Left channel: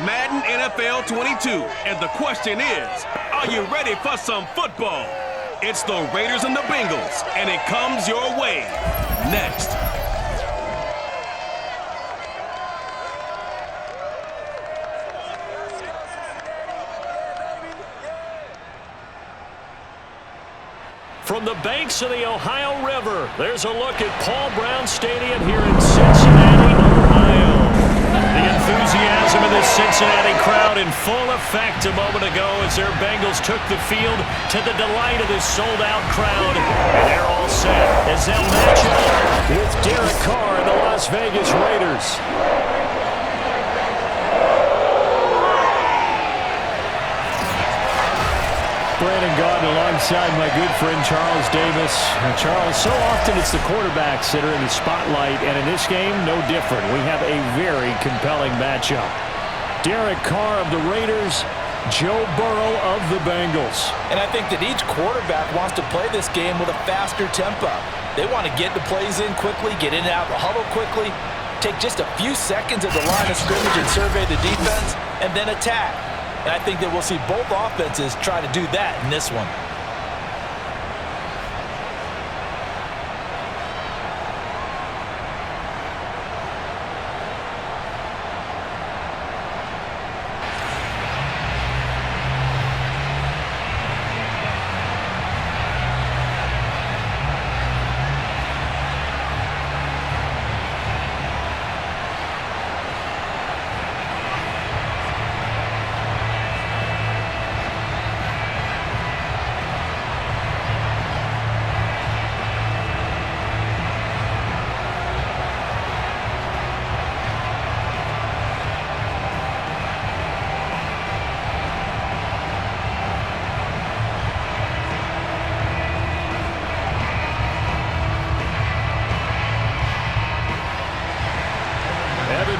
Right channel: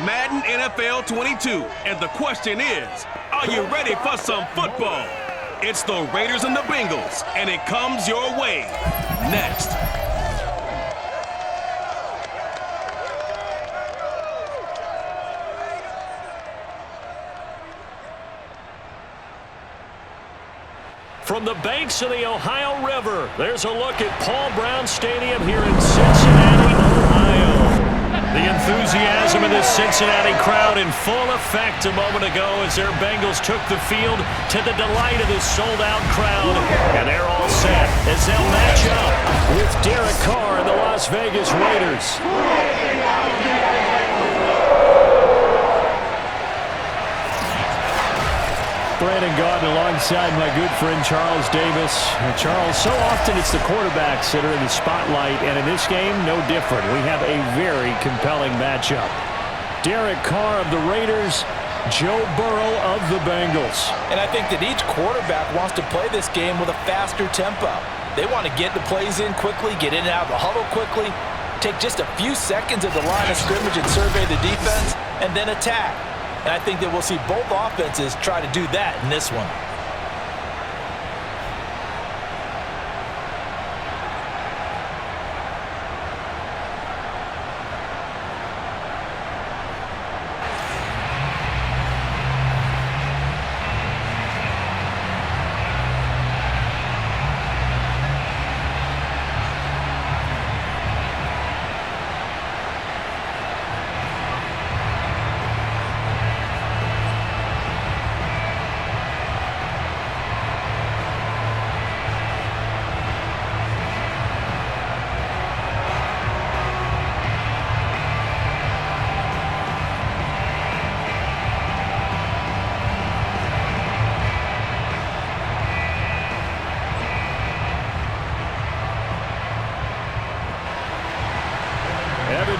Madden NFL 22, and the question is, are you ready for some football? It's the Raiders and the Bengals, and it comes your way next. From the banks of the Ohio River, there's a look at Paul Brown Stadium here in Cincinnati, Ohio. The enthusiasm of this Cincinnati crowd in full effect a moment ago as their Bengals took the field to the delight of this sold-out crowd. And they're all set as they'll match up with Derek Carr and the Las Vegas Raiders. Brandon Gaudin alongside my good friend Charles Davis. Charles, so often it's the quarterbacks that are in the spotlight, and in this game, no different. We have a very compelling matchup. Derek Carr of the Raiders, Joe Burrow of the Bengals. And I think that each quarterback wants to play this game with a faster tempo. They want to get the plays in quickly, get in and out of the huddle quickly, take just a few seconds at the line of scrimmage and survey the defense, and then attack. And I think that we'll see both offenses try to do that in this one.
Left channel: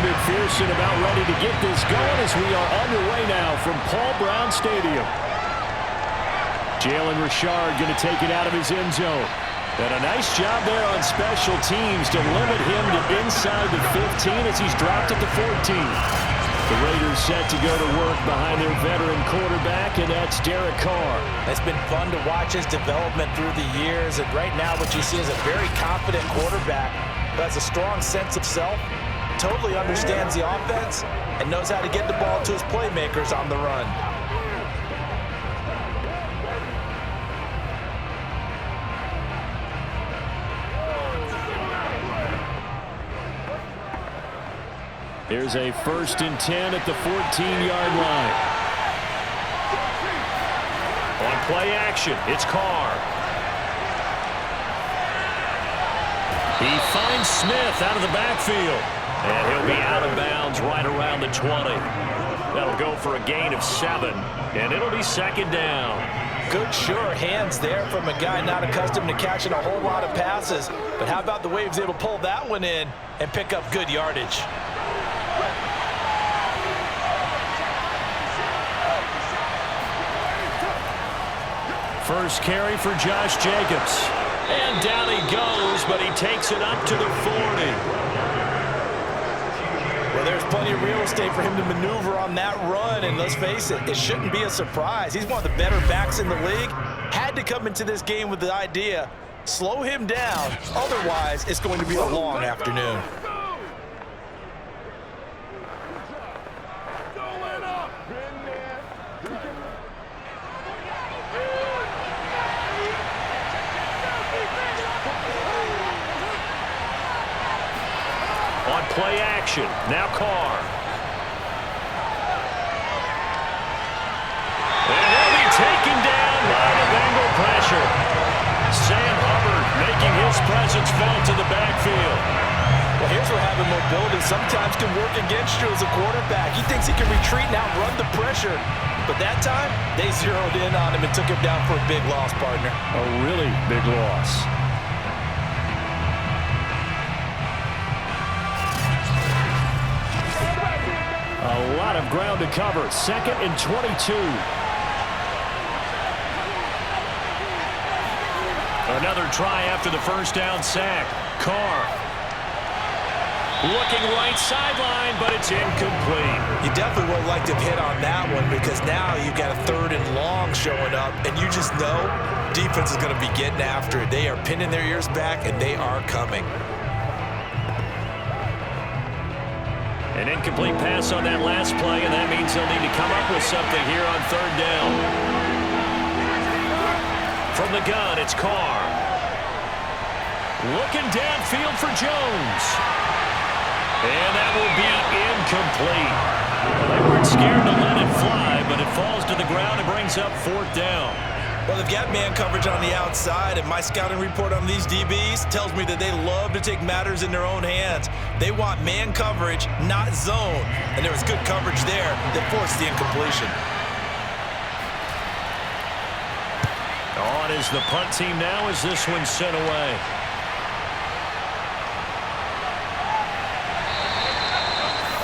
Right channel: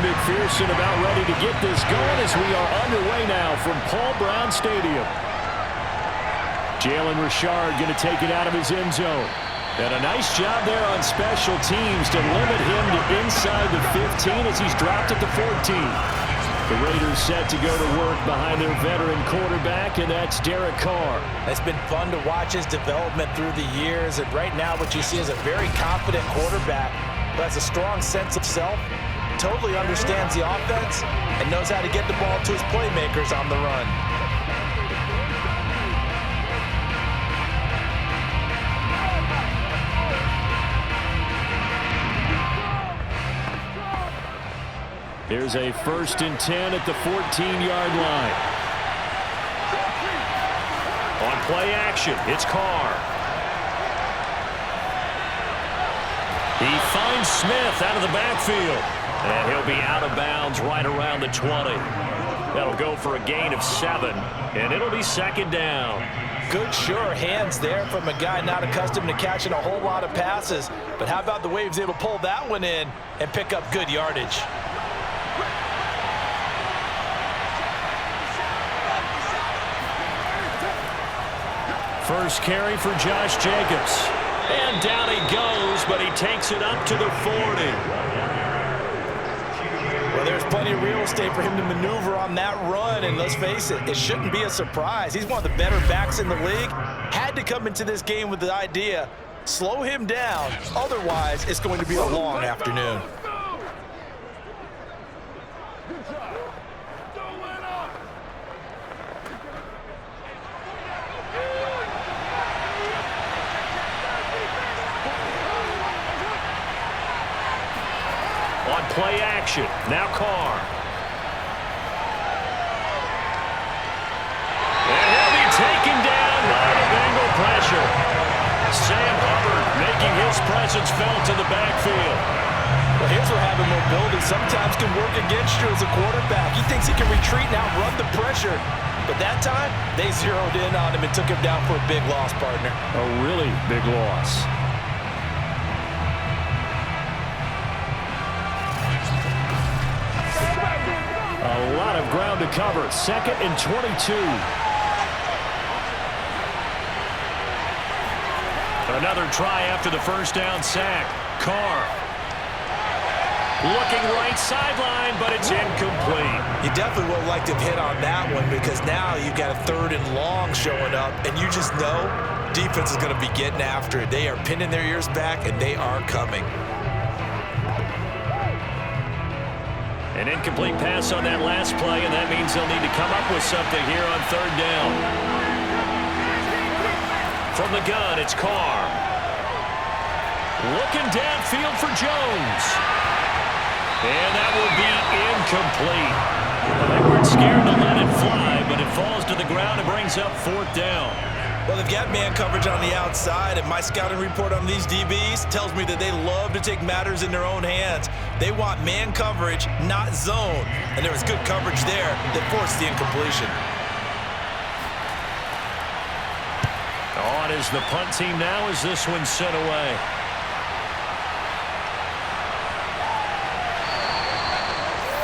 McPherson about ready to get this going as we are underway now from Paul Brown Stadium. Jalen Richard going to take it out of his end zone. And a nice job there on special teams to limit him to inside the 15 as he's dropped at the 14. The Raiders set to go to work behind their veteran quarterback, and that's Derek Carr. It's been fun to watch his development through the years, and right now what you see is a very confident quarterback who has a strong sense of self, totally understands the offense, and knows how to get the ball to his playmakers on the run. Here's a 1st and 10 at the 14-yard line. On play action, it's Carr. He finds Smith out of the backfield. And he'll be out of bounds right around the 20. That'll go for a gain of 7, and it'll be 2nd down. Good, sure hands there from a guy not accustomed to catching a whole lot of passes. But how about the way he was able to pull that one in and pick up good yardage? First carry for Josh Jacobs. And down he goes, but he takes it up to the 40. Well, there's plenty of real estate for him to maneuver on that run, and let's face it, it shouldn't be a surprise. He's one of the better backs in the league. Had to come into this game with the idea, slow him down, otherwise it's going to be a long afternoon. On play action, now Carr. And he'll be taken down by the Bengal pressure. Sam Hubbard making his presence felt in the backfield. Well, here's where having mobility sometimes can work against you as a quarterback. He thinks he can retreat and outrun the pressure. But that time, they zeroed in on him and took him down for a big loss, partner. A really big loss. A lot of ground to cover. 2nd and 22. Another try after the first down sack. Carr. Looking right sideline, but it's incomplete. You definitely would have liked to have hit on that one because now you've got a 3rd and long showing up, and you just know defense is going to be getting after it. They are pinning their ears back, and they are coming. An incomplete pass on that last play, and that means they'll need to come up with something here on 3rd down. From the gun, it's Carr. Looking downfield for Jones. And that will be incomplete. Well, they weren't scared to let it fly, but it falls to the ground and brings up 4th down. Well, they've got man coverage on the outside, and my scouting report on these DBs tells me that they love to take matters in their own hands. They want man coverage, not zone. And there was good coverage there that forced the incompletion. On is the punt team now as this one's sent away.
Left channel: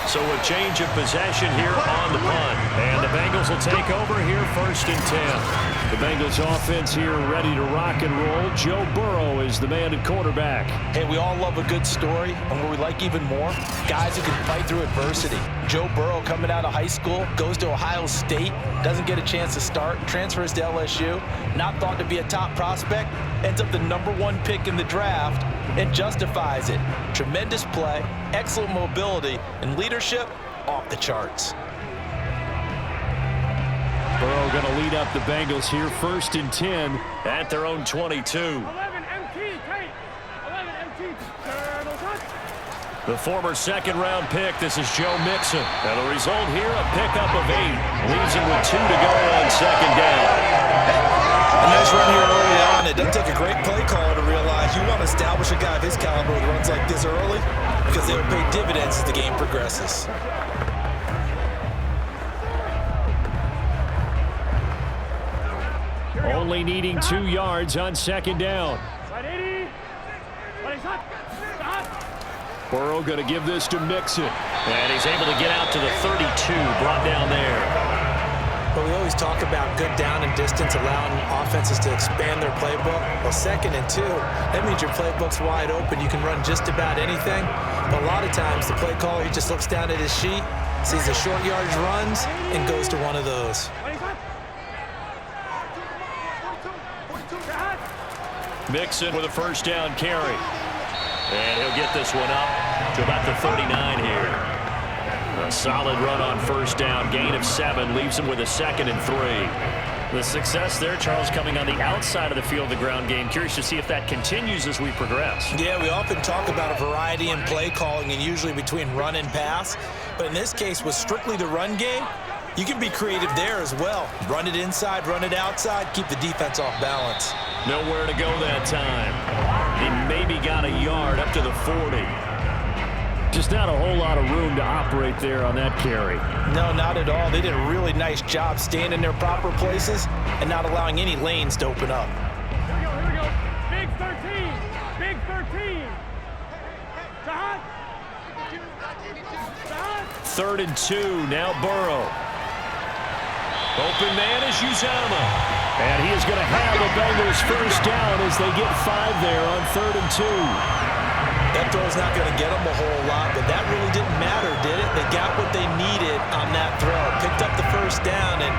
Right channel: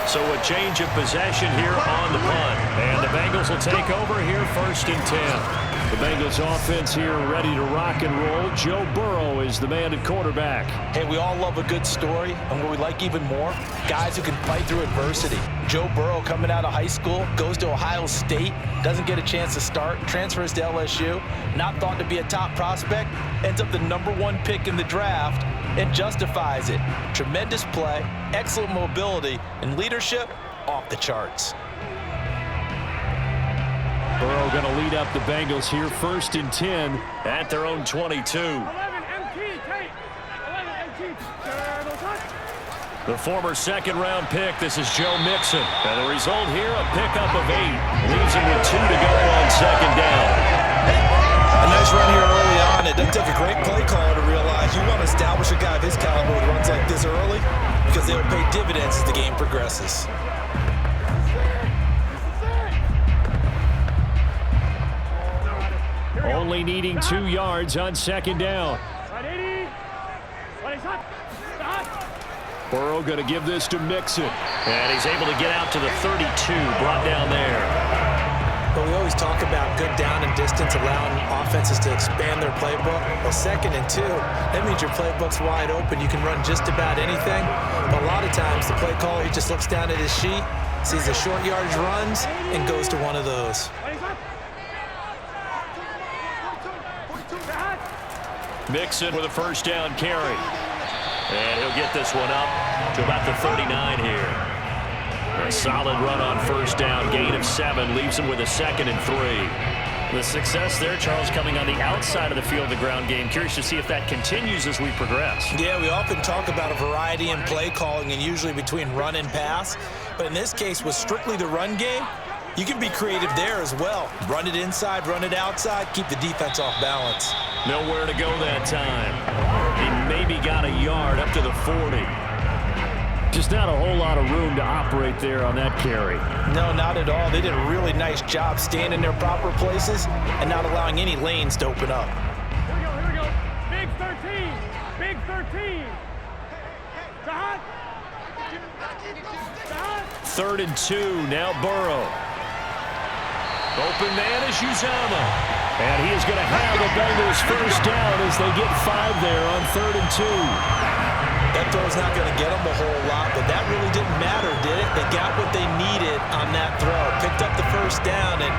So a change of possession here on the punt. And the Bengals will take over here 1st and 10. The Bengals offense here ready to rock and roll. Joe Burrow is the man at quarterback. Hey, we all love a good story, and what we like even more, guys who can fight through adversity. Joe Burrow coming out of high school, goes to Ohio State, doesn't get a chance to start, transfers to LSU, not thought to be a top prospect, ends up the #1 pick in the draft, and justifies it. Tremendous play, excellent mobility, and leadership off the charts. Burrow going to lead up the Bengals here 1st and 10 at their own 22. 11 MT, take. 11 MT, The former 2nd-round pick, this is Joe Mixon. And the result here, a pickup of 8. Leaves him with 2 to go on 2nd down. A nice run here early on. It doesn't take a great play caller to realize you want to establish a guy of his caliber with runs like this early because they will pay dividends as the game progresses. Only needing 2 yards on 2nd down. Burrow going to give this to Mixon. And he's able to get out to the 32, brought down there. But we always talk about good down and distance, allowing offenses to expand their playbook. Well, 2nd and 2, that means your playbook's wide open. You can run just about anything. But a lot of times, the play caller, he just looks down at his sheet, sees the short yardage runs, and goes to one of those. Mixon with a 1st down carry. And he'll get this one up to about the 39 here. A solid run on 1st down, gain of 7, leaves him with a 2nd and 3. The success there, Charles, coming on the outside of the field, the ground game. Curious to see if that continues as we progress. Yeah, we often talk about a variety in play calling and usually between run and pass. But in this case, with strictly the run game, you can be creative there as well. Run it inside, run it outside, keep the defense off balance. Nowhere to go that time. He maybe got a yard up to the 40. Just not a whole lot of room to operate there on that carry. No, not at all. They did a really nice job staying in their proper places and not allowing any lanes to open up. Here we go. Big 13. Big 13. Shot. 3rd and 2, now Burrow. Open man is Uzama. And he is going to have the Bengals 1st down as they get 5 there on 3rd and 2. That throw's not going to get them a whole lot, but that really didn't matter, did it? They got what they needed on that throw. Picked up the 1st down, and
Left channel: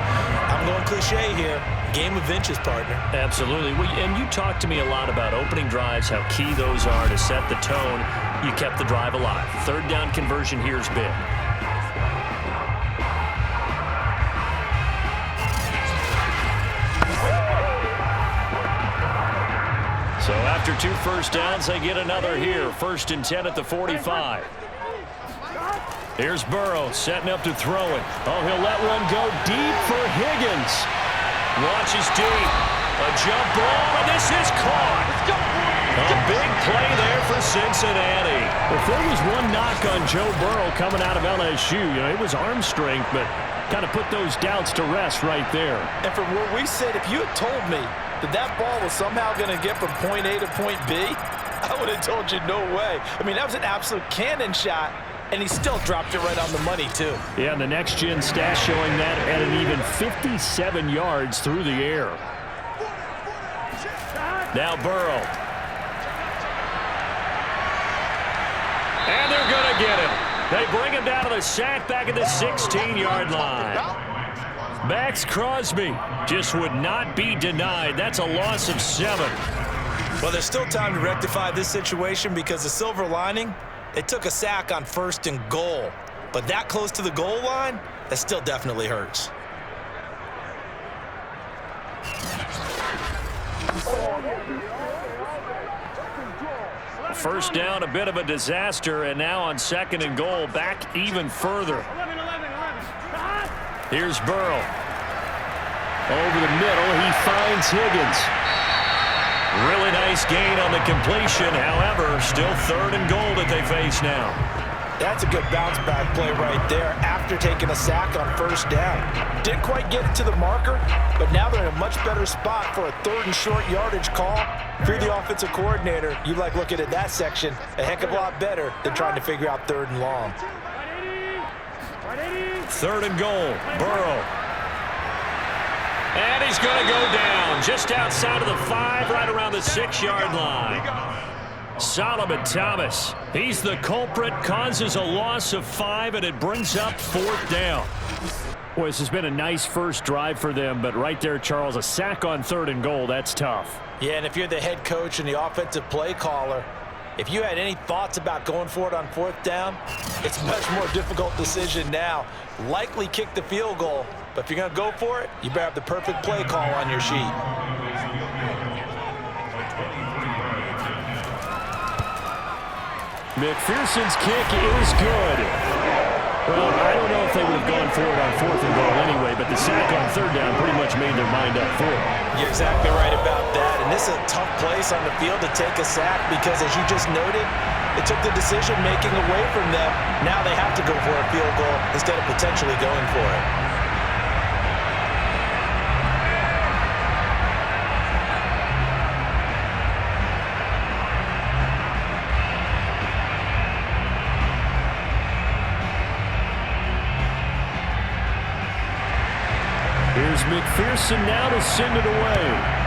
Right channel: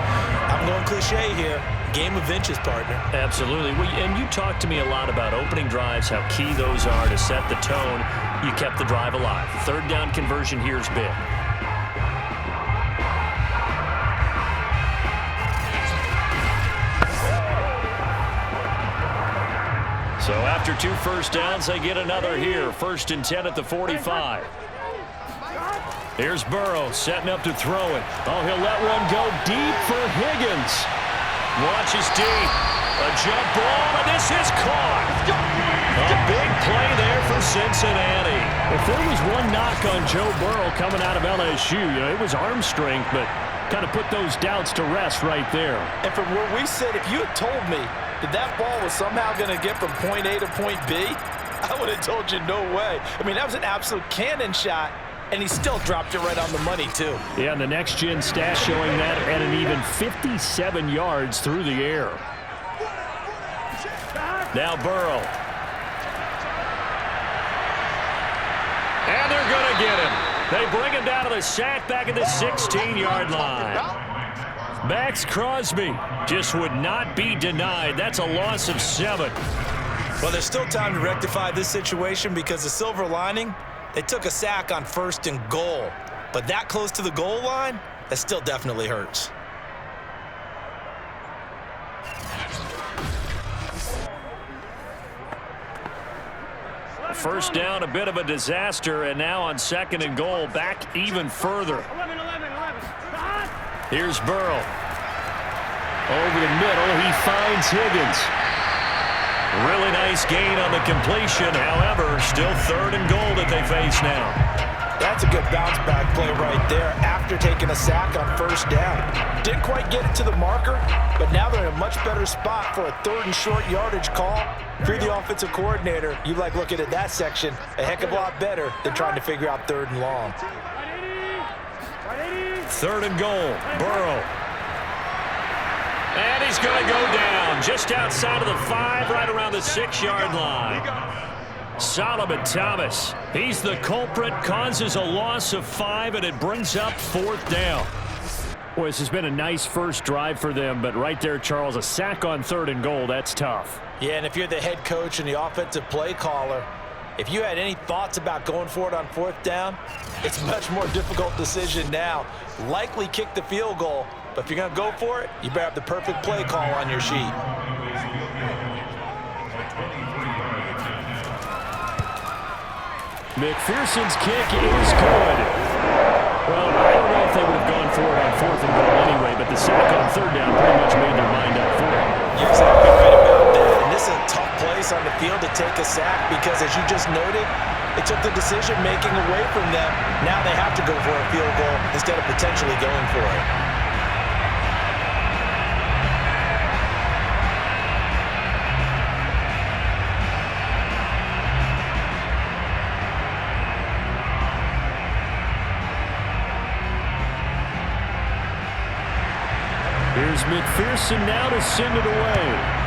I'm going cliche here. Game of inches, partner. Absolutely. And you talked to me a lot about opening drives, how key those are to set the tone. You kept the drive alive. 3rd down conversion here is big. So after 2 1st downs, they get another here. 1st and 10 at the 45. Here's Burrow setting up to throw it. Oh, he'll let one go deep for Higgins. Watches deep. A jump ball, and this is caught. A big play there for Cincinnati. If there was one knock on Joe Burrow coming out of LSU, it was arm strength, but kind of put those doubts to rest right there. And from where we sit, if you had told me that ball was somehow going to get from point A to point B, I would have told you no way. I mean, that was an absolute cannon shot, and he still dropped it right on the money, too. Yeah, and the next-gen stat showing that at an even 57 yards through the air. Now Burrow. And they're going to get him. They bring him down to the sack back at the 16-yard line. Max Crosby just would not be denied. That's a loss of 7. Well, there's still time to rectify this situation because the silver lining, they took a sack on 1st and goal. But that close to the goal line, that still definitely hurts. First down, a bit of a disaster, and now on 2nd and goal, back even further. 11. Here's Burrow. Over the middle, he finds Higgins. Really nice gain on the completion. However, still 3rd and goal that they face now. That's a good bounce back play right there after taking a sack on 1st down. Didn't quite get it to the marker, but now they're in a much better spot for a 3rd and short yardage call. If you're the offensive coordinator, you like looking at that section a heck of a lot better than trying to figure out 3rd and long. 3rd and goal, Burrow. And he's going to go down just outside of the 5, right around the 6-yard line. Solomon Thomas, he's the culprit, causes a loss of 5, and it brings up 4th down. Boy, this has been a nice first drive for them, but right there, Charles, a sack on 3rd and goal, that's tough. Yeah, and if you're the head coach and the offensive play caller, if you had any thoughts about going for it on 4th down, it's a much more difficult decision now. Likely kick the field goal, but if you're going to go for it, you better have the perfect play call on your sheet. McPherson's kick is good. Well, I don't know if they would have gone for it on 4th and goal anyway, but the sack on 3rd down pretty much made their mind up for it. You're exactly right about that, and this is a tough place on the field to take a sack because, as you just noted, it took the decision-making away from them. Now they have to go for a field goal instead of potentially going for it. Here's McPherson now to send it away.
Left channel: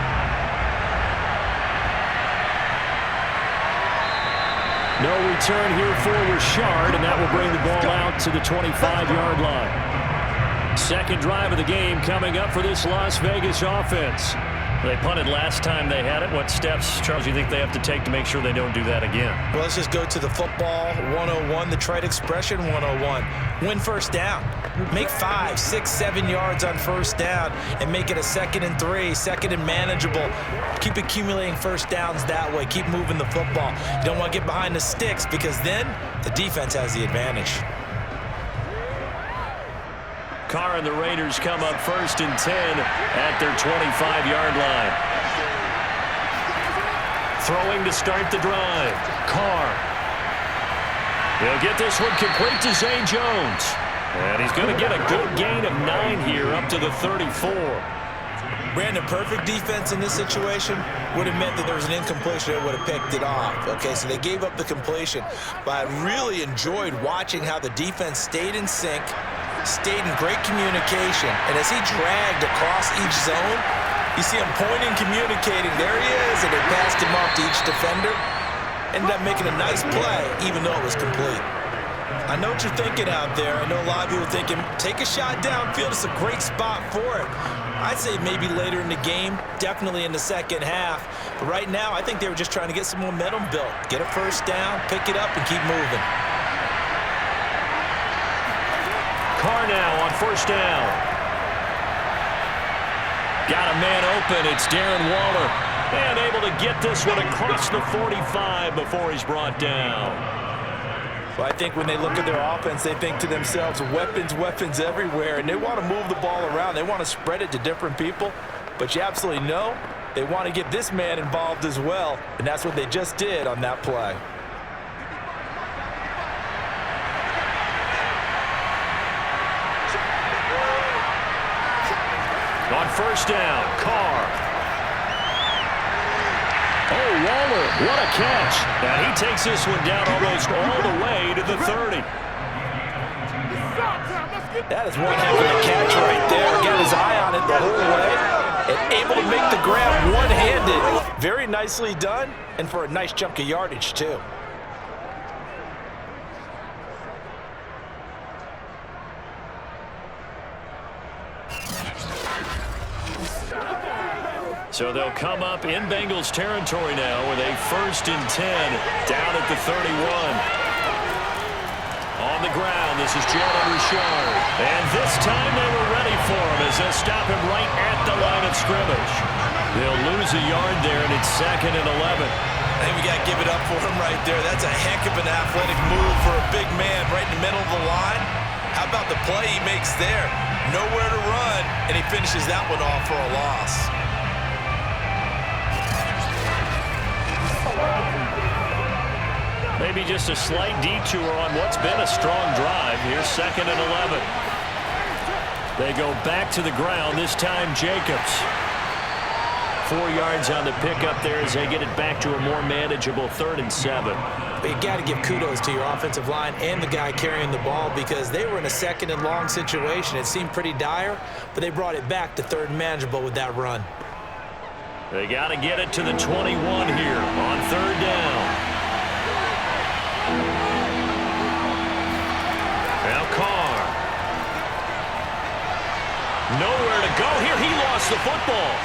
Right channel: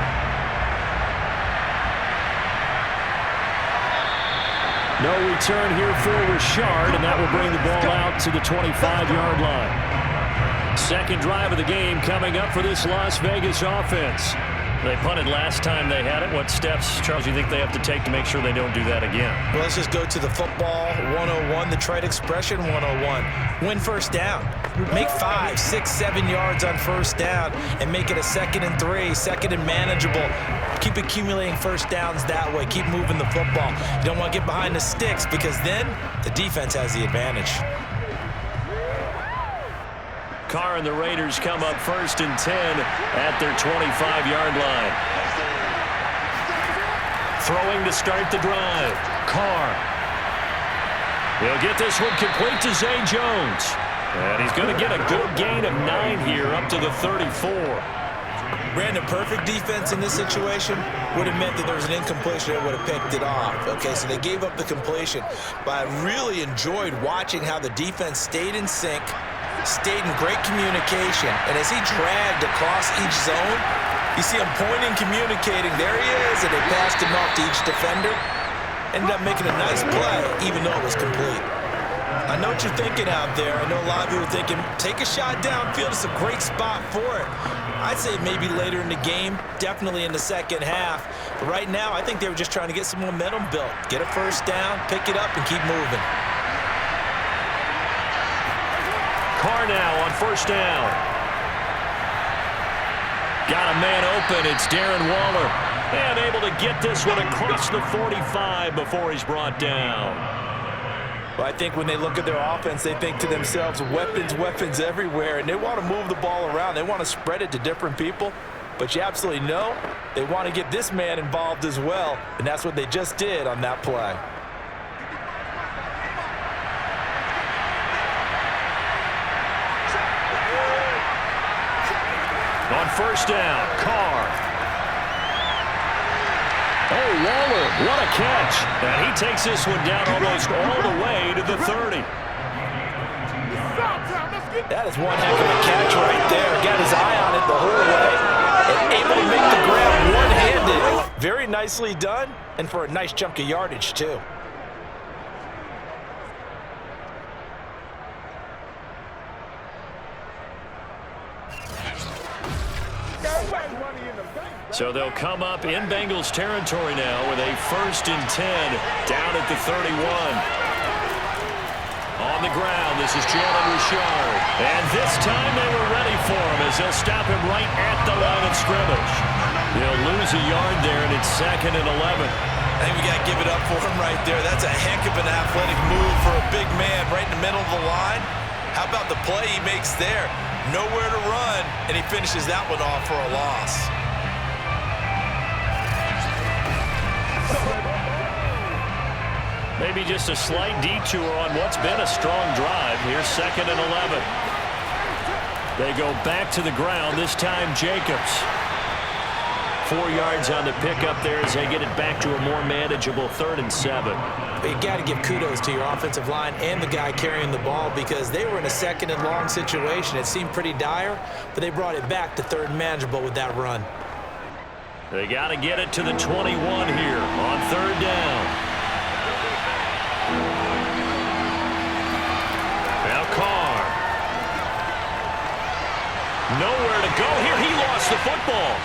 No return here for Richard, and that will bring the ball out to the 25-yard line. 2nd drive of the game coming up for this Las Vegas offense. They punted last time they had it. What steps, Charles, do you think they have to take to make sure they don't do that again? Well, let's just go to the football 101, the trite expression 101. Win 1st down. Make 5, 6, 7 yards on 1st down and make it a 2nd and 3, 2nd and manageable. Keep accumulating 1st downs that way. Keep moving the football. You don't want to get behind the sticks because then the defense has the advantage. Carr and the Raiders come up 1st and 10 at their 25-yard line. Throwing to start the drive. Carr. He'll get this one complete to Zay Jones. And he's going to get a good gain of 9 here up to the 34. Brandon, perfect defense in this situation would have meant that there was an incompletion that would have picked it off. Okay, so they gave up the completion. But I really enjoyed watching how the defense stayed in sync, stayed in great communication, and as he dragged across each zone, you see him pointing, communicating. There he is, and they passed him off to each defender. Ended up making a nice play, even though it was complete. I know what you're thinking out there. I know a lot of you are thinking, take a shot downfield. It's a great spot for it. I'd say maybe later in the game, definitely in the 2nd half. But right now, I think they were just trying to get some momentum built. Get a 1st down, pick it up, and keep moving. Carr now on 1st down. Got a man open. It's Darren Waller. And able to get this one across the 45 before he's brought down. Well, I think when they look at their offense, they think to themselves, weapons, weapons everywhere, and they want to move the ball around. They want to spread it to different people, but you absolutely know they want to get this man involved as well, and that's what they just did on that play. On 1st down, Carr. Oh, Waller, what a catch. And he takes this one down almost all the way to the 30. That is one heck of a catch right there. Got his eye on it the whole way and able to make the grab one-handed. Very nicely done, and for a nice chunk of yardage, too. So they'll come up in Bengals territory now with a 1st and 10 down at the 31. On the ground, this is Jalen Richard. And this time they were ready for him as they'll stop him right at the line of scrimmage. They'll lose a yard there, and it's 2nd and 11. I think we got to give it up for him right there. That's a heck of an athletic move for a big man right in the middle of the line. How about the play he makes there? Nowhere to run, and he finishes that one off for a loss. Maybe just a slight detour on what's been a strong drive. Here's 2nd and 11. They go back to the ground, this time Jacobs. 4 yards on the pickup there as they get it back to a more manageable 3rd and 7. But you got to give kudos to your offensive line and the guy carrying the ball because they were in a 2nd and long situation. It seemed pretty dire, but they brought it back to 3rd and manageable with that run. They got to get it to the 21 here on 3rd down. Now Carr. Nowhere to go here. He lost the football.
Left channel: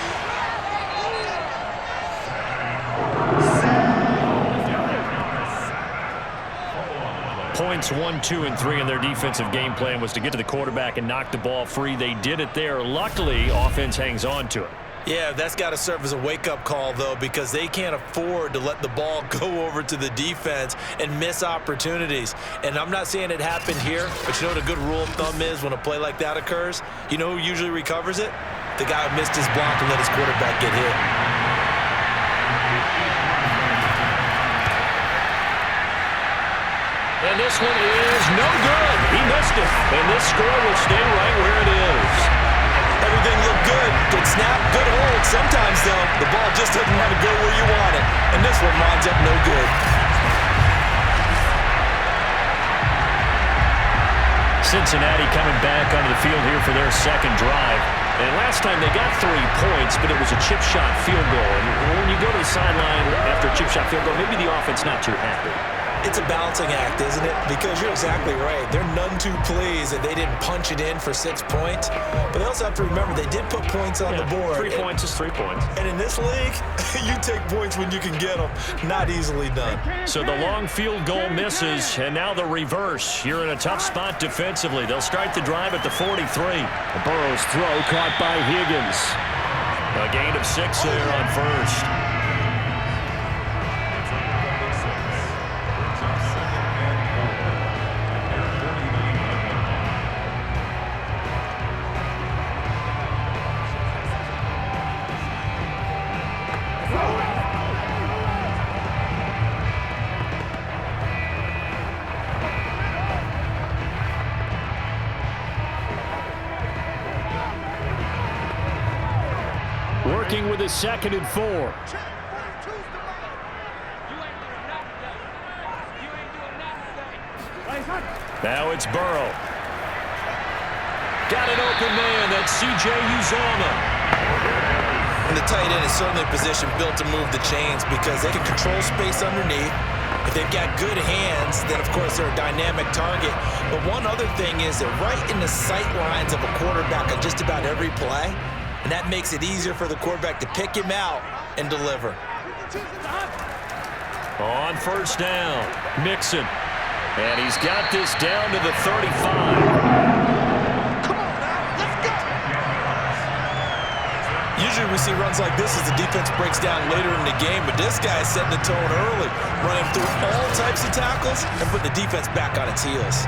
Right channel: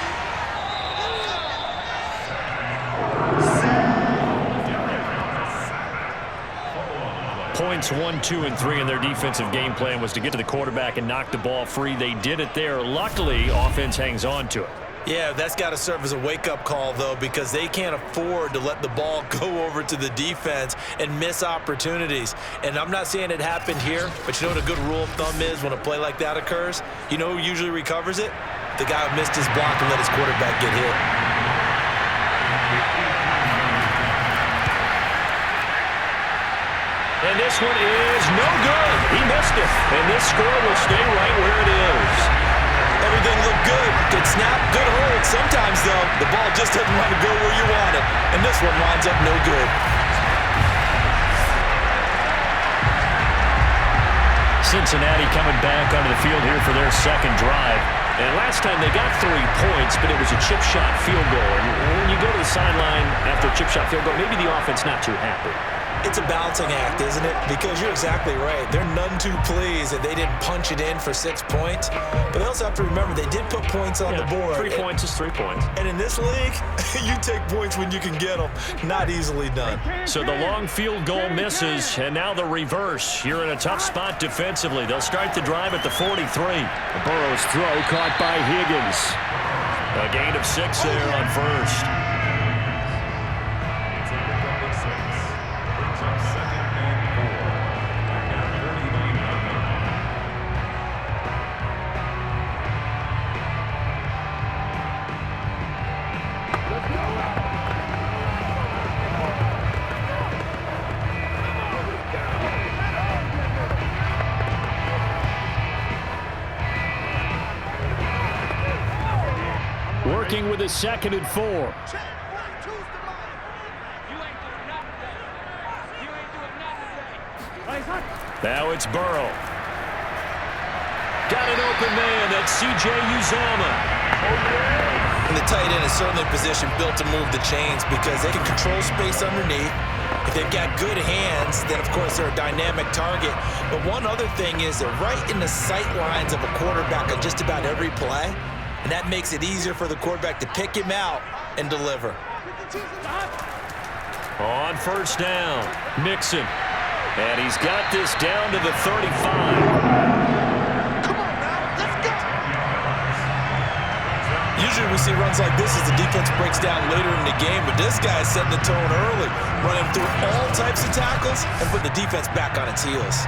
Points 1, 2, and 3 in their defensive game plan was to get to the quarterback and knock the ball free. They did it there. Luckily, offense hangs on to it. Yeah, that's got to serve as a wake-up call, though, because they can't afford to let the ball go over to the defense and miss opportunities. And I'm not saying it happened here, but you know what a good rule of thumb is when a play like that occurs? You know who usually recovers it? The guy who missed his block and let his quarterback get hit. And this one is no good. He missed it. And this score will stay right where it is. Everything looked good. Good snap, good hold. Sometimes, though, the ball just doesn't want to go where you want it. And this one winds up no good. Cincinnati coming back onto the field here for their 2nd drive. And last time they got 3 points, but it was a chip shot field goal. And when you go to the sideline after a chip shot field goal, maybe the offense not too happy. It's a balancing act, isn't it? Because you're exactly right. They're none too pleased that they didn't punch it in for 6 points. But they also have to remember they did put points on the board. 3 points is 3 points. And in this league, you take points when you can get them. Not easily done. So the long field goal misses, and now the reverse. You're in a tough spot defensively. They'll start the drive at the 43. Burrow's throw caught by Higgins. A gain of 6 there on 1st. Working with a 2nd and 4. Now it's Burrow. Got an open man. That's C.J. Uzomah. And the tight end is certainly a position built to move the chains because they can control space underneath. If they've got good hands, then, of course, they're a dynamic target. But one other thing is they're right in the sight lines of a quarterback on just about every play. And that makes it easier for the quarterback to pick him out and deliver. On 1st down, Mixon. And he's got this down to the 35. Come on now, let's go! Usually we see runs like this as the defense breaks down later in the game, but this guy is setting the tone early, running through all types of tackles and putting the defense back on its heels.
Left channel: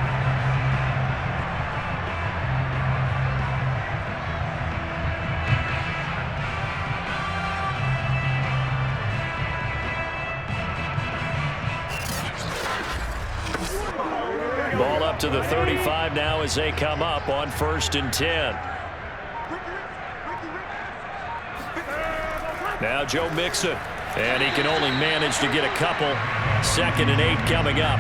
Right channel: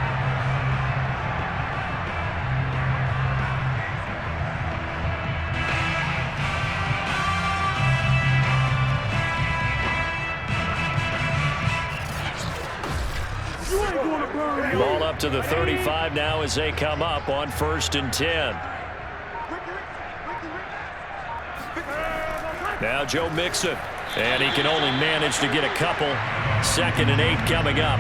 Ball up to the 35 now as they come up on 1st and 10. Now Joe Mixon. And he can only manage to get a couple. 2nd and 8 coming up.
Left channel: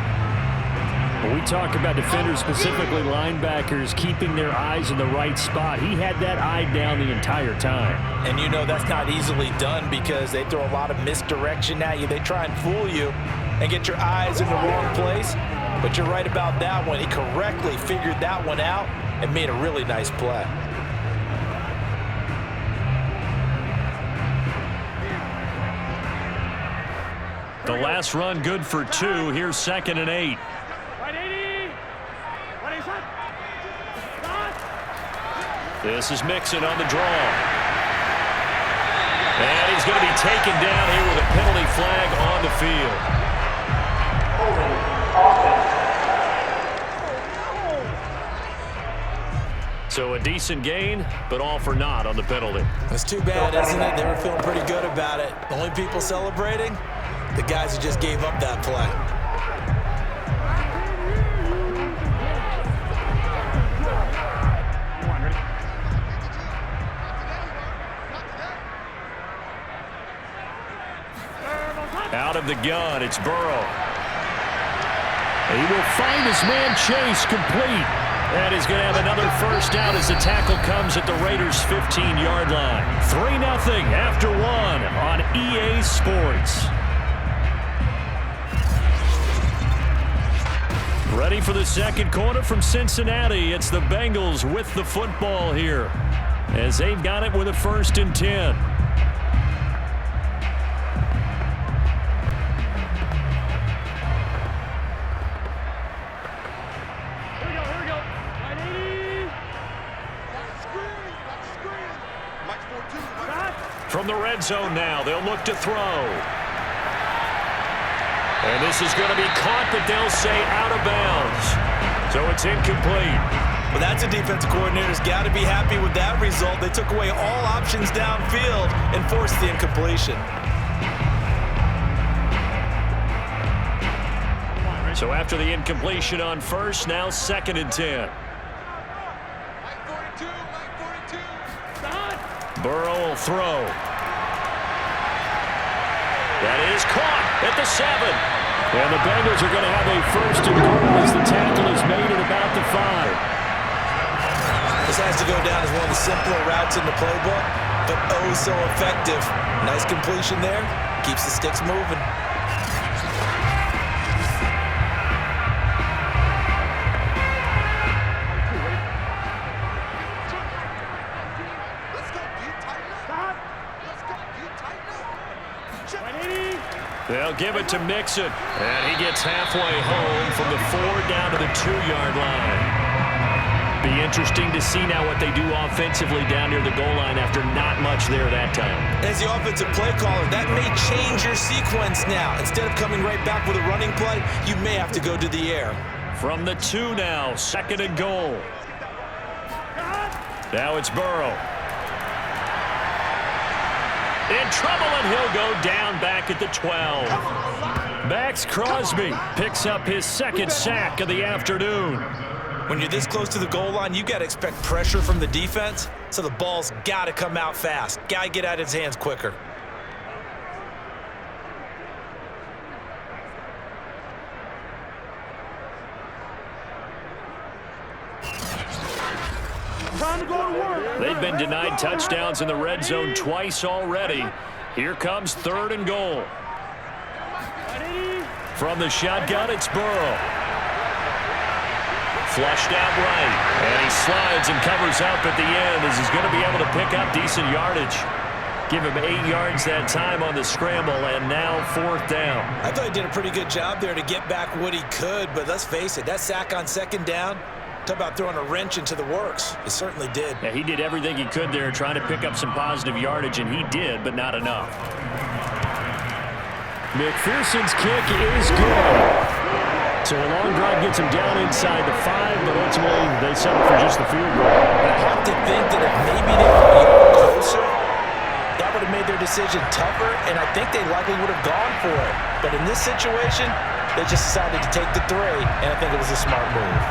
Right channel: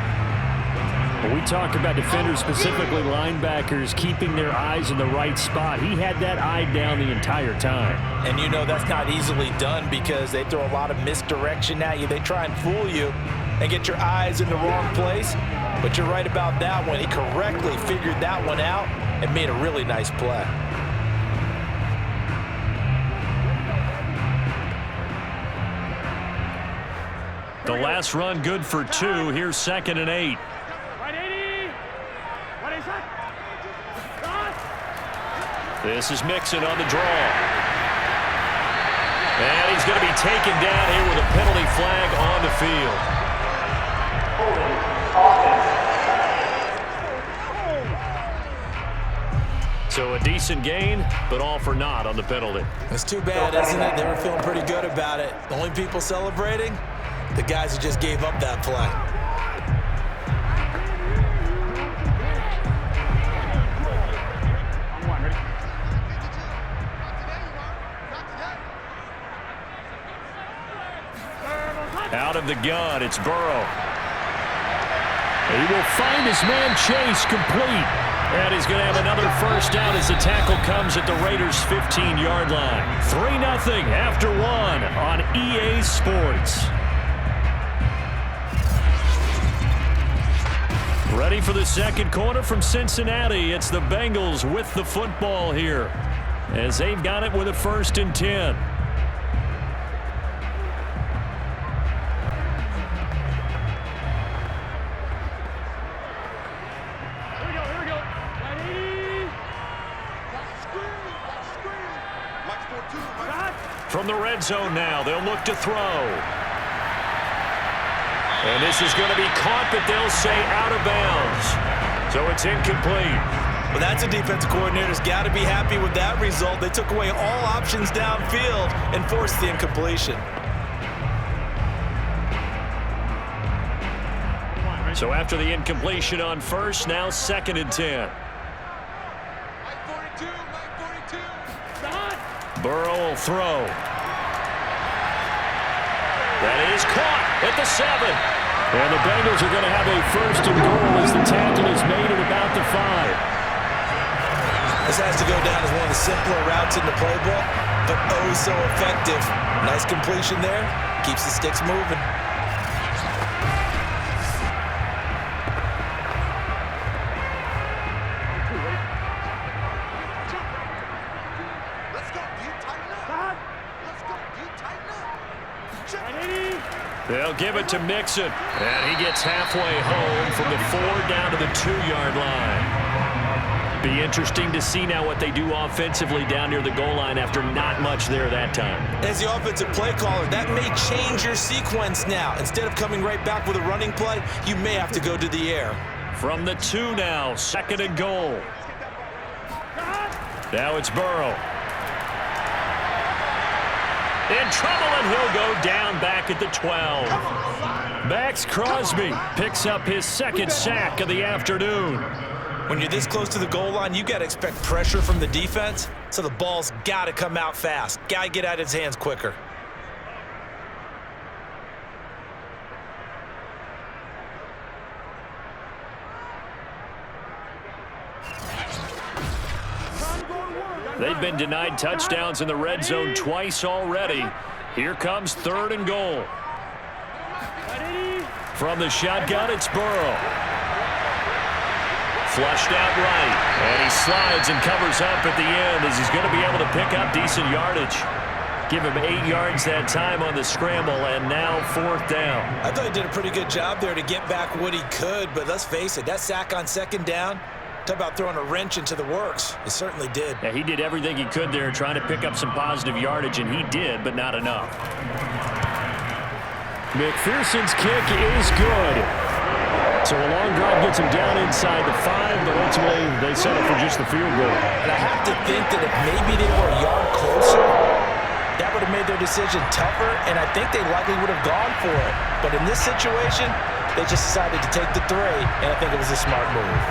When we talk about defenders, specifically linebackers, keeping their eyes in the right spot, he had that eye down the entire time. And you know that's not easily done because they throw a lot of misdirection at you. They try and fool you and get your eyes in the wrong place. But you're right about that one. He correctly figured that one out and made a really nice play. The last run good for 2. Here's 2nd and 8. Right 80. Right shot. Shot. This is Mixon on the draw. And he's going to be taken down here with a penalty flag on the field. So a decent gain, but all for naught on the penalty. It's too bad, isn't it? They were feeling pretty good about it. The only people celebrating, the guys who just gave up that play. Out of the gun, it's Burrow. He will find his man Chase complete. And he's going to have another first down as the tackle comes at the Raiders' 15-yard line. 3-0 after 1 on EA Sports. Ready for the second quarter from Cincinnati. It's the Bengals with the football here as they've got it with a 1st and 10. From the red zone now, they'll look to throw. And this is going to be caught, but they'll say out of bounds. So it's incomplete. Well, that's a defensive coordinator's got to be happy with that result. They took away all options downfield and forced the incompletion. So after the incompletion on 1st, now 2nd and 10. Burrow will throw. That is caught at the 7. And the Bengals are going to have a 1st and goal as the tackle is made at about the 5. This has to go down as one of the simpler routes in the playbook, but oh so effective. Nice completion there. Keeps the sticks moving. They'll give it to Mixon, and he gets halfway home from the 4 down to the 2-yard line. Be interesting to see now what they do offensively down near the goal line after not much there that time. As the offensive play caller, that may change your sequence now. Instead of coming right back with a running play, you may have to go to the air. From the 2 now, 2nd and goal. Now it's Burrow. In trouble, and he'll go down back at the 12. Max Crosby picks up his 2nd sack of the afternoon. When you're this close to the goal line, you got to expect pressure from the defense, so the ball's got to come out fast. Got to get out of his hands quicker. They've been denied touchdowns in the red zone twice already. Here comes 3rd and goal. From the shotgun, it's Burrow. Flushed out right, and he slides and covers up at the end as he's going to be able to pick up decent yardage. Give him 8 yards that time on the scramble, and now 4th down. I thought he did a pretty good job there to get back what he could, but let's face it, that sack on 2nd down, talk about throwing a wrench into the works. It certainly did. Yeah, he did everything he could there trying to pick up some positive yardage, and he did, but not enough. McPherson's kick is good. So a long drive gets him down inside the 5, but ultimately they settle for just the field goal. And I have to think that if maybe they were a yard closer, that would have made their decision tougher, and I think they likely would have gone for it. But in this situation, they just decided to take the 3, and I think it was a smart move.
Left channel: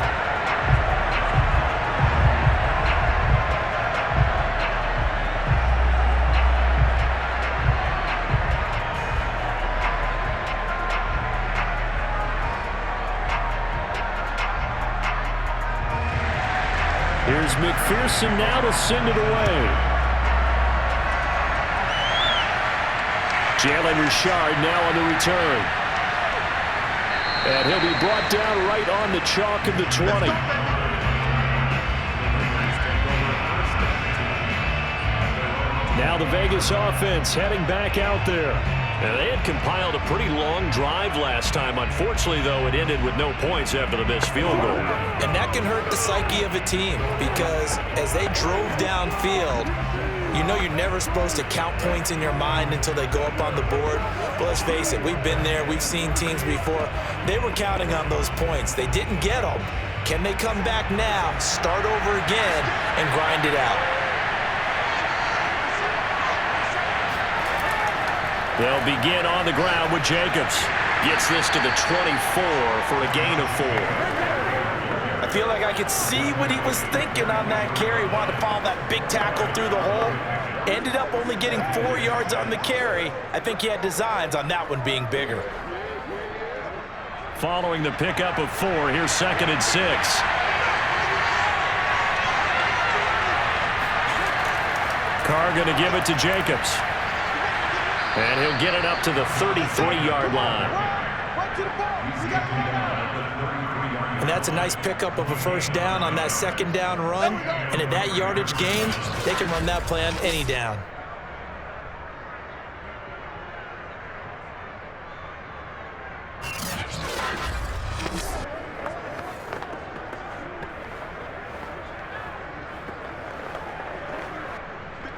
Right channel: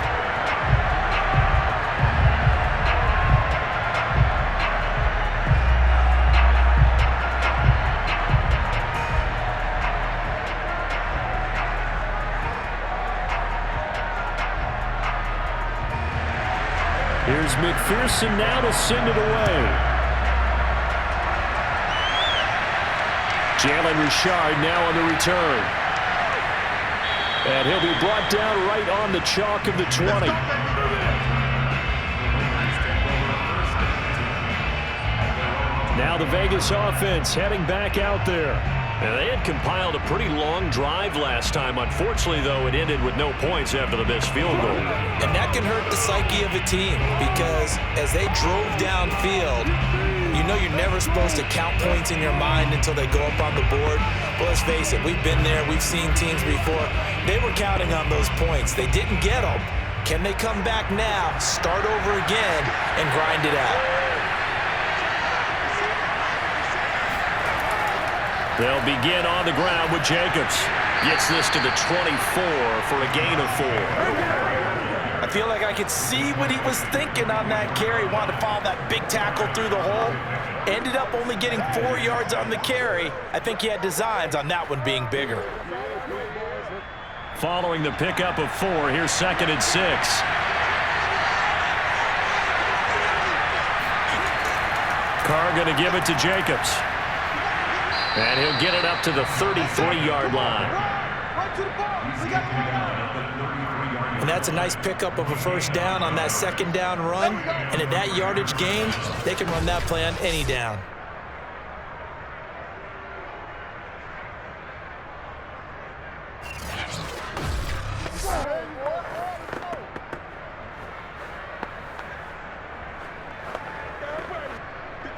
Here's McPherson now to send it away. Jalen Richard now on the return. And he'll be brought down right on the chalk of the 20. Now the Vegas offense heading back out there. And they had compiled a pretty long drive last time. Unfortunately, though, it ended with no points after the missed field goal. And that can hurt the psyche of a team because as they drove downfield, you know you're never supposed to count points in your mind until they go up on the board. But let's face it, we've been there. We've seen teams before. They were counting on those points. They didn't get them. Can they come back now, start over again, and grind it out? They'll begin on the ground with Jacobs. Gets this to the 24 for a gain of 4. I feel like I could see what he was thinking on that carry. Wanted to follow that big tackle through the hole. Ended up only getting 4 yards on the carry. I think he had designs on that one being bigger. Following the pickup of 4, here's 2nd and 6. Carr going to give it to Jacobs. And he'll get it up to the 33-yard line. And that's a nice pickup of a first down on that 2nd down run. And at that yardage gain, they can run that play on any down.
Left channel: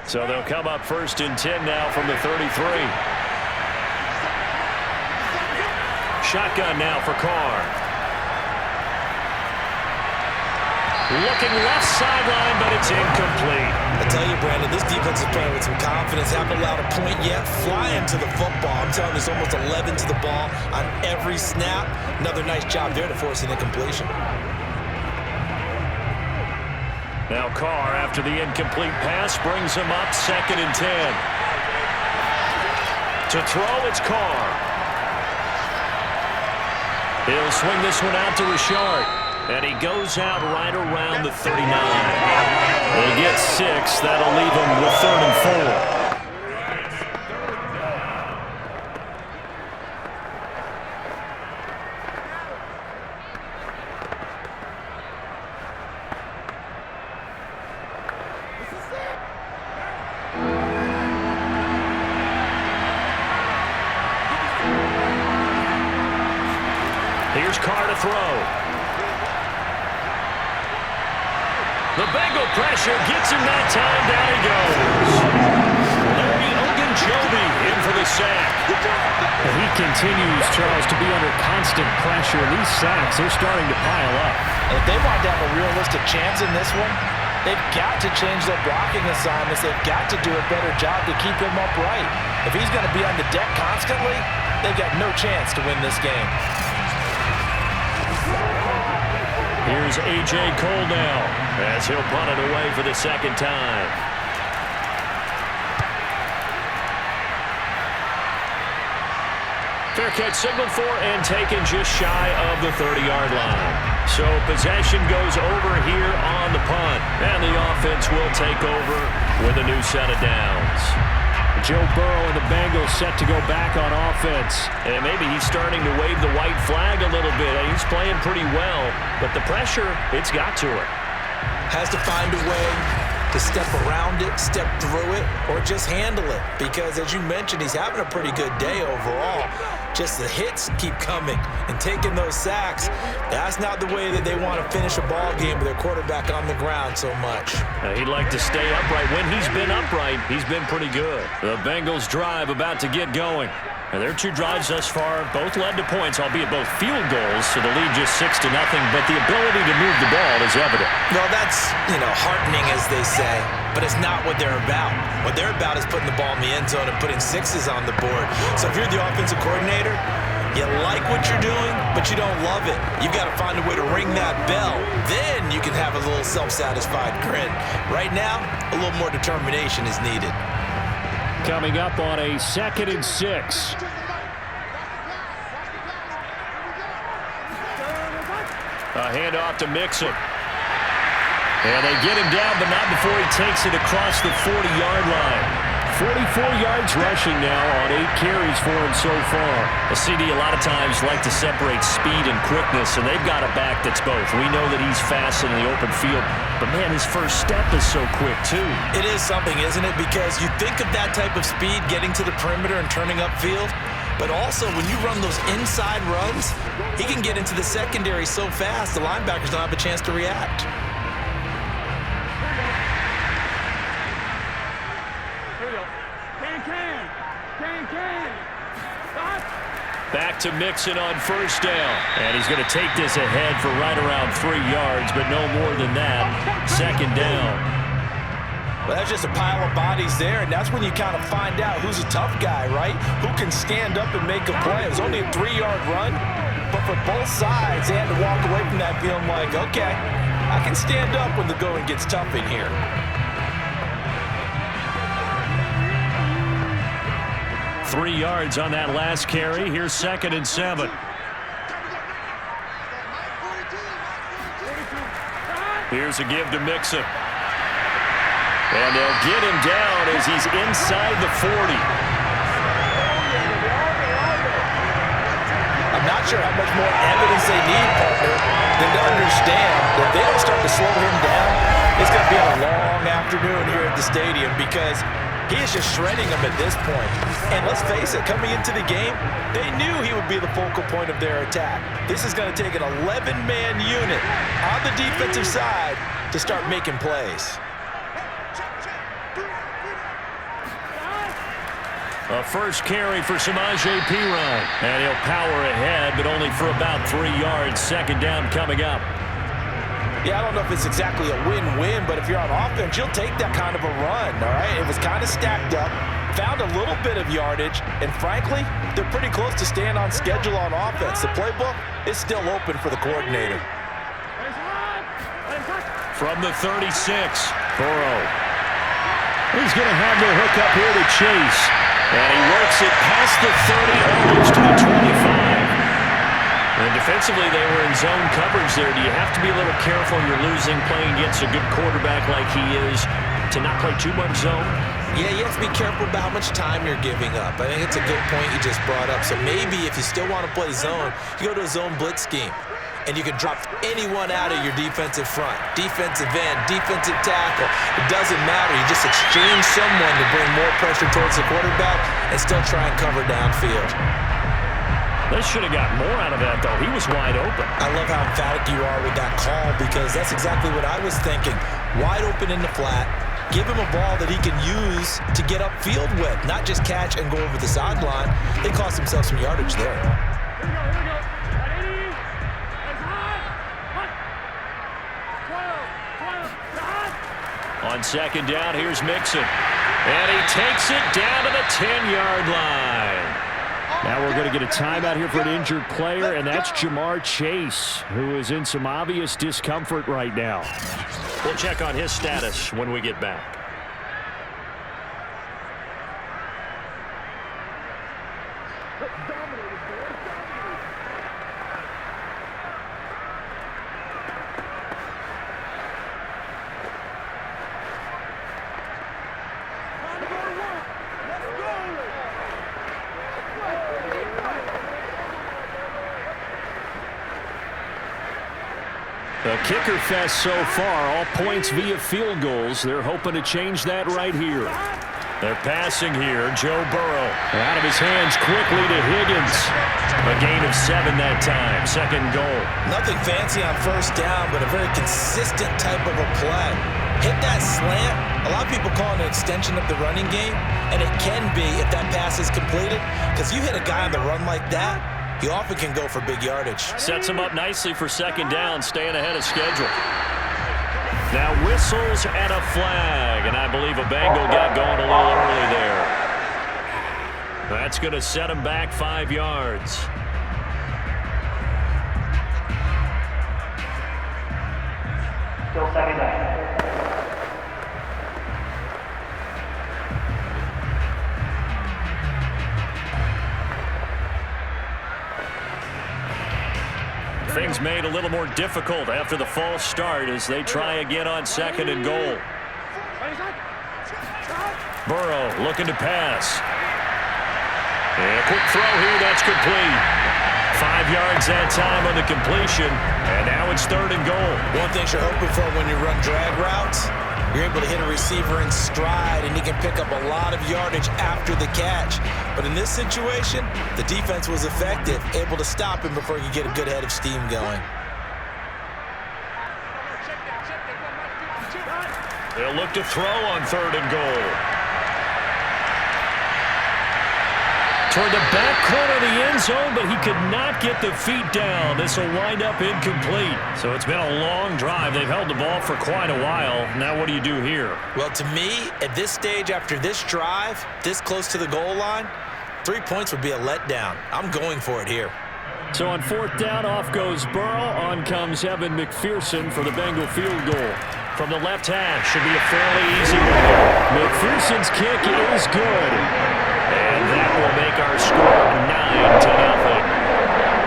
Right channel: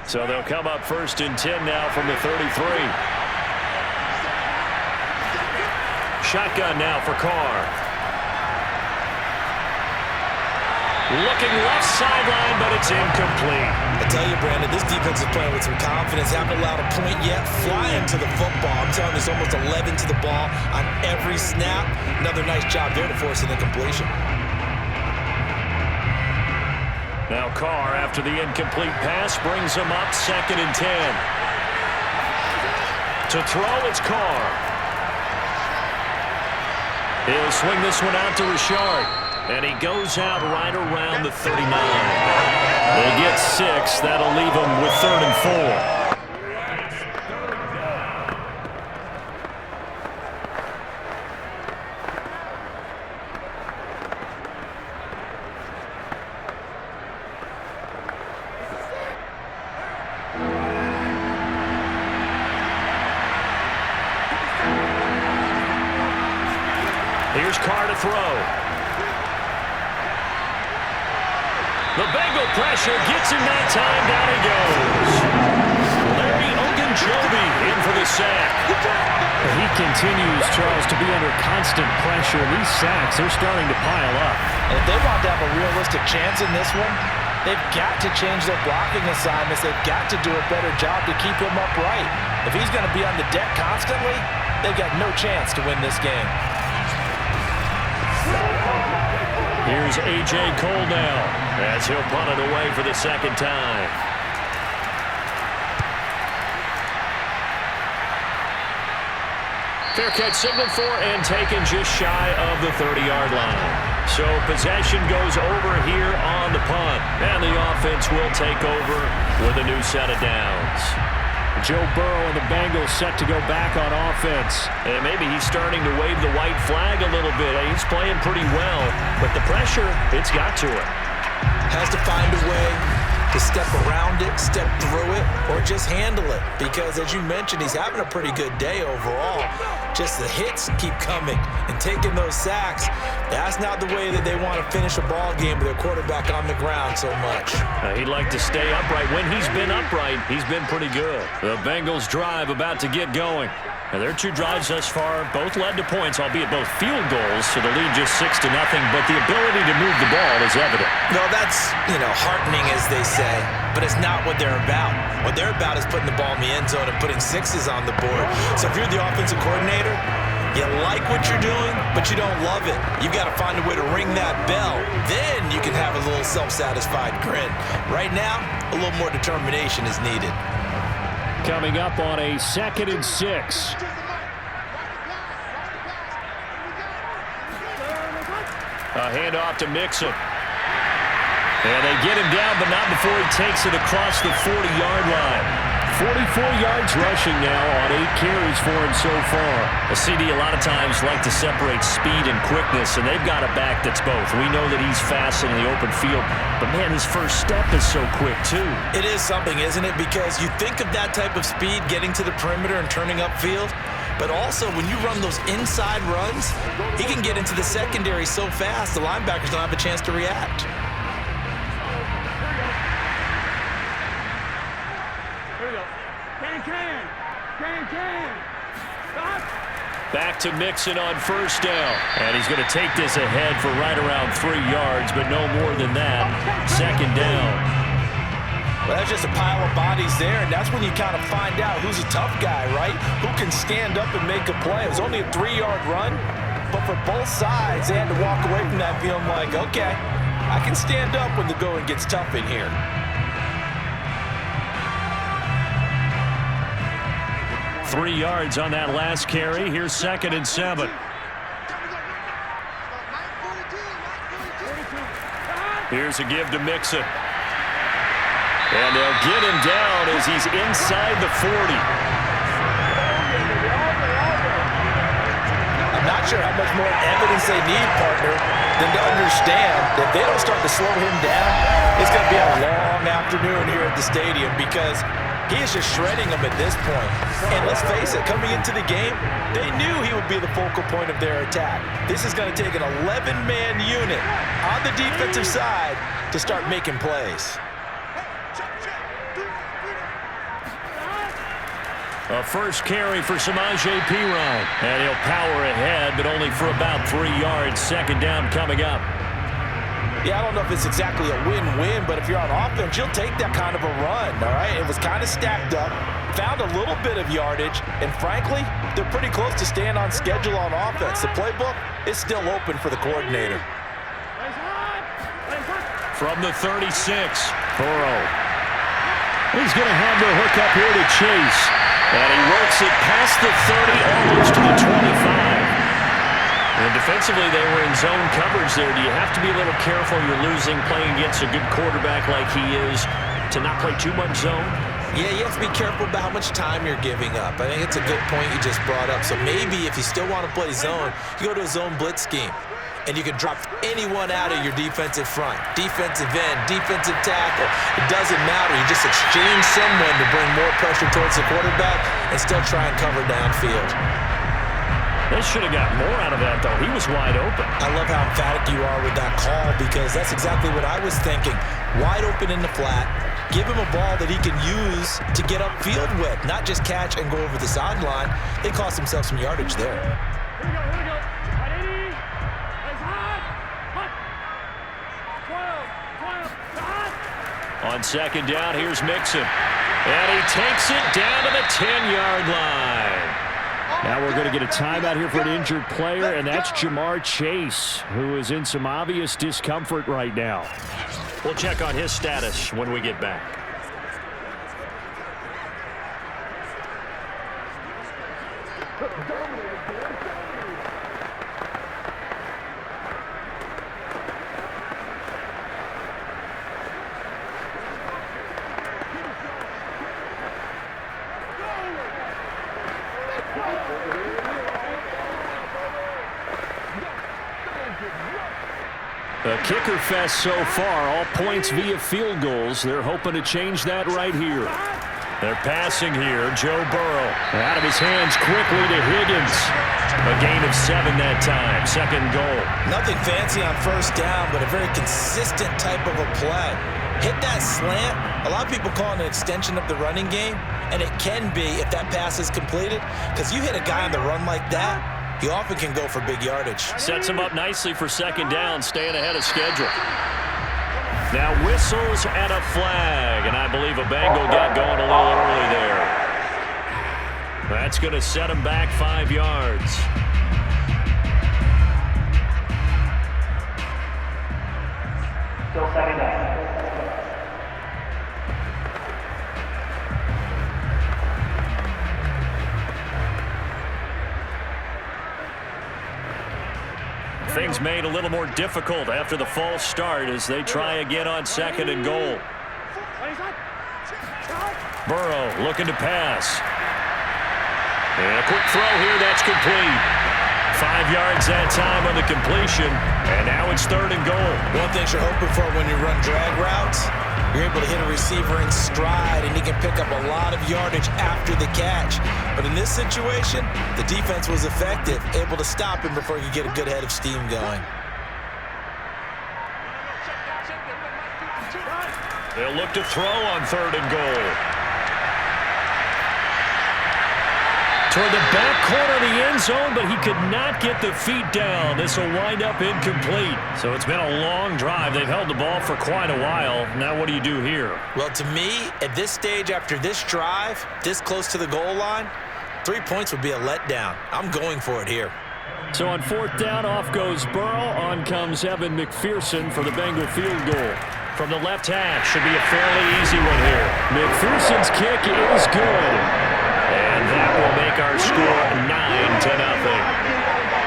So they'll come up 1st and 10 now from the 33. Shotgun now for Carr. Looking left sideline, but it's incomplete. I tell you, Brandon, this defense is playing with some confidence. Haven't allowed a point yet. Flying to the football. I'm telling you, it's almost 11 to the ball on every snap. Another nice job there to force an incompletion. Now Carr, after the incomplete pass, brings him up 2nd and 10. To throw, it's Carr. He'll swing this one out to Richard. And he goes out right around the 39. They get 6. That'll leave him with 3rd and 4. Here's Carr to throw. The Bengal pressure gets him that time. Down he goes. Larry Ogunjobi in for the sack. He continues, Charles, to be under constant pressure. These sacks, they're starting to pile up. And if they want to have a realistic chance in this one, they've got to change their blocking assignments. They've got to do a better job to keep him upright. If he's going to be on the deck constantly, they've got no chance to win this game. Here's A.J. Cole now as he'll punt it away for the 2nd time. Fair catch signaled for and taken just shy of the 30-yard line. So possession goes over here on the punt. And the offense will take over with a new set of downs. Joe Burrow and the Bengals set to go back on offense. And maybe he's starting to wave the white flag a little bit. He's playing pretty well, but the pressure, it's got to it. Has to find a way to step around it, step through it, or just handle it. Because as you mentioned, he's having a pretty good day overall. Just the hits keep coming and taking those sacks. That's not the way that they want to finish a ball game with their quarterback on the ground so much. He'd like to stay upright. When he's been upright, he's been pretty good. The Bengals drive about to get going. And their 2 drives thus far both led to points, albeit both field goals, so the lead just 6-0. But the ability to move the ball is evident. Well, that's, heartening, as they say, but it's not what they're about. What they're about is putting the ball in the end zone and putting 6s on the board. So if you're the offensive coordinator, you like what you're doing, but you don't love it. You've got to find a way to ring that bell. Then you can have a little self-satisfied grin. Right now, a little more determination is needed. Coming up on a 2nd and 6. A handoff to Mixon. And they get him down, but not before he takes it across the 40-yard line. 44 yards rushing now on 8 carries for him so far. A CD a lot of times like to separate speed and quickness, and they've got a back that's both. We know that he's fast in the open field, but, man, his first step is so quick, too. It is something, isn't it? Because you think of that type of speed getting to the perimeter and turning upfield, but also when you run those inside runs, he can get into the secondary so fast the linebackers don't have a chance to react. Here we go. Can. Stop. Back to Mixon on first down. And he's going to take this ahead for right around 3 yards, but no more than that. Second down. Well, that's just a pile of bodies there, and that's when you kind of find out who's a tough guy, right? Who can stand up and make a play. It was only a 3-yard run, but for both sides, they had to walk away from that feeling like, okay, I can stand up when the going gets tough in here. Three yards on that last carry. Here's 2nd and 7. Here's a give to Mixon. And they'll get him down as he's inside the 40. I'm not sure how much more evidence they need, partner, than to understand that if they don't start to slow him down, it's going to be a long afternoon here at the stadium because he is just shredding them at this point. And let's face it, coming into the game, they knew he would be the focal point of their attack. This is going to take an 11-man unit on the defensive side to start making plays. A first carry for Samaje Perine. And he'll power ahead, but only for about 3 yards. Second down coming up. Yeah, I don't know if it's exactly a win-win, but if you're on offense, you'll take that kind of a run, all right? It was kind of stacked up, found a little bit of yardage, and frankly, they're pretty close to staying on schedule on offense. The playbook is still open for the coordinator. From the 36, Burrow. He's going to have the hook up here to Chase. And he works it past the 30, almost to the 25. And defensively, they were in zone coverage there. Do you have to be a little careful? You're losing, playing against a good quarterback like he is, to not play too much zone? Yeah, you have to be careful about how much time you're giving up. I think it's a good point you just brought up. So maybe if you still want to play zone, you go to a zone blitz scheme. And you can drop anyone out of your defensive front. Defensive end, defensive tackle. It doesn't matter. You just exchange someone to bring more pressure towards the quarterback and still try and cover downfield. They should have got more out of that, though. He was wide open. I love how emphatic you are with that call because that's exactly what I was thinking. Wide open in the flat. Give him a ball that he can use to get upfield with, not just catch and go over the sideline. They cost themselves some yardage there. Here we go. At 80. It's hot. Hot. 12. On second down, here's Mixon. And he takes it down to the 10-yard line. Now we're going to get a timeout here for an injured player, and that's Jamar Chase, who is in some obvious discomfort right now. We'll check on his status when we get back. The kicker fest so far, all points via field goals. They're hoping to change that right here. They're passing here. Joe Burrow out of his hands quickly to Higgins. A gain of 7 that time. Second goal. Nothing fancy on first down, but a very consistent type of a play. Hit that slant. A lot of people call it an extension of the running game, and it can be if that pass is completed, because you hit a guy on the run like that, you often can go for big yardage. Sets him up nicely for second down, staying ahead of schedule. Now whistles and a flag, and I believe a Bengal got going a little early there. That's going to set him back 5 yards. Still second down. Things made a little more difficult after the false start as they try again on second and goal. Burrow looking to pass. And a quick throw here, that's complete. 5 yards that time on the completion, and now it's 3rd and goal. One thing you're hoping for when you run drag routes, you're able to hit a receiver in stride, and he can pick up a lot of yardage after the catch. But in this situation, the defense was effective, able to stop him before he could get a good head of steam going. They'll look to throw on 3rd and goal. Toward the back corner of the end zone, but he could not get the feet down. This will wind up incomplete. So it's been a long drive. They've held the ball for quite a while. Now what do you do here? Well, to me, at this stage, after this drive, this close to the goal line, 3 points would be a letdown. I'm going for it here. So on 4th down, off goes Burrow. On comes Evan McPherson for the Bengal field goal. From the left hash, should be a fairly easy one here. McPherson's kick is good. And that will make our score 9-0.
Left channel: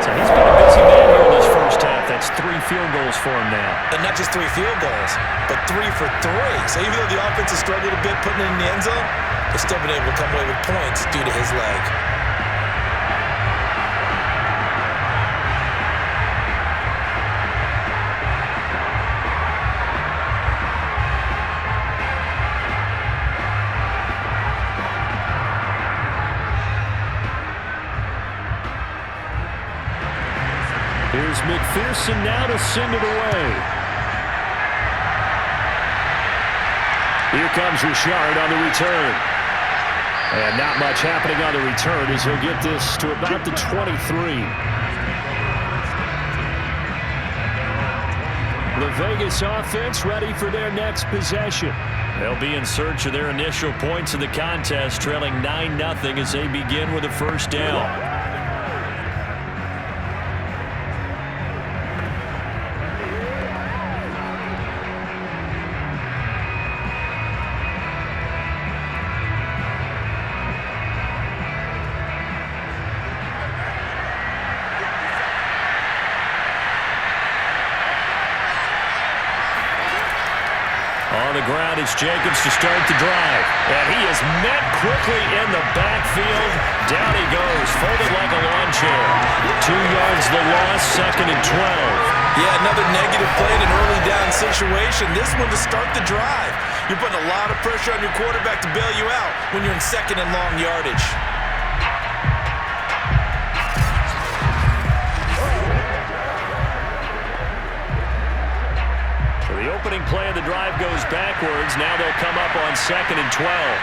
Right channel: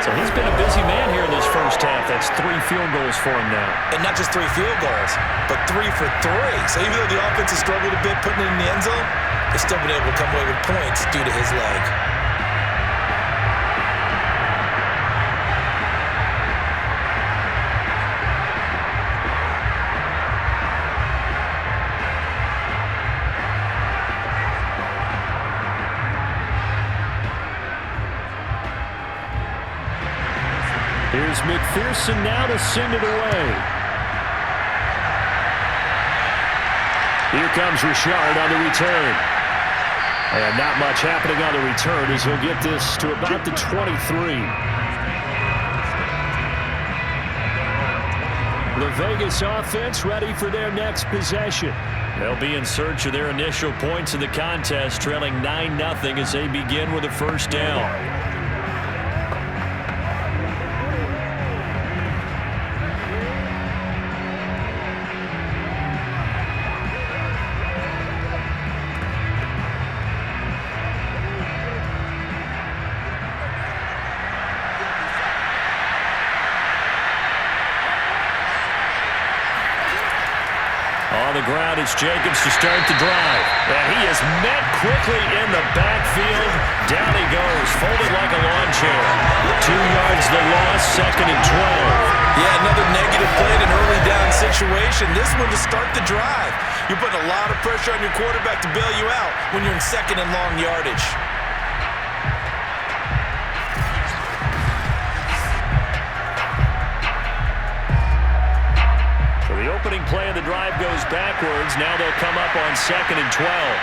So he's been a busy man here in this first half. That's 3 field goals for him now. And not just 3 field goals, but 3 for 3. So even though the offense has struggled a bit putting it in the end zone, they've still been able to come away with points due to his leg. Here's McPherson now to send it away. Here comes Richard on the return. And not much happening on the return as he'll get this to about the 23. The Vegas offense ready for their next possession. They'll be in search of their initial points in the contest, trailing 9-0 as they begin with a 1st down. On the ground, it's Jacobs to start the drive. And he is met quickly in the backfield. Down he goes, folded like a lawn chair. 2 yards the loss, 2nd and 12. Yeah, another negative play in an early down situation. This one to start the drive. You're putting a lot of pressure on your quarterback to bail you out when you're in 2nd and long yardage. The opening play of the drive goes backwards. Now they'll come up on 2nd and 12.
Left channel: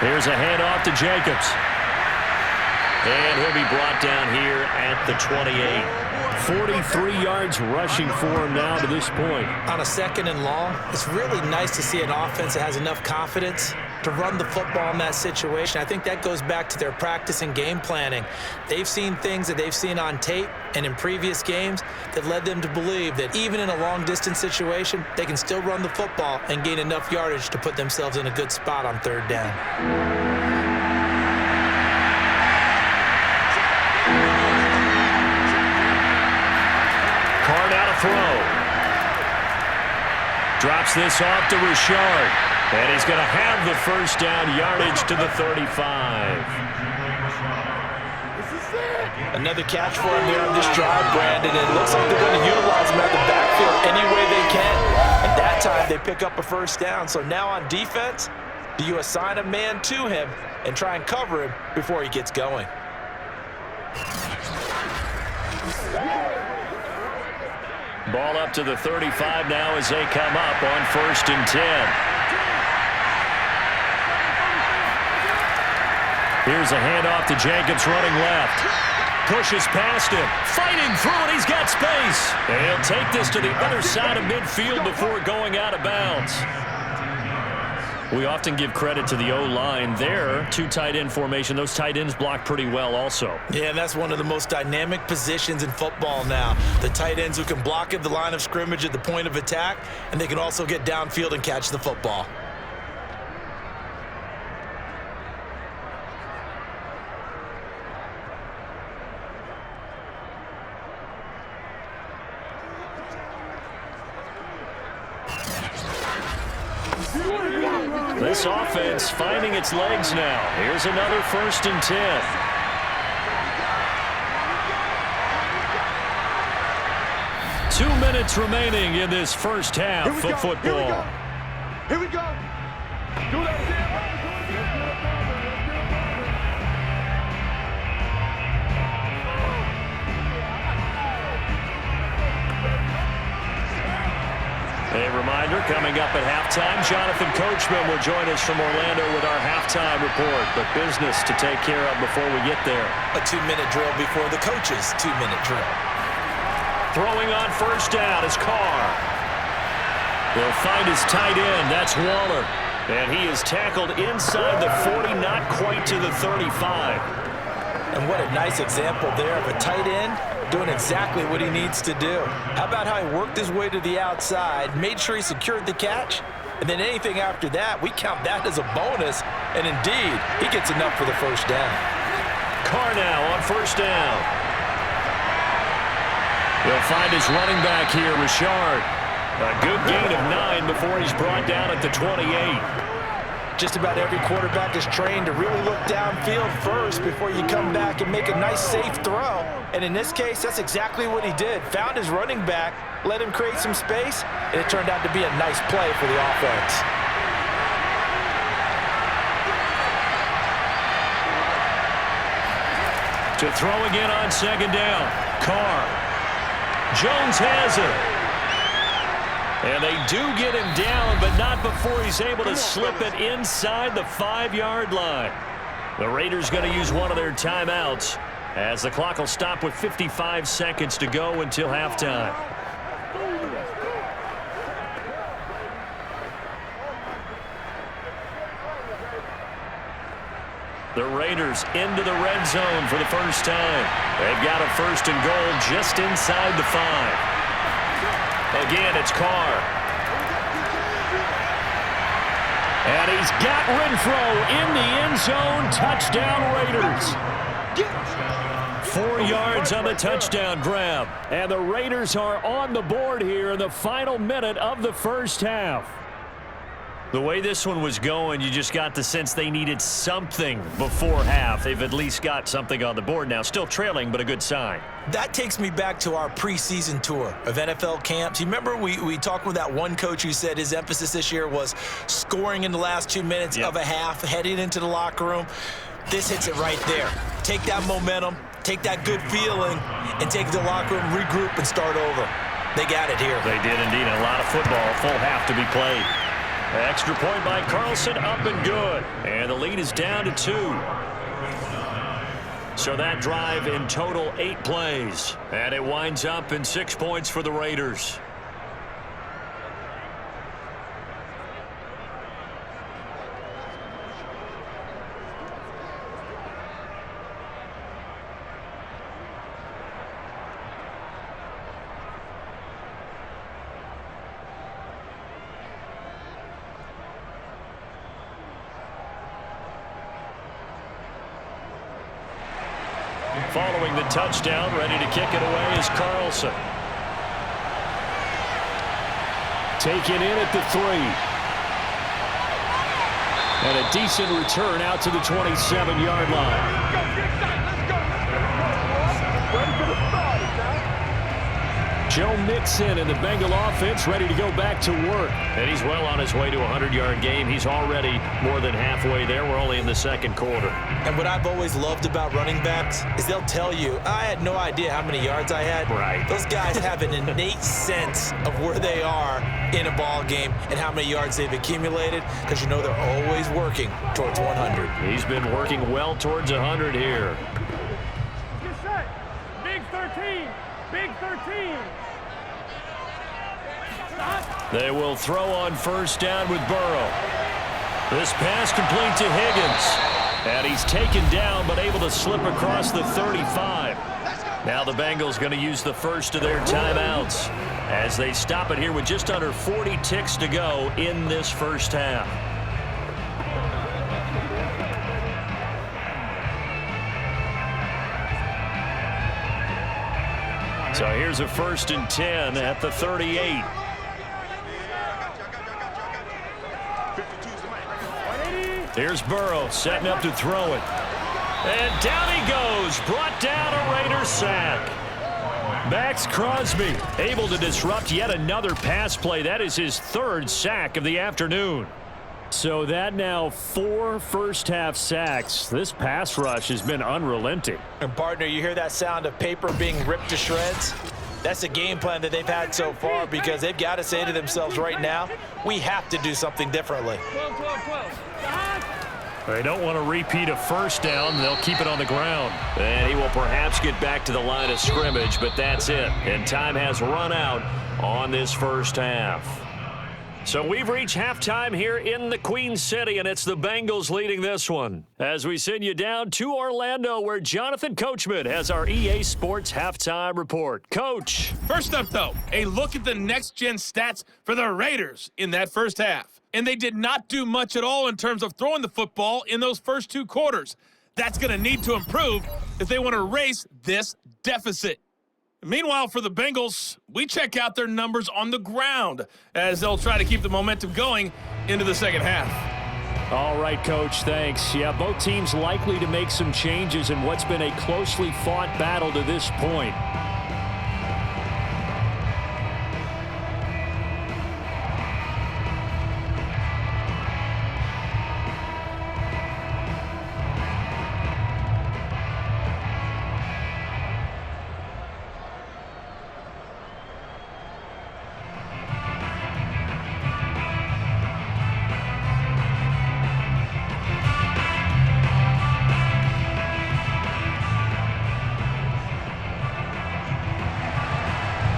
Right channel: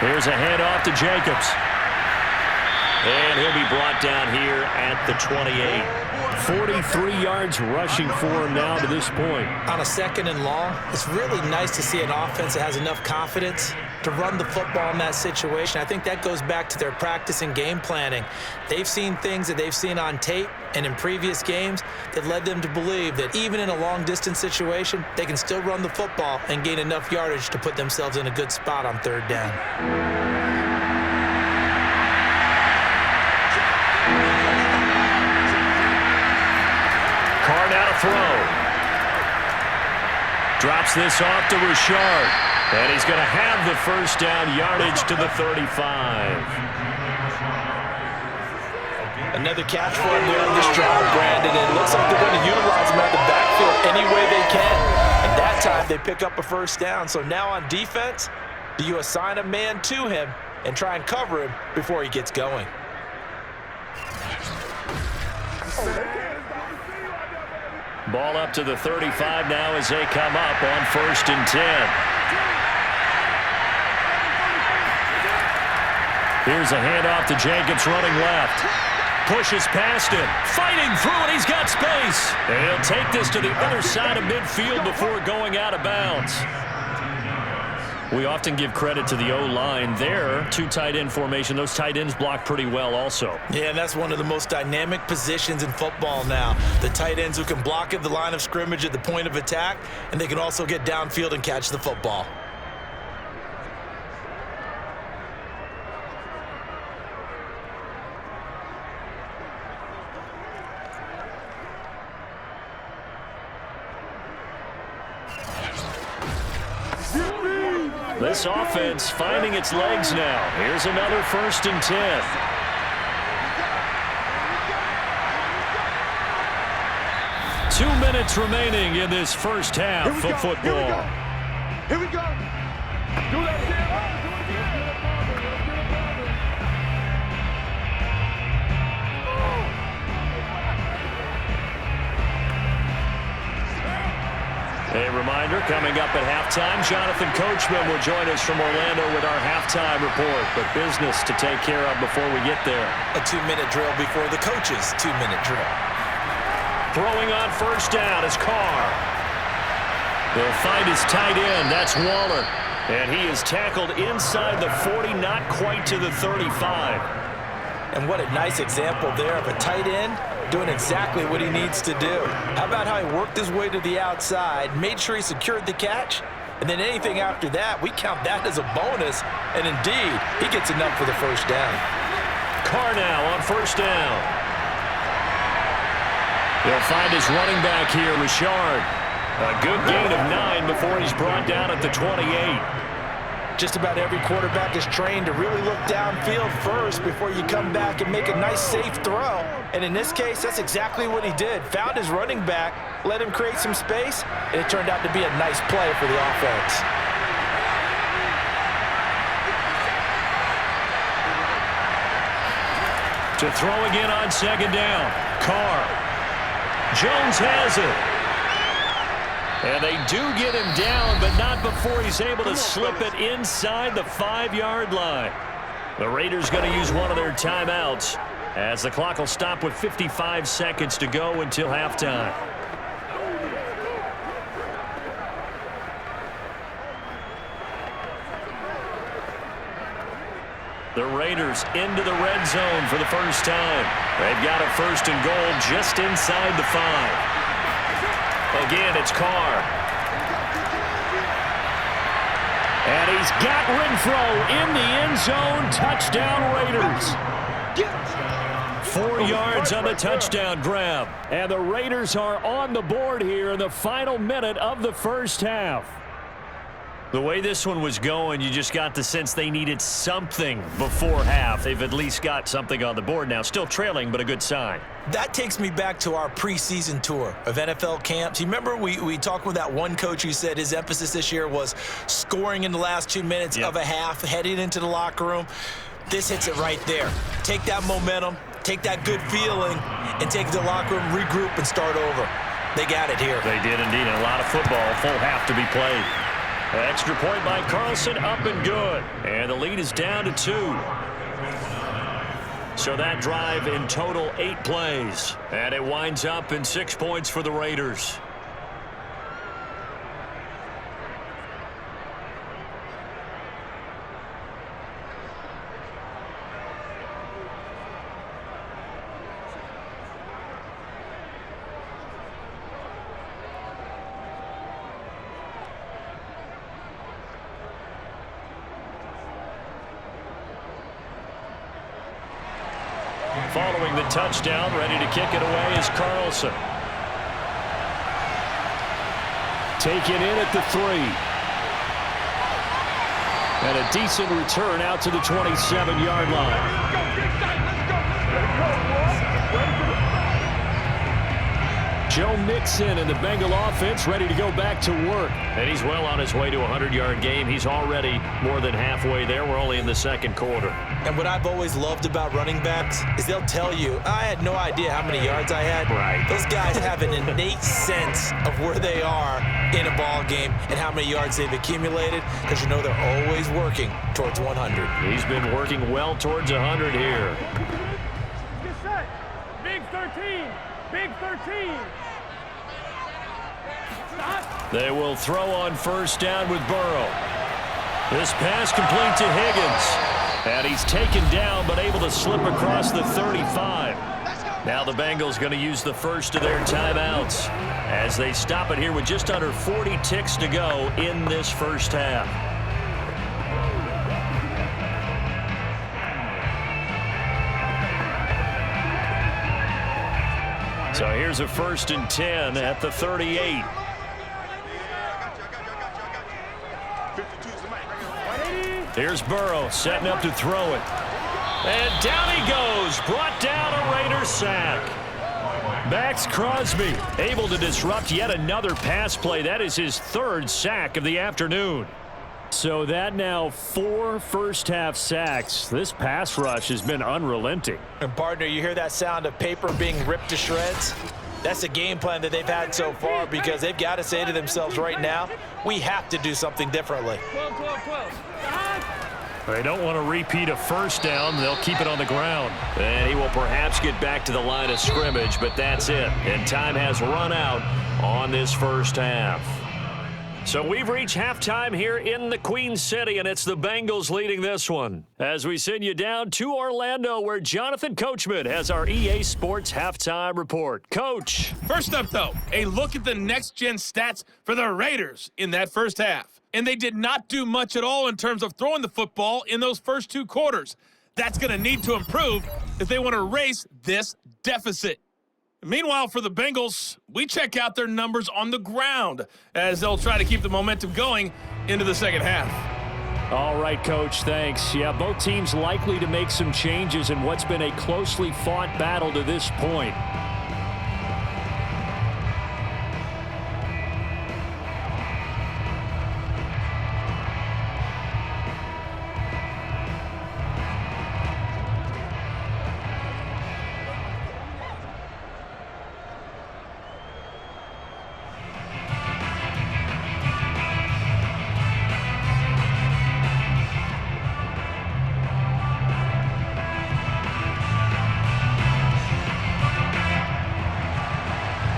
Here's a handoff to Jacobs. And he'll be brought down here at the 28. 43 yards rushing for him now to this point. On a 2nd and long, it's really nice to see an offense that has enough confidence to run the football in that situation. I think that goes back to their practice and game planning. They've seen things that they've seen on tape and in previous games that led them to believe that even in a long-distance situation, they can still run the football and gain enough yardage to put themselves in a good spot on 3rd down. Card out a throw. Drops this off to Richard. And he's going to have the 1st down, yardage to the 35. Another catch for him there on this drive, Brandon. And it looks like they're going to utilize him out of the backfield any way they can. And that time they pick up a 1st down. So now on defense, do you assign a man to him and try and cover him before he gets going? Ball up to the 35 now as they come up on 1st and 10. Here's a handoff to Jacobs running left. Pushes past him. Fighting through and he's got space. And he'll take this to the other side of midfield before going out of bounds. We often give credit to the O-line there. 2 tight end formation. Those tight ends block pretty well also. Yeah, and that's one of the most dynamic positions in football now. The tight ends who can block at the line of scrimmage at the point of attack, and they can also get downfield and catch the football. This offense finding its legs now. Here's another 1st and 10. Two minutes remaining in this first half of football. Here we go. Do that again. A reminder, coming up at halftime, Jonathan Coachman will join us from Orlando with our halftime report. But business to take care of before we get there. A 2-minute drill before the coach's 2-minute drill. Throwing on 1st down is Carr. He'll find his tight end. That's Waller. And he is tackled inside the 40, not quite to the 35. And what a nice example there of a tight end doing exactly what he needs to do. How about how he worked his way to the outside, made sure he secured the catch, and then anything after that, we count that as a bonus. And indeed, he gets enough for the 1st down. Carr now on 1st down. He'll find his running back here, Richard. A good gain of 9 before he's brought down at the 28. Just about every quarterback is trained to really look downfield first before you come back and make a nice, safe throw. And in this case, that's exactly what he did. Found his running back, let him create some space, and it turned out to be a nice play for the offense. To throw again on 2nd down. Carr. Jones has it. And they do get him down, but not before he's able to slip it inside the 5-yard line. The Raiders going to use one of their timeouts as the clock will stop with 55 seconds to go until halftime. The Raiders into the red zone for the first time. They've got a 1st and goal just inside the 5. Again, it's Carr. And he's got Renfro in the end zone. Touchdown, Raiders. 4 yards on the touchdown grab. And the Raiders are on the board here in the final minute of the first half. The way this one was going, you just got the sense they needed something before half. They've at least got something on the board now. Still trailing, but a good sign. That takes me back to our preseason tour of NFL camps. You remember we talked with that one coach who said his emphasis this year was scoring in the last 2 minutes of a half, heading into the locker room. This hits it right there. Take that momentum, take that good feeling, and take it to the locker room, regroup, and start over. They got it here. They did indeed, and a lot of football, full half to be played. Extra point by Carlson, up and good. And the lead is down to 2. So that drive in total 8 plays. And it winds up in 6 points for the Raiders. Following the touchdown, ready to kick it away is Carlson. Taken in at the 3. And a decent return out to the 27-yard line. Joe Mixon and the Bengal offense ready to go back to work. And he's well on his way to a 100-yard game. He's already more than halfway there. We're only in the second quarter. And what I've always loved about running backs is they'll tell you, I had no idea how many yards I had. Right. Those guys have an innate sense of where they are in a ball game and how many yards they've accumulated, because you know they're always working towards 100. He's been working well towards 100 here. Get set. Big 13. Big 13. Stop. They will throw on first down with Burrow. This pass complete to Higgins. And he's taken down but able to slip across the 35. Now the Bengals going to use the first of their timeouts as they stop it here with just under 40 ticks to go in this first half. So here's a 1st and 10 at the 38. Here's Burrow setting up to throw it. And down he goes. Brought down a Raider sack. Max Crosby able to disrupt yet another pass play. That is his third sack of the afternoon. So that now 4 first-half sacks. This pass rush has been unrelenting. And, partner, you hear that sound of paper being ripped to shreds? That's the game plan that they've had so far because they've got to say to themselves right now, we have to do something differently. 12, 12, 12. They don't want to repeat a first down. They'll keep it on the ground. And he will perhaps get back to the line of scrimmage, but that's it. And time has run out on this first half. So we've reached halftime here in the Queen City, and it's the Bengals leading this one. As we send you down to Orlando, where Jonathan Coachman has our EA Sports halftime report. Coach. First up, though, a look at the next-gen stats for the Raiders in that first half. And they did not do much at all in terms of throwing the football in those first 2 quarters. That's going to need to improve if they want to erase this deficit. Meanwhile, for the Bengals, we check out their numbers on the ground as they'll try to keep the momentum going into the second half. All right, Coach, thanks. Yeah, both teams likely to make some changes in what's been a closely fought battle to this point.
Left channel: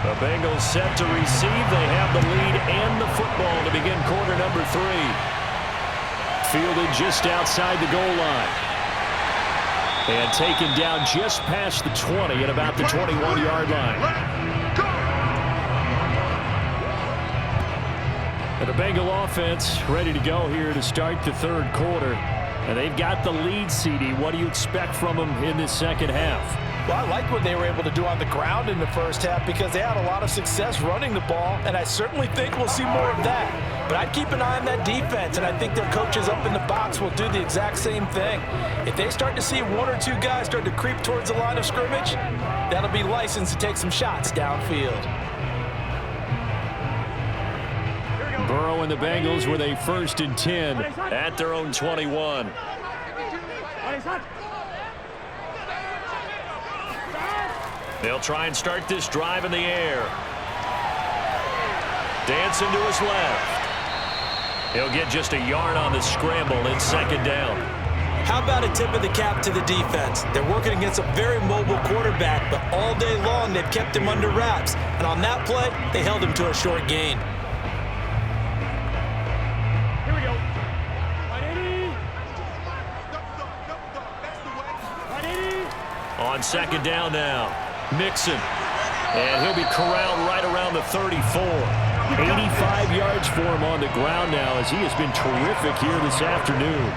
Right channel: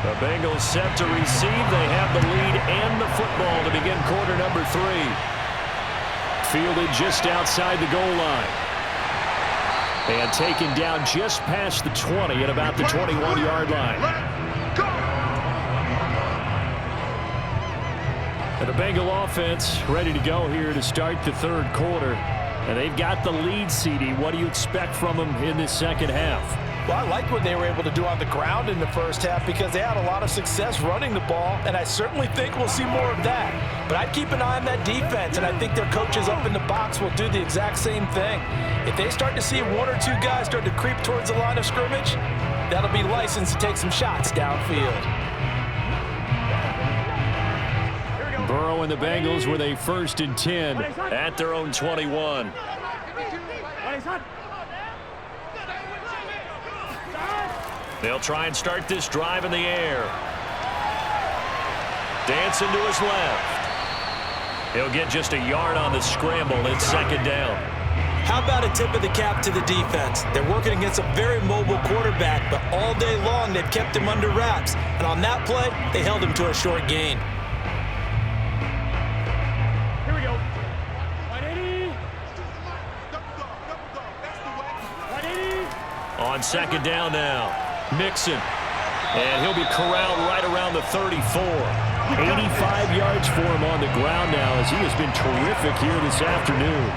The Bengals set to receive. They have the lead and the football to begin quarter number 3. Fielded just outside the goal line. And taken down just past the 20 at about the 21-yard line. And the Bengal offense ready to go here to start the third quarter. And they've got the lead, CD. What do you expect from them in this second half? Well, I like what they were able to do on the ground in the first half because they had a lot of success running the ball, and I certainly think we'll see more of that. But I'd keep an eye on that defense, and I think their coaches up in the box will do the exact same thing. If they start to see 1 or 2 guys start to creep towards the line of scrimmage, that'll be licensed to take some shots downfield. Burrow and the Bengals with a 1st and 10 at their own 21. They'll try and start this drive in the air. Dancing to his left. He'll get just a yard on the scramble. It's 2nd down. How about a tip of the cap to the defense? They're working against a very mobile quarterback, but all day long they've kept him under wraps. And on that play, they held him to a short gain. Here we go. 180. 180. On 2nd down now. Mixon. And he'll be corralled right around the 34. 85 yards for him on the ground now as he has been terrific here this afternoon.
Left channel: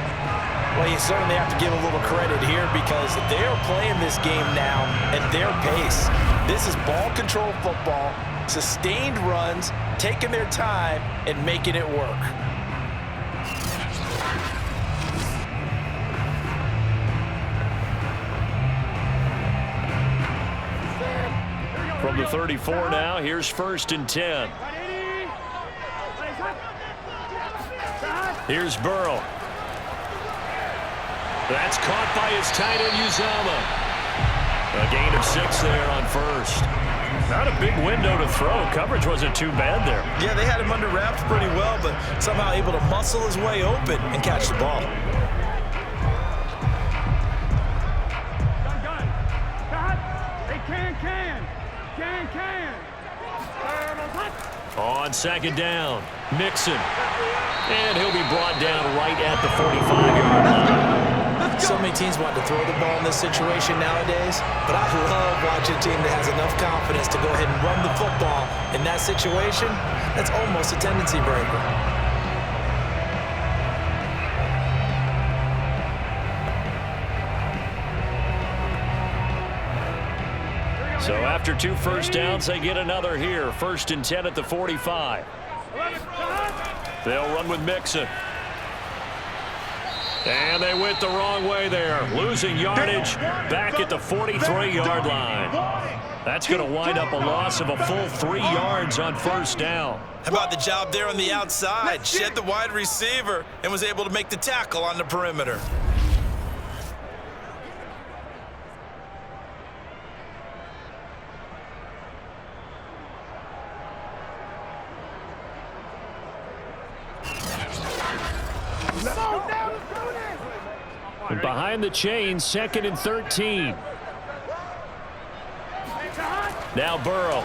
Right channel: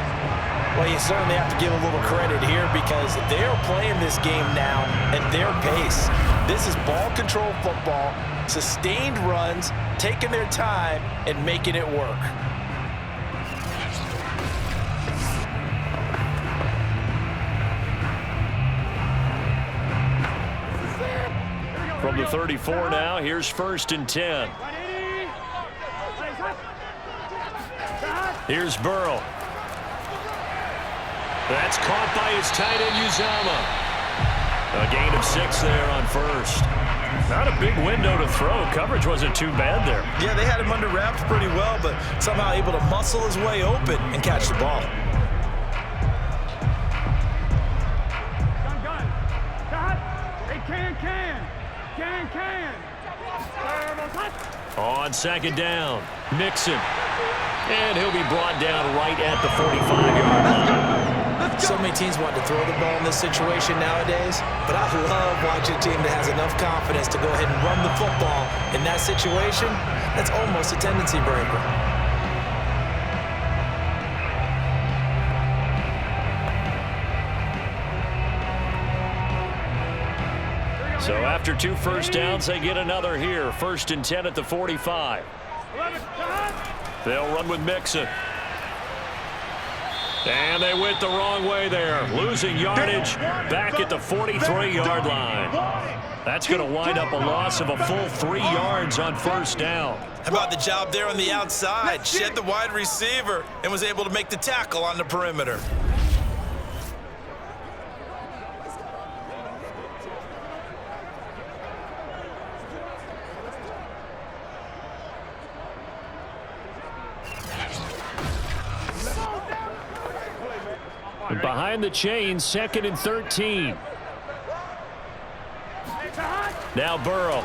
Well, you certainly have to give a little credit here because they're playing this game now at their pace. This is ball control football, sustained runs, taking their time, and making it work. From the 34 now, here's 1st and 10. Here's Burrow. That's caught by his tight end, Uzama. A gain of 6 there on 1st. Not a big window to throw. Coverage wasn't too bad there. Yeah, they had him under wraps pretty well, but somehow able to muscle his way open and catch the ball. Gun. Cut. Hey, can. On 2nd down, Mixon. And he'll be brought down right at the 45-yard line. So many teams want to throw the ball in this situation nowadays, but I love watching a team that has enough confidence to go ahead and run the football. In that situation, that's almost a tendency breaker. So after 2 first downs, they get another here. 1st and 10 at the 45. They'll run with Mixon. And they went the wrong way there, losing yardage back at the 43-yard line. That's going to wind up a loss of a full 3 yards on first down. How about the job there on the outside? Shed the wide receiver and was able to make the tackle on the perimeter. And behind the chains, 2nd and 13. Now Burrow.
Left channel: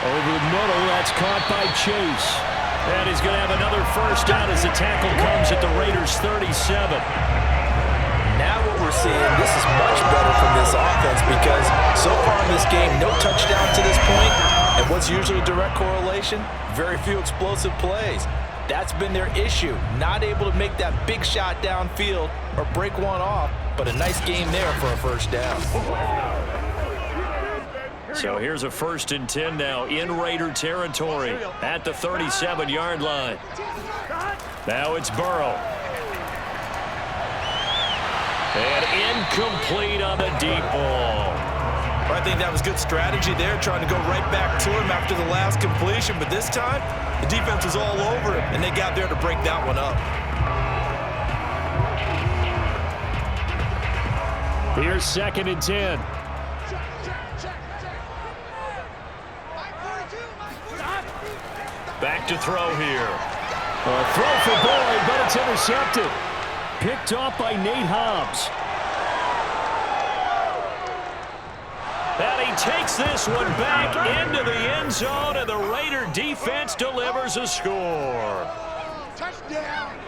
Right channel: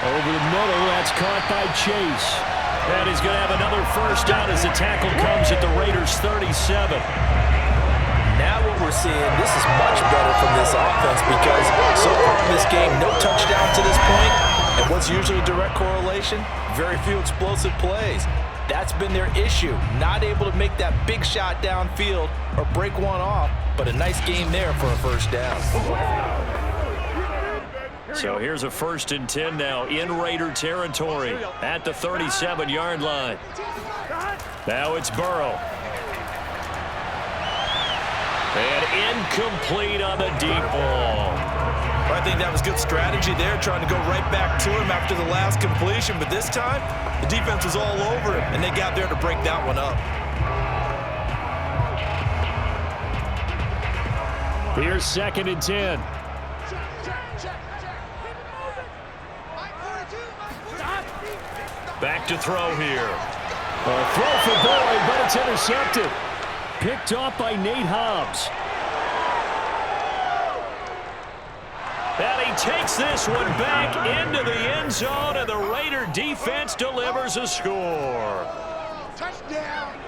Over the middle, that's caught by Chase. And he's going to have another first down as the tackle comes at the Raiders' 37. Now what we're seeing, this is much better from this offense because so far in this game, no touchdown to this point. And what's usually a direct correlation? Very few explosive plays. That's been their issue, not able to make that big shot downfield or break one off, but a nice game there for a first down. So here's a 1st and 10 now in Raider territory at the 37-yard line. Now it's Burrow. And incomplete on the deep ball. Well, I think that was good strategy there, trying to go right back to him after the last completion. But this time, the defense was all over him, and they got there to break that one up. Here's 2nd and 10. Back to throw here. A throw for Boyd, but it's intercepted. Picked off by Nate Hobbs. And he takes this one back into the end zone, and the Raider defense delivers a score. Touchdown.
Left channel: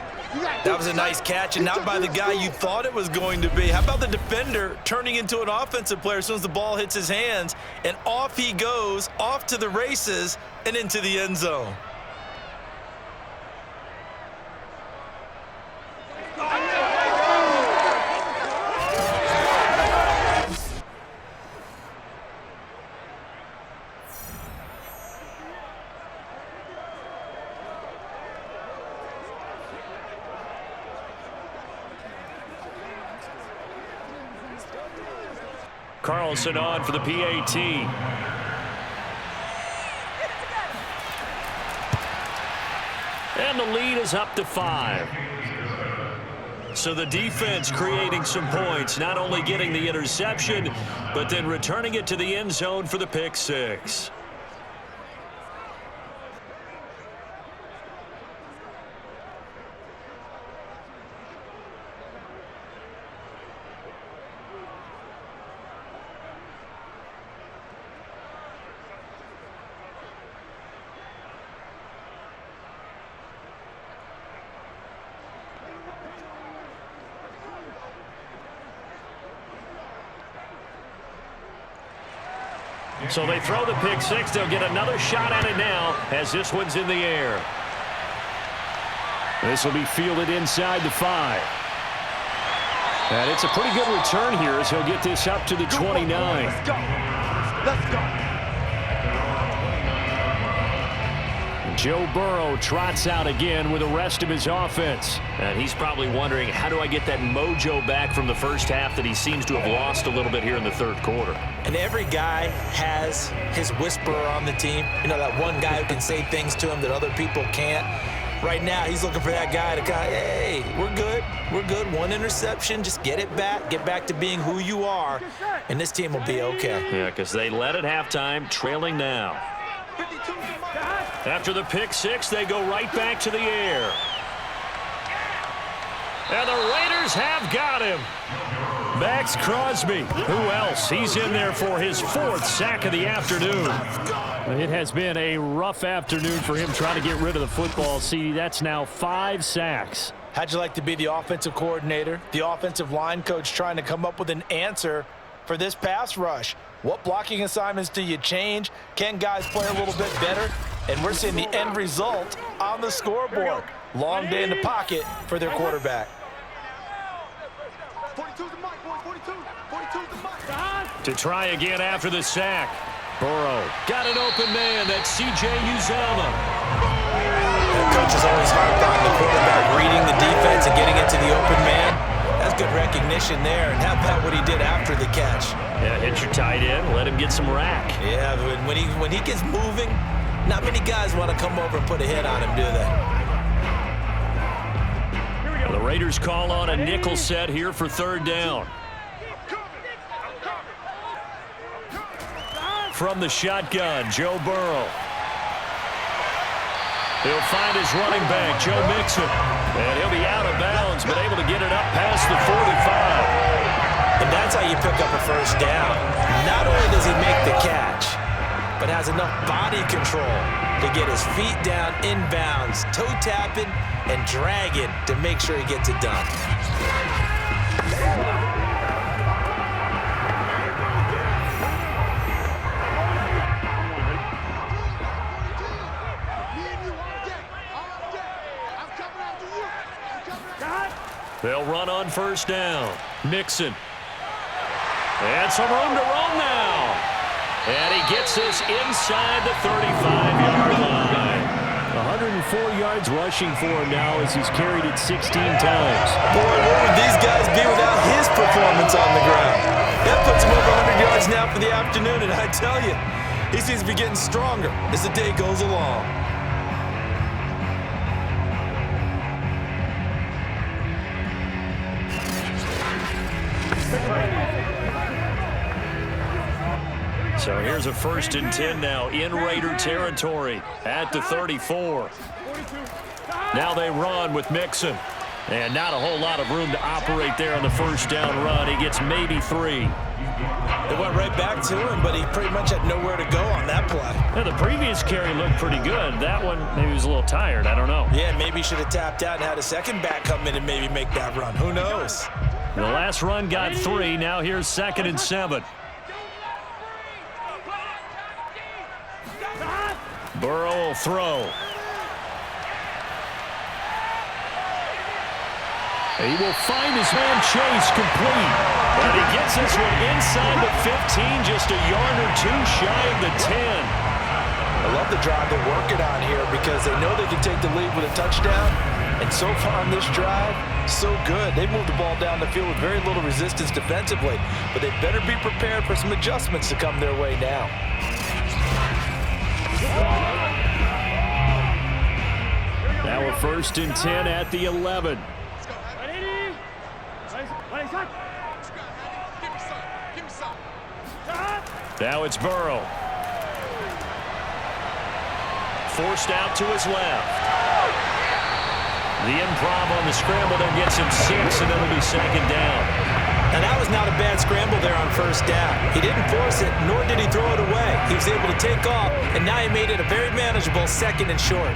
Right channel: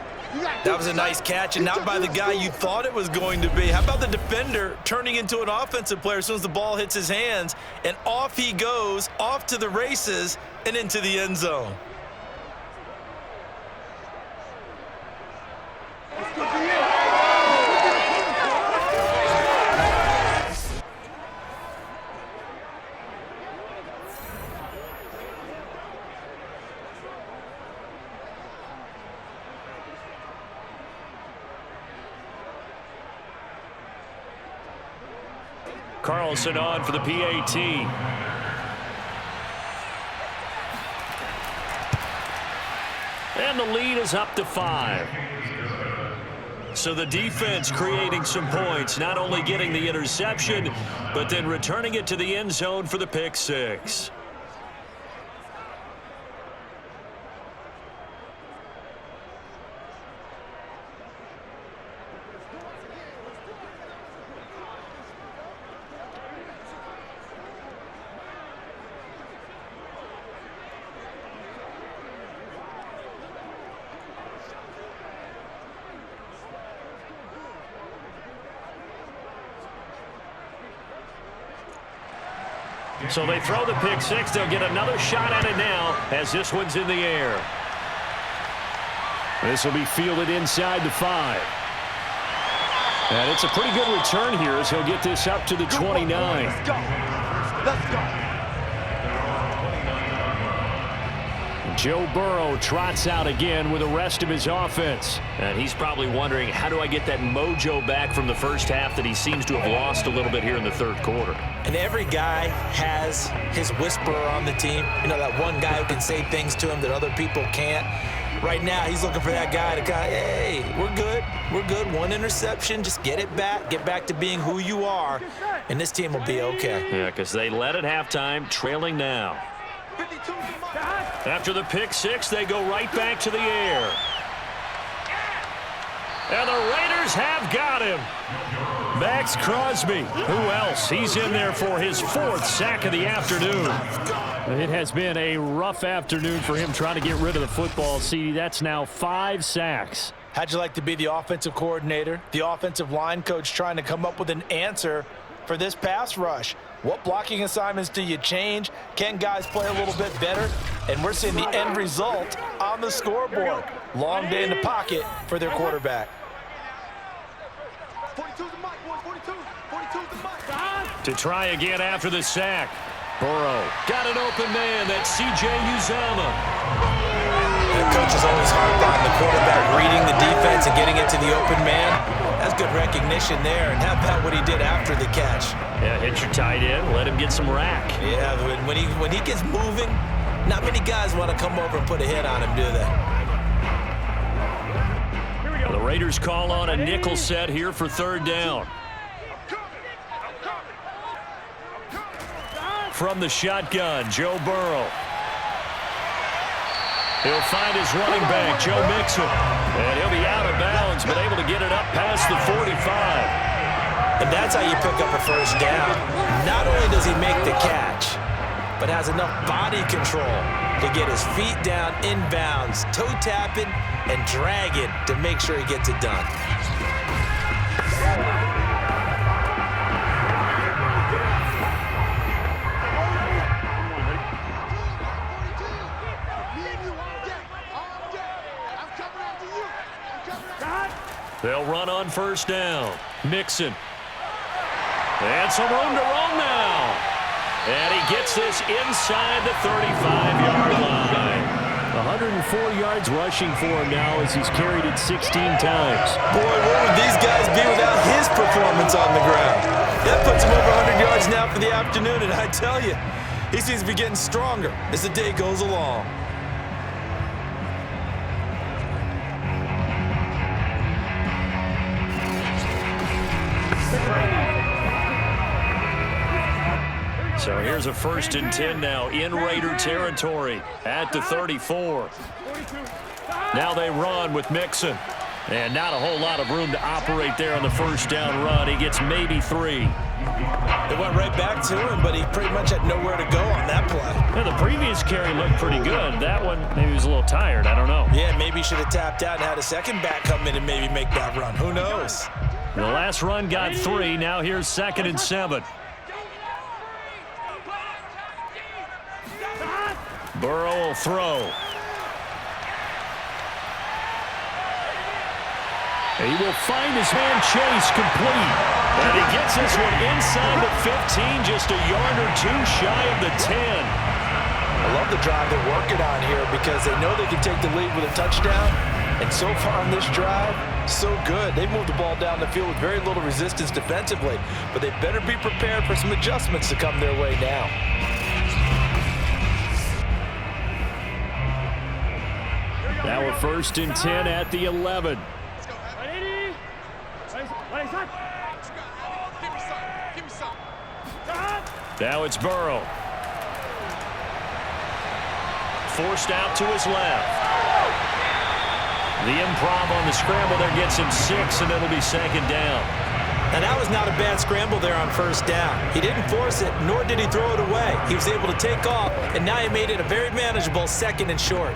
That was a nice catch, and not by the guy you thought it was going to be. How about the defender turning into an offensive player as soon as the ball hits his hands, and off he goes, off to the races, and into the end zone. Carlson on for the PAT. And the lead is up to 5. So the defense creating some points, not only getting the interception, but then returning it to the end zone for the pick 6. So they throw the pick 6. They'll get another shot at it now as this one's in the air. This will be fielded inside the 5. And it's a pretty good return here as he'll get this up to the 29. Let's go. Let's go. Joe Burrow trots out again with the rest of his offense. And he's probably wondering, how do I get that mojo back from the first half that he seems to have lost a little bit here in the third quarter? And every guy has his whisperer on the team. You know, that one guy who can say things to him that other people can't. Right now, he's looking for that guy to kind of, hey, we're good. We're good. One interception. Just get it back. Get back to being who you are. And this team will be okay. Yeah, because they led at halftime, trailing now. After the pick 6, they go right back to the air. And the Raiders have got him. Max Crosby. Who else? He's in there for his 4th sack of the afternoon. It has been a rough afternoon for him trying to get rid of the football. See, that's now 5 sacks. How'd you like to be the offensive coordinator, the offensive line coach trying to come up with an answer for this pass rush? What blocking assignments do you change? Can guys play a little bit better? And we're seeing the end result on the scoreboard. Long day in the pocket for their quarterback. 42's the mic, boys. 42's the mic. To try again after the sack. Burrow got an open man. That's C.J. Uzomah. And coaches always harp on the quarterback reading the defense and getting it to the open man. That's good recognition there. And how about what he did after the catch? Yeah, hit your tight end, let him get some rack. Yeah, when he gets moving, not many guys want to come over and put a hit on him, do they? The Raiders call on a nickel set here for third down. From the shotgun, Joe Burrow. He'll find his running back, Joe Mixon. And he'll be out of bounds, but able to get it up past the 45. And that's how you pick up a first down. Not only does he make the catch, but has enough body control to get his feet down inbounds, toe tapping and dragging to make sure he gets it done. They'll run on first down. Mixon. And some room to roam now. And he gets this inside the 35-yard line. 104 yards rushing for him now as he's carried it 16 times. Boy, where would these guys be without his performance on the ground? That puts him over 100 yards now for the afternoon, and I tell you, he seems to be getting stronger as the day goes along. So here's a 1st and 10 now in Raider territory at the 34. Now they run with Mixon. And not a whole lot of room to operate there on the first down run. He gets maybe 3. They went right back to him, but he pretty much had nowhere to go on that play. Yeah, the previous carry looked pretty good. That one, maybe he was a little tired. I don't know. Yeah, maybe he should have tapped out and had a second back come in and maybe make that run. Who knows? The last run got 3. Now here's 2nd and 7. Burrow will throw. He will find his man Chase complete. And he gets this one inside the 15, just a yard or 2 shy of the 10. I love the drive they're working on here because they know they can take the lead with a touchdown. And so far on this drive, so good. They've moved the ball down the field with very little resistance defensively, but they better be prepared for some adjustments to come their way now. Now a 1st and 10 at the 11. Now it's Burrow. Forced out to his left. The improv on the scramble there gets him 6, and it'll be 2nd down. Now that was not a bad scramble there on first down. He didn't force it, nor did he throw it away. He was able to take off, and now he made it a very manageable 2nd and short.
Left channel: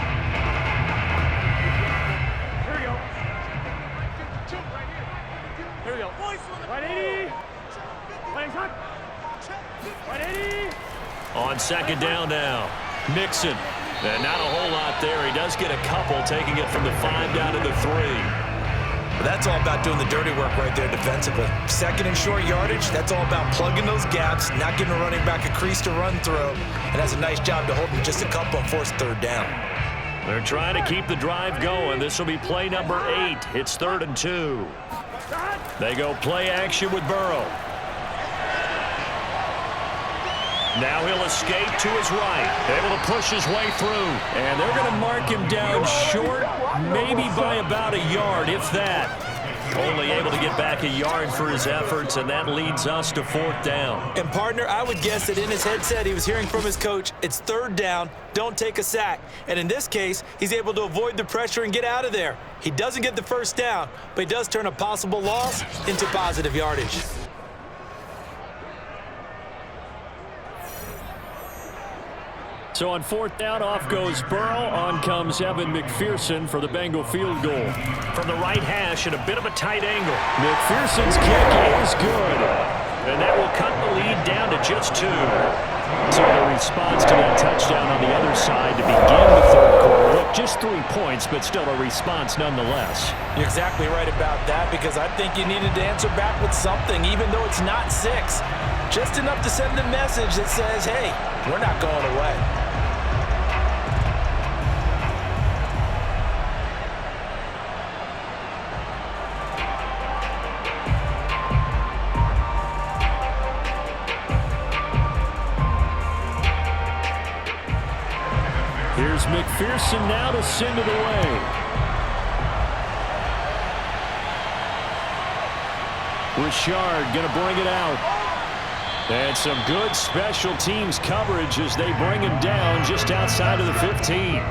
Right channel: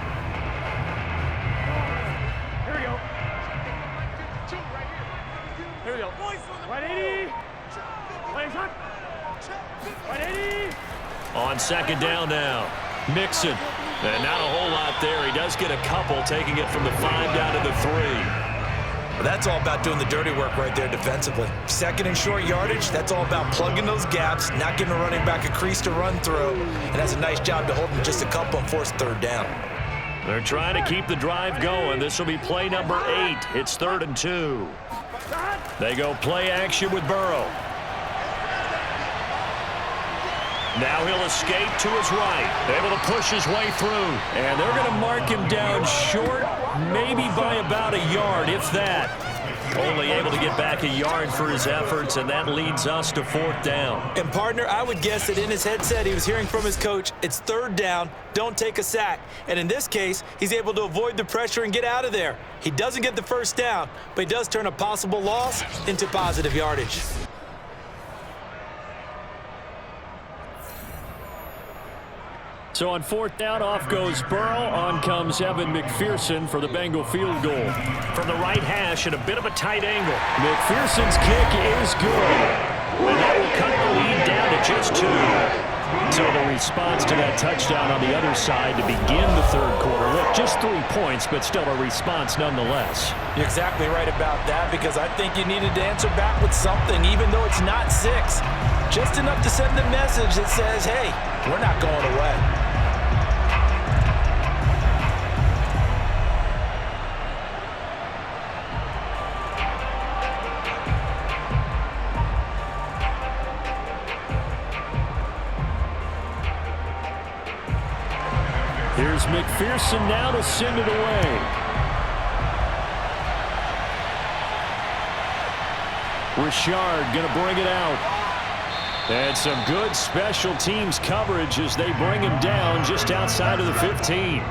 On 2nd down now, Mixon. And not a whole lot there. He does get a couple, taking it from the 5 down to the 3. Well, that's all about doing the dirty work right there defensively. 2nd and short yardage, that's all about plugging those gaps, not giving a running back a crease to run through, and that's a nice job to hold him just a couple and force 3rd down. They're trying to keep the drive going. This will be play number 8. It's 3rd and 2. They go play action with Burrow. Now he'll escape to his right. Able to push his way through. And they're going to mark him down short, maybe by about a yard, if that. Only able to get back a yard for his efforts, and that leads us to 4th down. And, partner, I would guess that in his headset he was hearing from his coach, it's 3rd down, don't take a sack. And in this case, he's able to avoid the pressure and get out of there. He doesn't get the first down, but he does turn a possible loss into positive yardage. So on 4th down, off goes Burrow. On comes Evan McPherson for the Bengal field goal. From the right hash at a bit of a tight angle. McPherson's kick is good. And that will cut the lead down to just 2. So the response to that touchdown on the other side to begin the 3rd quarter. Look, just 3 points, but still a response nonetheless. You're exactly right about that, because I think you needed to answer back with something, even though it's not 6. Just enough to send a message that says, hey, we're not going away. McPherson now to send it away. Richard going to bring it out. And some good special teams coverage as they bring him down just outside of the 15.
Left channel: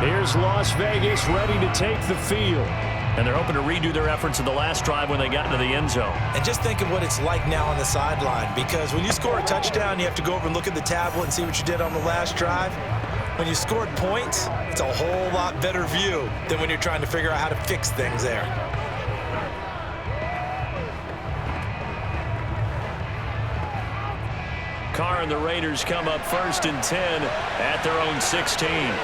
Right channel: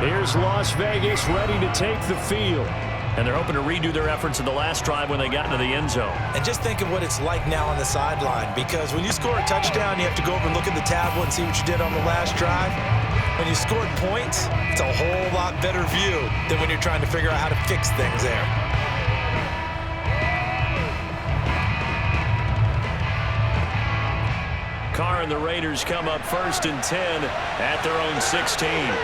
Here's Las Vegas ready to take the field. And they're hoping to redo their efforts in the last drive when they got into the end zone. And just think of what it's like now on the sideline, because when you score a touchdown, you have to go over and look at the tablet and see what you did on the last drive. When you scored points, it's a whole lot better view than when you're trying to figure out how to fix things there. Carr and the Raiders come up 1st and 10 at their own 16.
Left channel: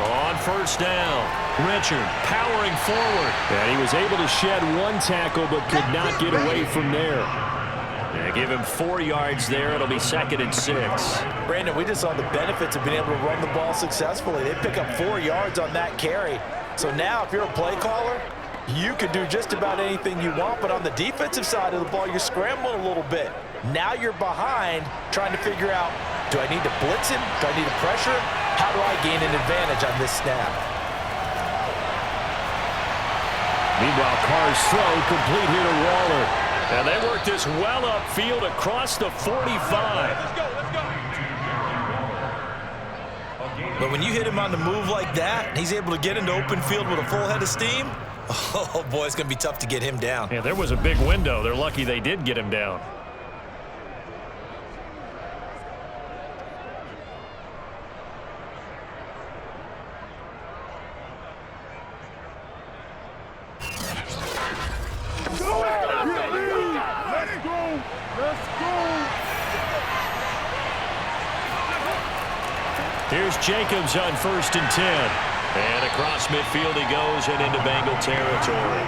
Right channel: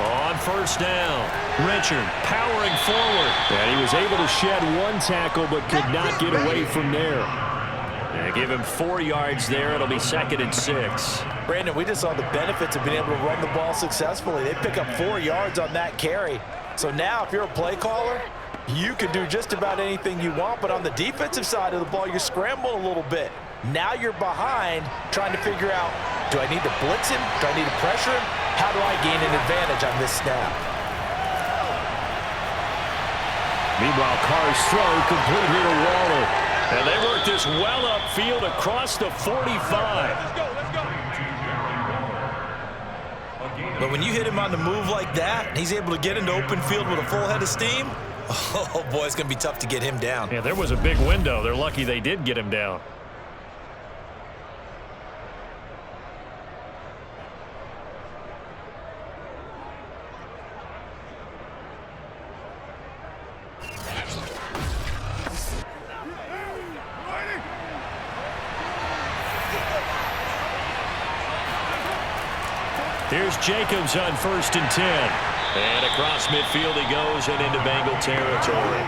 On 1st down, Richard powering forward. And he was able to shed one tackle but could not get away from there. And give him 4 yards there. It'll be 2nd and 6. Brandon, we just saw the benefits of being able to run the ball successfully. They pick up 4 yards on that carry. So now if you're a play caller, you can do just about anything you want. But on the defensive side of the ball, you're scrambling a little bit. Now you're behind trying to figure out, do I need to blitz him? Do I need to pressure him? How do I gain an advantage on this snap? Meanwhile, Carr's throw complete here to Waller. And they work this well upfield across the 45. But when you hit him on the move like that, he's able to get into open field with a full head of steam, oh boy, it's going to be tough to get him down. Yeah, there was a big window. They're lucky they did get him down. Here's Jacobs on 1st and 10. And across midfield he goes and into Bengal territory.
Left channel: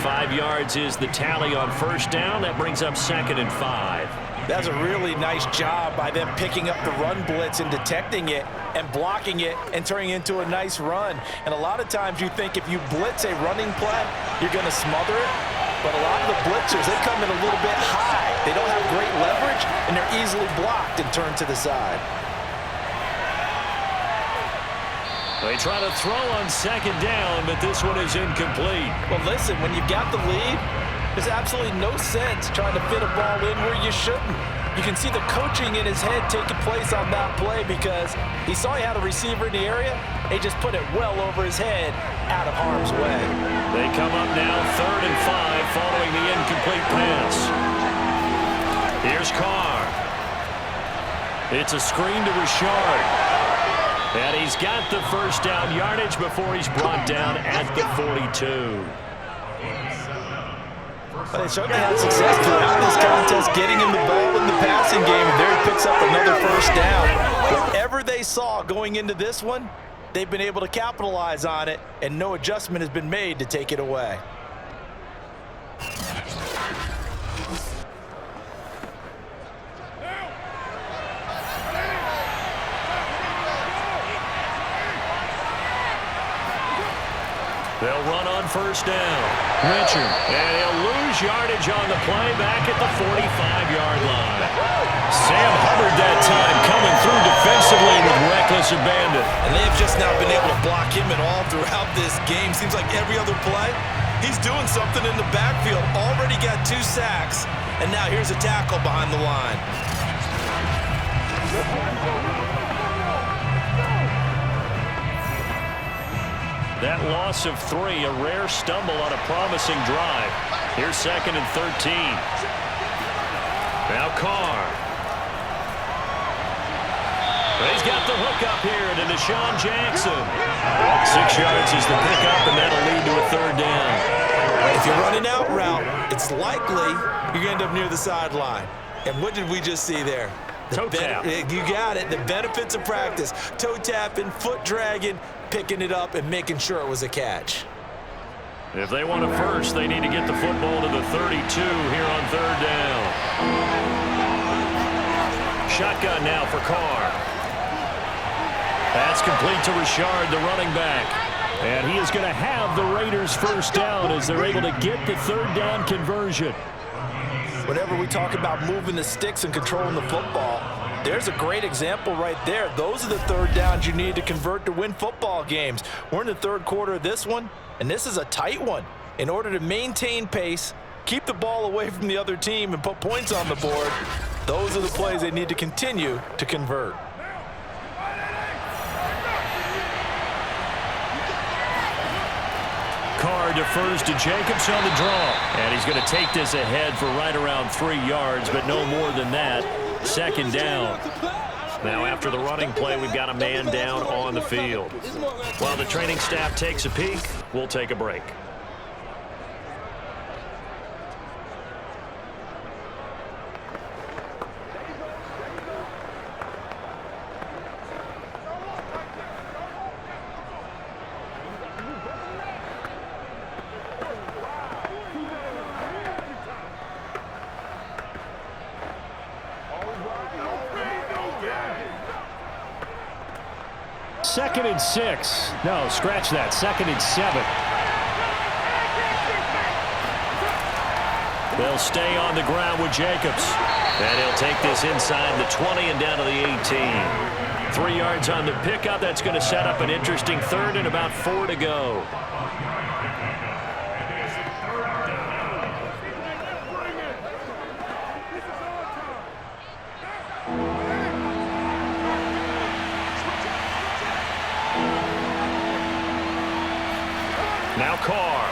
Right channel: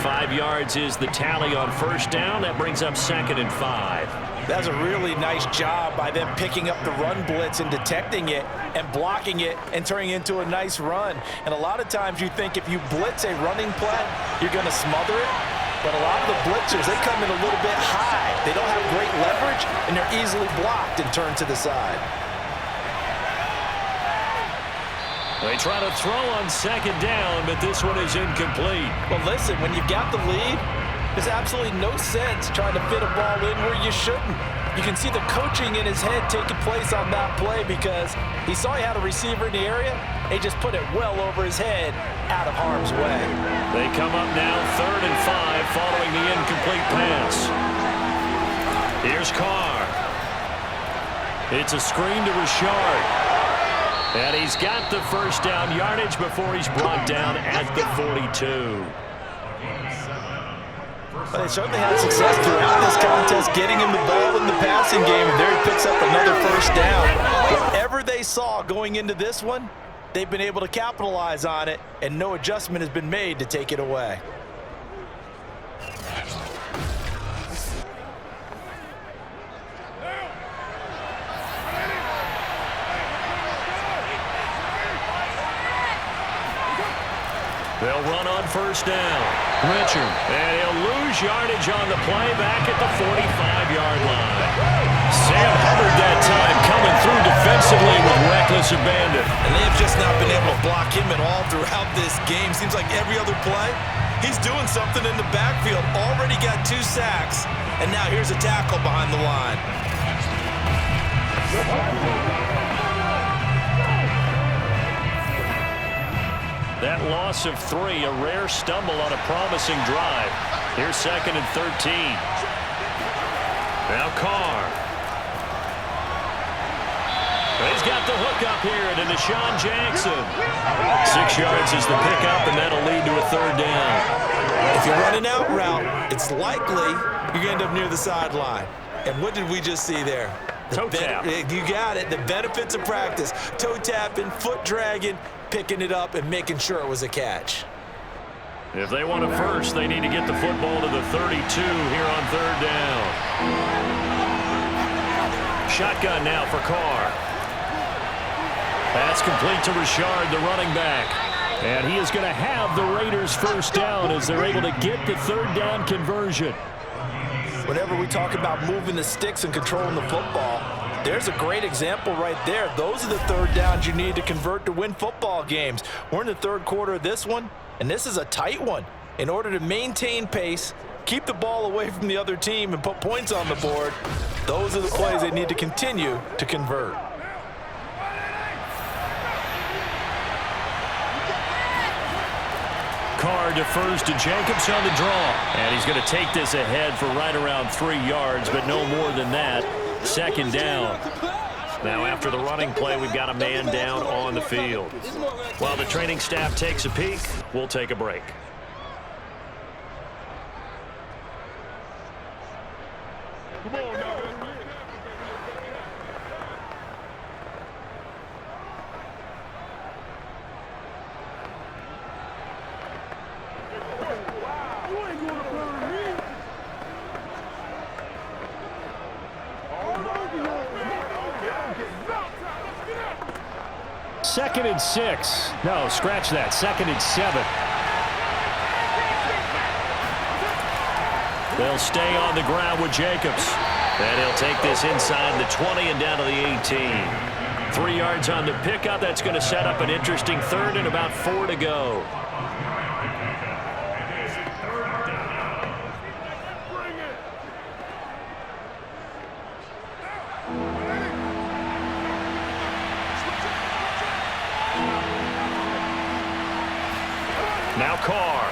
5 yards is the tally on 1st down. That brings up 2nd and 5. That's a really nice job by them picking up the run blitz and detecting it and blocking it and turning it into a nice run. And a lot of times you think if you blitz a running play, you're going to smother it. But a lot of the blitzers, they come in a little bit high. They don't have great leverage, and they're easily blocked and turned to the side. They try to throw on 2nd down, but this one is incomplete. Well, listen, when you've got the lead, there's absolutely no sense trying to fit a ball in where you shouldn't. You can see the coaching in his head taking place on that play because he saw he had a receiver in the area. He just put it well over his head out of harm's way. They come up now 3rd and 5 following the incomplete pass. Here's Carr. It's a screen to Richard. And he's got the 1st down yardage before he's brought down at the 42. Well, they certainly had success throughout this contest getting him the ball in the passing game, and there he picks up another 1st down. Whatever they saw going into this one, they've been able to capitalize on it, and no adjustment has been made to take it away. They'll run on 1st down. Richard. And he'll lose yardage on the play back at the 45-yard line. Sam Hubbard that time coming through defensively with reckless abandon. And they have just not been able to block him at all throughout this game. Seems like every other play, he's doing something in the backfield. Already got 2 sacks, and now here's a tackle behind the line. That loss of 3, a rare stumble on a promising drive. Here's 2nd and 13. Now Carr. He's got the hook up here to Deshaun Jackson. 6 yards is the pickup, and that'll lead to a 3rd down. If you're running out route, it's likely you're going to end up near the sideline. And what did we just see there? Toe tap. You got it. The benefits of practice. Toe tapping, foot dragging, picking it up, and making sure it was a catch. If they want a first, they need to get the football to the 32 here on 3rd down. Shotgun now for Carr. That's complete to Richard, the running back. And he is going to have the Raiders' 1st down as they're able to get the 3rd down conversion. Whenever we talk about moving the sticks and controlling the football, There's a great example right there. Those are the third downs you need to convert to win football games. We're in the third quarter of this one, and this is a tight one. In order to maintain pace, keep the ball away from the other team, and put points on the board, those are the plays they need to continue to convert. Carr defers to Jacobs on the draw. And he's going to take this ahead for right around 3 yards, but no more than that. Second down. Now after the running play, we've got a man down on the field. While the training staff takes a peek, we'll take a break. Second and 6. No, scratch that. Second and 7. They'll stay on the ground with Jacobs. And he'll take this inside the 20 and down to the 18. 3 yards on the pickup. That's going to set up an interesting third and about 4 to go. Now Carr.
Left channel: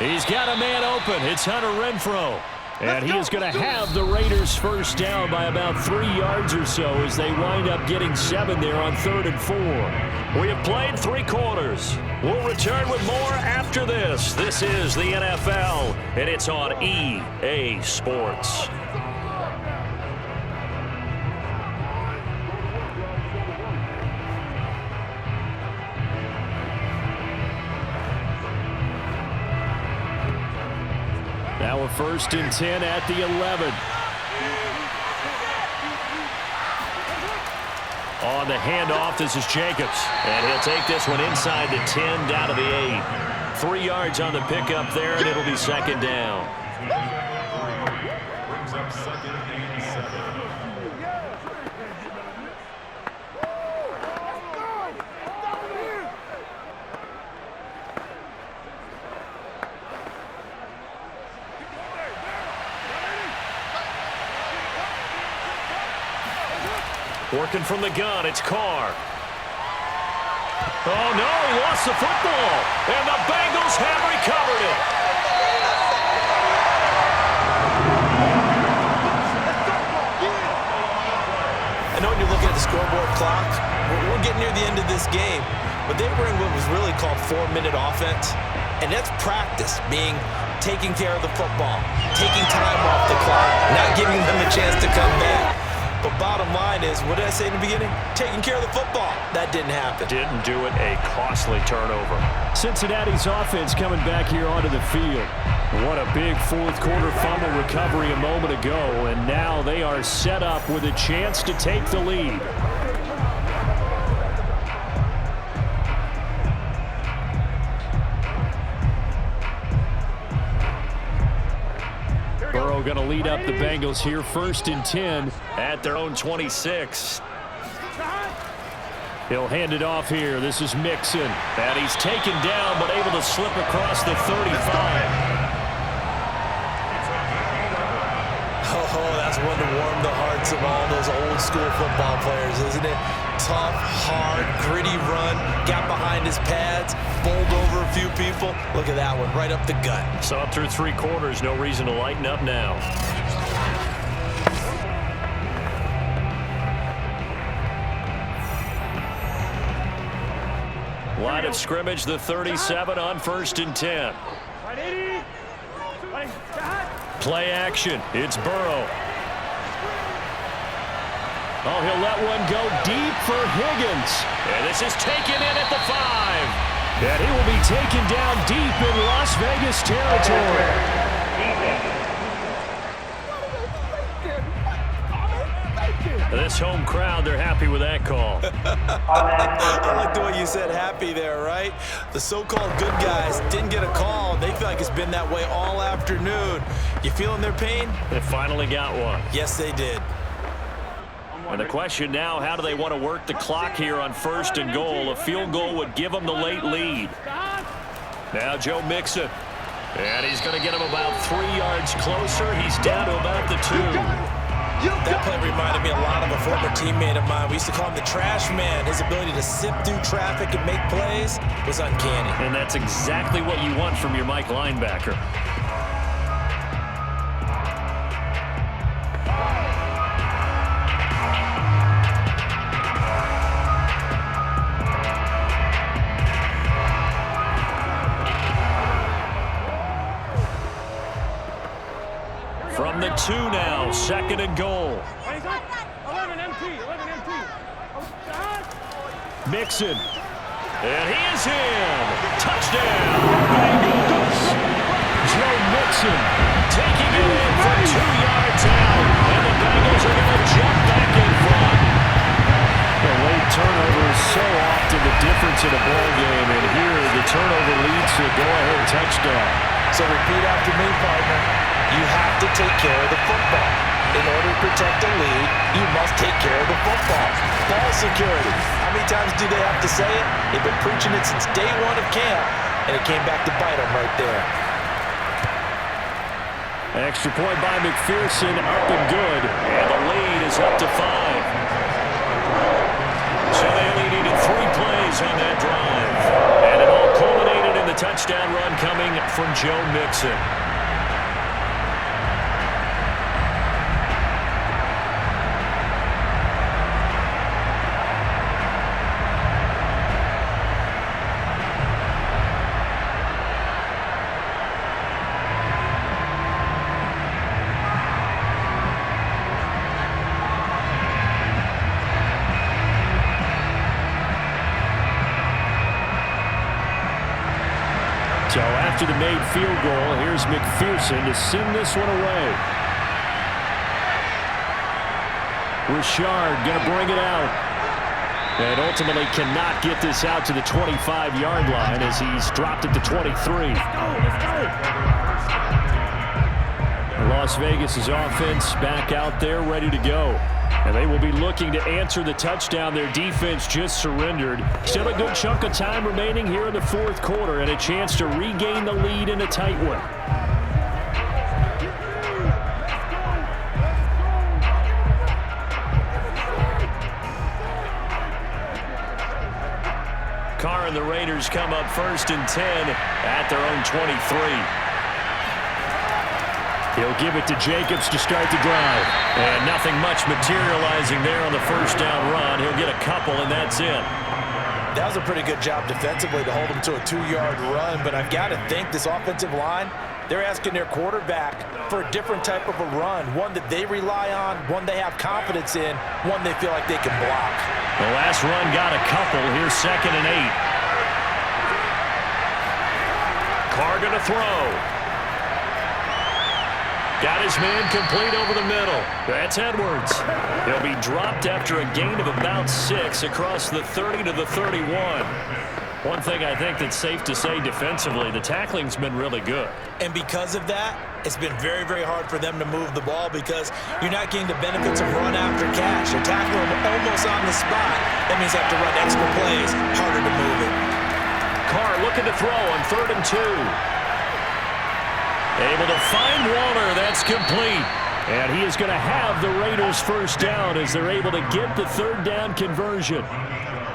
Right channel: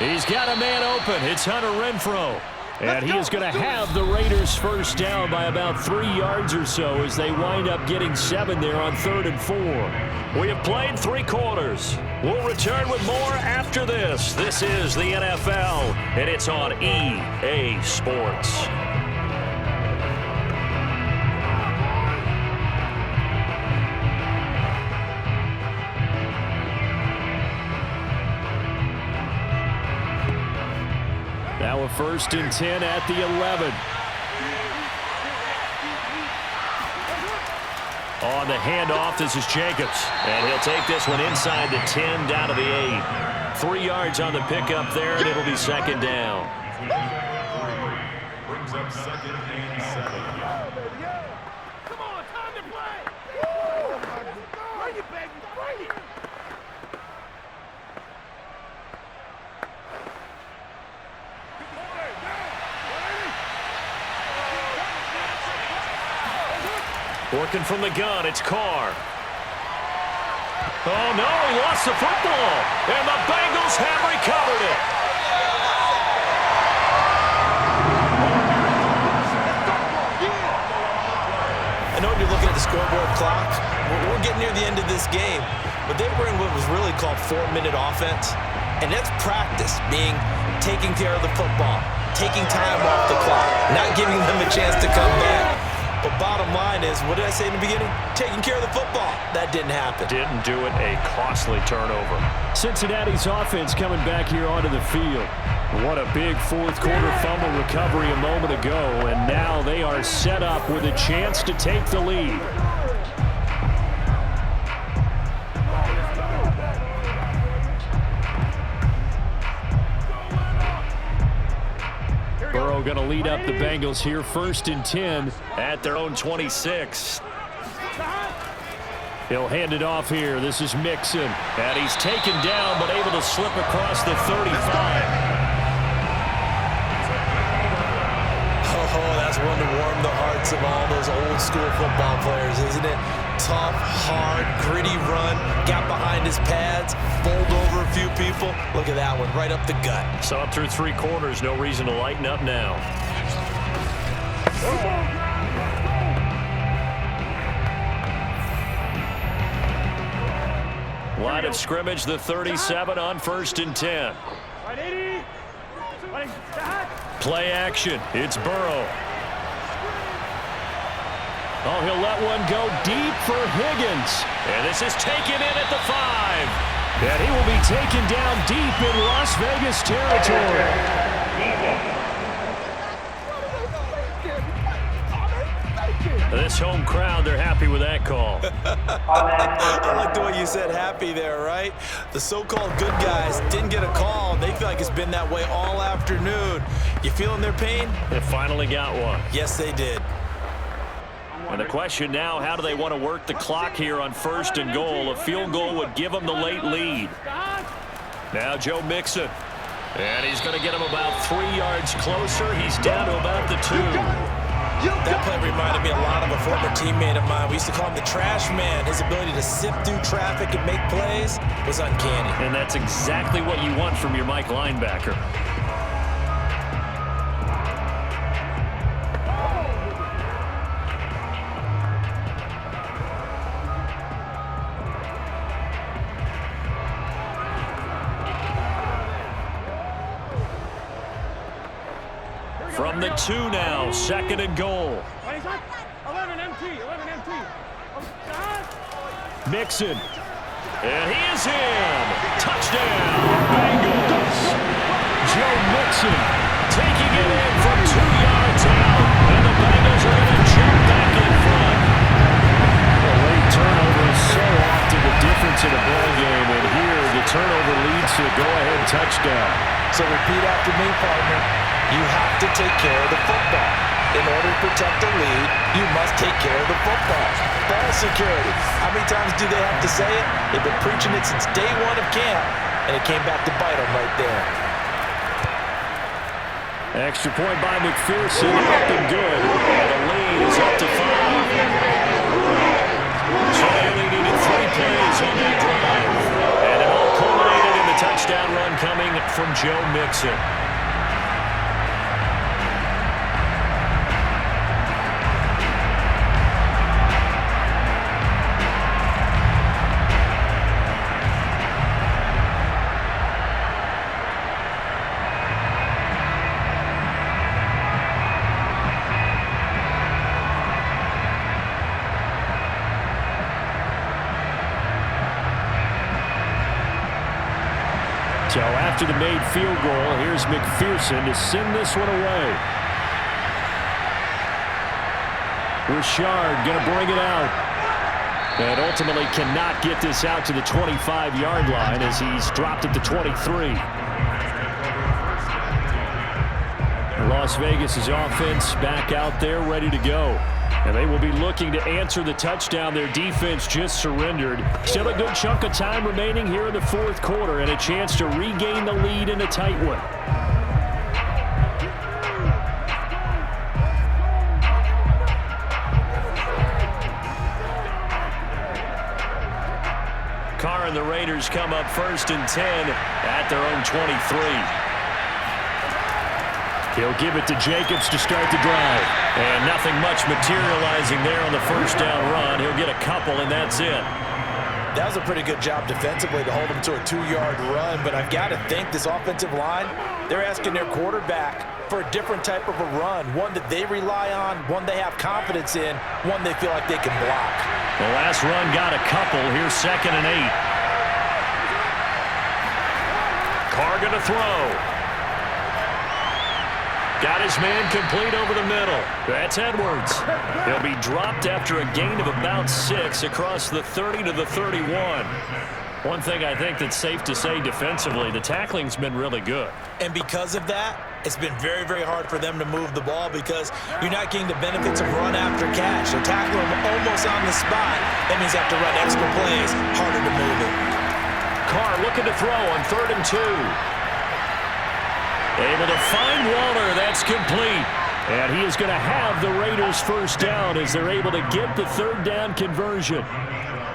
He's got a man open. It's Hunter Renfrow. And he is going to have the Raiders first down by about 3 yards or so as they wind up getting 7 there on 3rd and 4. We have played 3 quarters. We'll return with more after this. This is the NFL, and it's on EA Sports. Now a 1st and 10 at the 11. On the handoff, this is Jacobs. And he'll take this one inside the 10 down to the 8. 3 yards on the pickup there, and it'll be second down. Brings up 2nd and 7. Working from the gun, it's Carr. Oh, no, he lost the football. And the Bengals have recovered it. I know when you're looking at the scoreboard clock, we're getting near the end of this game, but they were in what was really called 4-minute offense. And that's practice, being taking care of the football, taking time off the clock, not giving them a chance to come back. But bottom line is, what did I say in the beginning? Taking care of the football. That didn't happen. Didn't do it. A costly turnover. Cincinnati's offense coming back here onto the field. What a big 4th quarter fumble recovery a moment ago. And now they are set up with a chance to take the lead. Burrow going to lead up the Bengals here, 1st and 10 at their own 26. He'll hand it off here. This is Mixon. And he's taken down, but able to slip across the 35. Oh, that's one to warm the hearts of all those old school football players, isn't it? Tough, hard, gritty run, got behind his pads, bowled over a few people. Look at that one, right up the gut. Saw it through 3 quarters, no reason to lighten up now. Line of scrimmage, the 37 on 1st and 10. Play action, it's Burrow. Oh, he'll let one go deep for Higgins. And this is taken in at the 5. And he will be taken down deep in Las Vegas territory. This home crowd, they're happy with that call. I like the way you said happy there, right? The so-called good guys didn't get a call. They feel like it's been that way all afternoon. You feeling their pain? They finally got one. Yes, they did. And the question now, how do they want to work the clock here on 1st and goal? A field goal would give them the late lead. Now Joe Mixon. And he's going to get him about 3 yards closer. He's down to about the 2. That play reminded me a lot of a former teammate of mine. We used to call him the trash man. His ability to sift through traffic and make plays was uncanny. And that's exactly what you want from your Mike linebacker. From the 2 now, 2nd and goal. 11 MT, 11 MT. Mixon. And he is in. Touchdown, Bengals. Joe Mixon taking it in from 2 yards out. And the Bengals are going to jump back in front. A late turnover is so often the difference in a ball game. And here, the turnover leads to a go-ahead touchdown. So repeat after me, partner. You have to take care of the football. In order to protect the lead, you must take care of the football. Ball security. How many times do they have to say it? They've been preaching it since day 1 of camp, and it came back to bite them right there. Extra point by McPherson, up and good. And the lead is up to 5. So they only needed 3 plays on that drive. And it all culminated in the touchdown run coming from Joe Mixon. So after the made field goal, here's McPherson to send this one away. Richard going to bring it out. And ultimately cannot get this out to the 25-yard line as he's dropped at the 23. Las Vegas' offense back out there ready to go. And they will be looking to answer the touchdown their defense just surrendered. Still a good chunk of time remaining here in the 4th quarter and a chance to regain the lead in a tight one. Carr and the Raiders come up 1st and 10 at their own 23. He'll give it to Jacobs to start the drive. And nothing much materializing there on the 1st down run. He'll get a couple, and that's it. That was a pretty good job defensively to hold him to a 2-yard run, but I've got to think this offensive line, they're asking their quarterback for a different type of a run, one that they rely on, one they have confidence in, one they feel like they can block. The last run got a couple. Here's 2nd and 8. Carr going to throw. Got his man complete over the middle. That's Edwards. He'll be dropped after a gain of about 6 across the 30 to the 31. One thing I think that's safe to say defensively, the tackling's been really good. And because of that, it's been very, very hard for them to move the ball because you're not getting the benefits of run after catch. They're tackling them almost on the spot. That means they have to run extra plays, harder to move it. Carr looking to throw on 3rd and 2. Able to find Waller. That's complete. And he is going to have the Raiders 1st down as they're able to get the 3rd down conversion.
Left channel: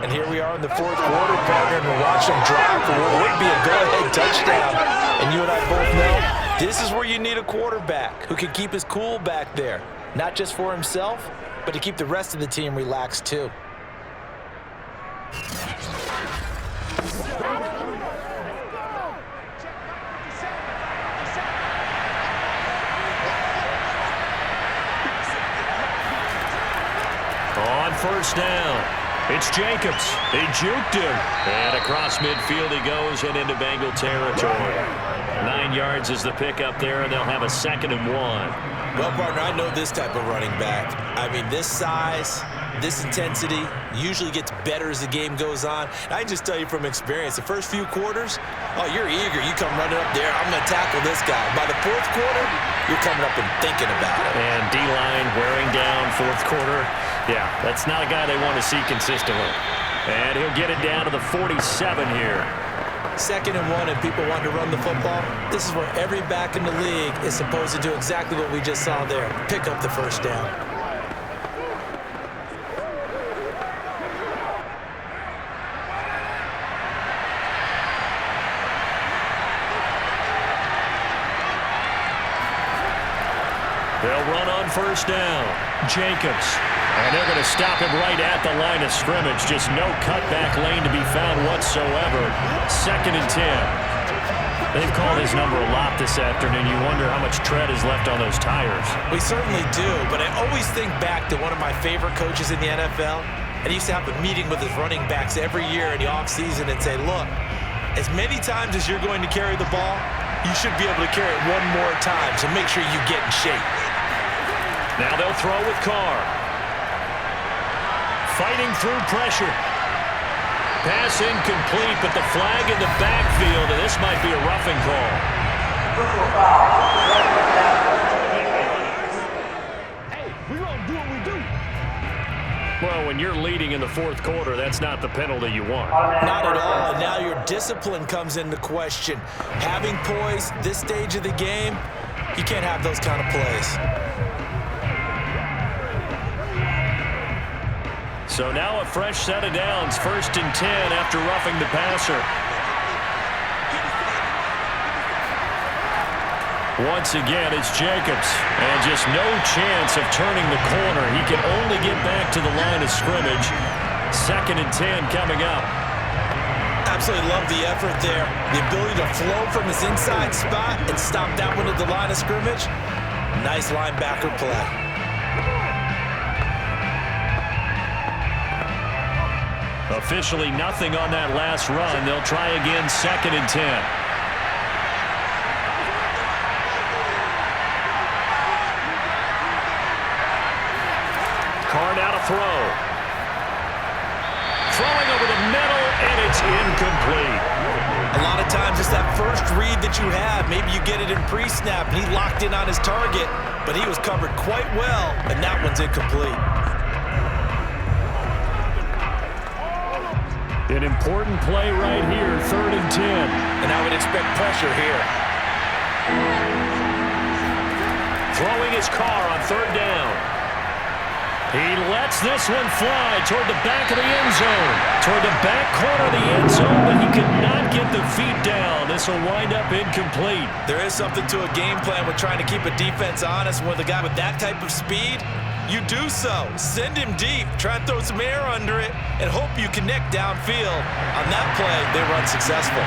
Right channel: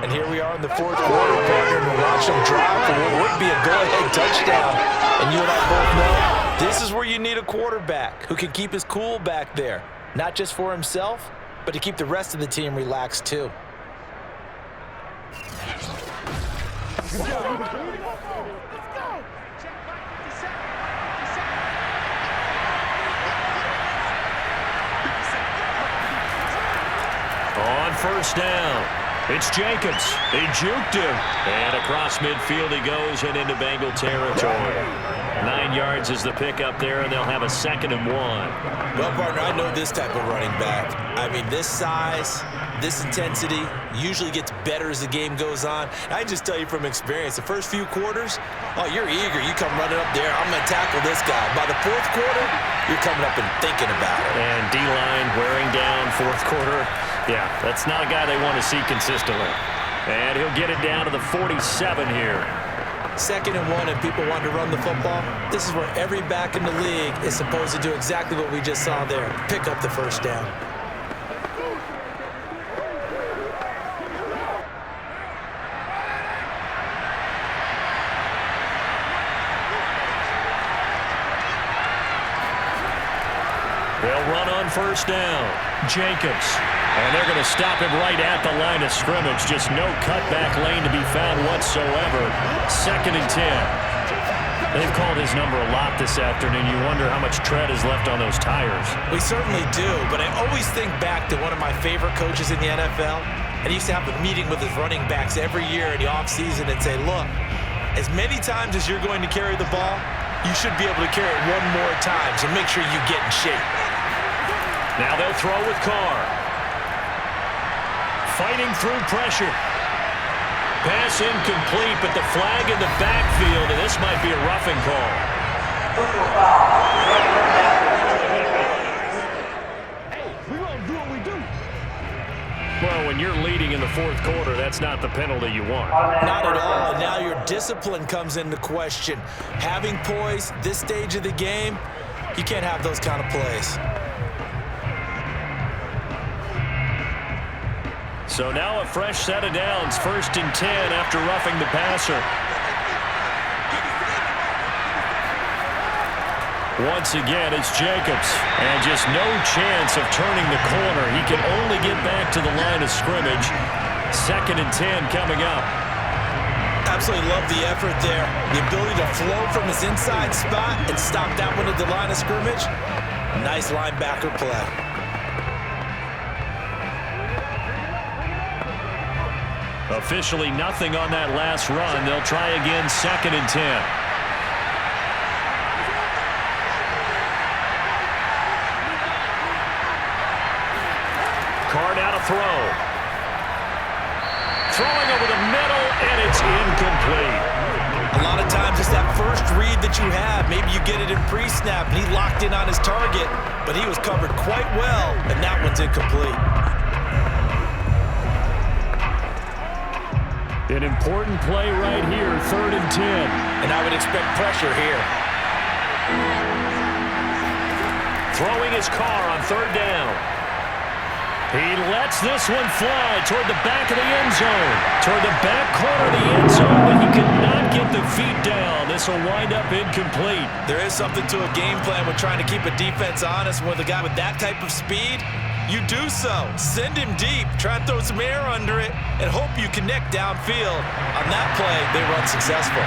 And here we are in the 4th quarter, partner, and we're watching them drive for what would be a go-ahead touchdown. And you and I both know this is where you need a quarterback who can keep his cool back there, not just for himself, but to keep the rest of the team relaxed too. On 1st down, it's Jacobs. He juked him. And across midfield he goes and into Bengal territory. 9 yards is the pickup there, and they'll have a 2nd and 1. Well, partner, I know this type of running back. I mean, this size, this intensity usually gets better as the game goes on. I can just tell you from experience, the first few quarters, oh, you're eager. You come running up there, I'm going to tackle this guy. By the fourth quarter, you're coming up and thinking about it. And D-line wearing down fourth quarter. Yeah, that's not a guy they want to see consistently. And he'll get it down to the 47 here. 2nd and 1 and people want to run the football. This is where every back in the league is supposed to do exactly what we just saw there. Pick up the first down. They'll run on first down. Jacobs. And they're going to stop him right at the line of scrimmage. Just no cutback lane to be found whatsoever. 2nd and 10. They've called his number a lot this afternoon. You wonder how much tread is left on those tires. We certainly do, but I always think back to one of my favorite coaches in the NFL. And he used to have a meeting with his running backs every year in the offseason and say, look, as many times as you're going to carry the ball, you should be able to carry it one more time, so make sure you get in shape. Now they'll throw with Carr. Fighting through pressure. Pass incomplete, but the flag in the backfield, and this might be a roughing call. Hey, we're going to do what we do. Well, when you're leading in the fourth quarter, that's not the penalty you want. Not at all, and now your discipline comes into question. Having poise this stage of the game, you can't have those kind of plays. So now a fresh set of downs, 1st and 10 after roughing the passer. Once again, it's Jacobs, and just no chance of turning the corner. He can only get back to the line of scrimmage. 2nd and 10 coming up. Absolutely love the effort there. The ability to flow from his inside spot and stop that one at the line of scrimmage. Nice linebacker play. Officially nothing on that last run. They'll try again, 2nd and 10. Carr now to throw. Throwing over the middle, and it's incomplete. A lot of times it's that first read that you have. Maybe you get it in pre-snap, and he locked in on his target, but he was covered quite well, and that one's incomplete. An important play right here, 3rd and 10. And I would expect pressure here. Throwing his Carr on 3rd down. He lets this one fly toward the back of the end zone. Toward the back corner of the end zone, but he could not get the feet down. This will wind up incomplete. There is something to a game plan with trying to keep a defense honest. With a guy with that type of speed, you do so. Send him deep. Try and throw some air under it and hope you connect downfield. On that play, they run successful.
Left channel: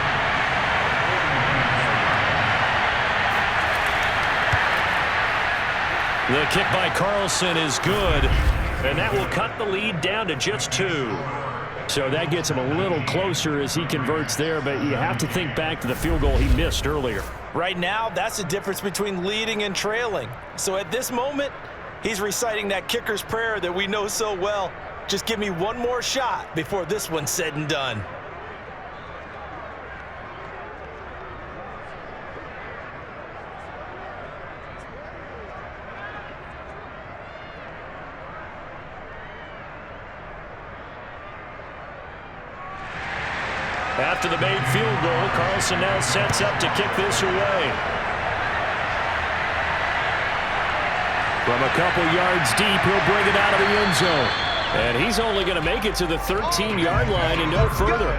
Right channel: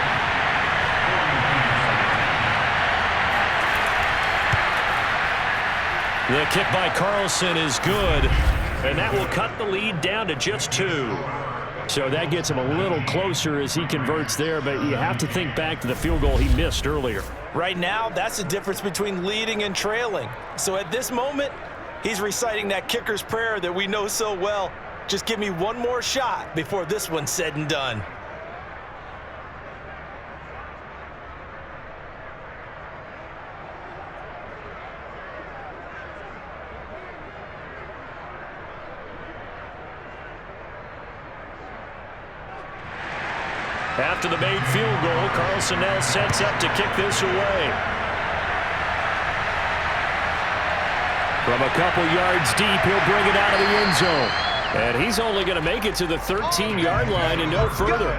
The kick by Carlson is good, and that will cut the lead down to just 2. So that gets him a little closer as he converts there, but you have to think back to the field goal he missed earlier. Right now, that's the difference between leading and trailing. So at this moment, he's reciting that kicker's prayer that we know so well. Just give me one more shot before this one's said and done. After the made field goal, Carlson now sets up to kick this away. From a couple yards deep, he'll bring it out of the end zone. And he's only going to make it to the 13-yard line and no further.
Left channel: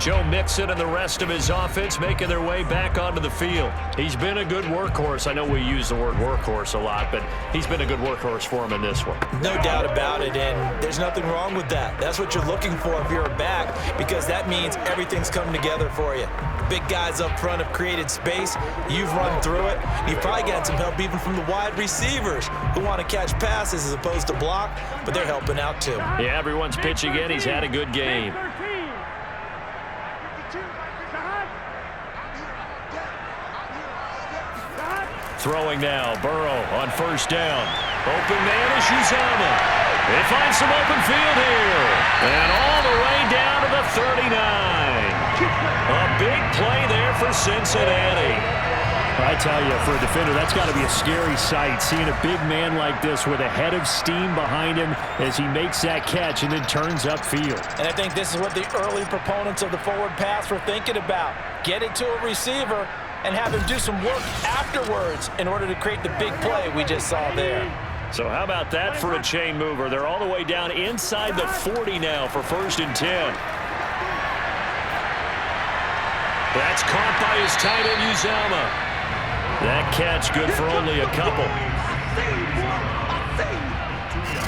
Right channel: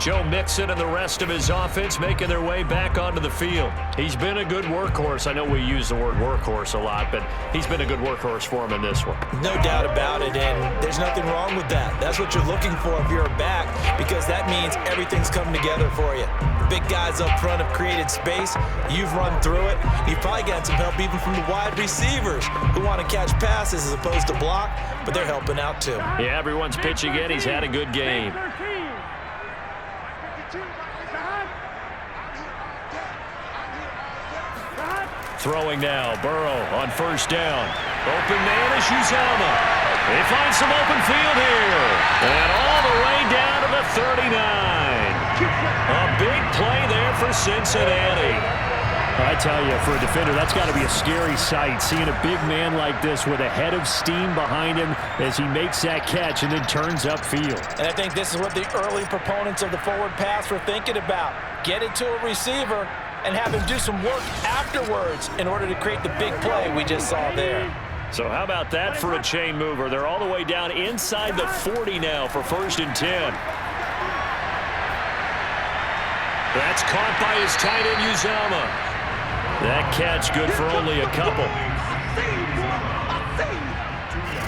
Joe Mixon and the rest of his offense making their way back onto the field. He's been a good workhorse. I know we use the word workhorse a lot, but he's been a good workhorse for him in this one. No doubt about it, and there's nothing wrong with that. That's what you're looking for if you're a back, because that means everything's coming together for you. Big guys up front have created space. You've run through it. You've probably gotten some help even from the wide receivers who want to catch passes as opposed to block, but they're helping out too. Yeah, everyone's pitching in. He's had a good game. Throwing now, Burrow on first down. Open man is Uzomah. They find some open field here. And all the way down to the 39. A big play there for Cincinnati. I tell you, for a defender, that's got to be a scary sight, seeing a big man like this with a head of steam behind him as he makes that catch and then turns upfield. And I think this is what the early proponents of the forward pass were thinking about. Get it to a receiver and have him do some work afterwards in order to create the big play we just saw there. So how about that for a chain mover? They're all the way down inside the 40 now for 1st and 10. That's caught by his tight end, Uzomah. That catch good for only a couple.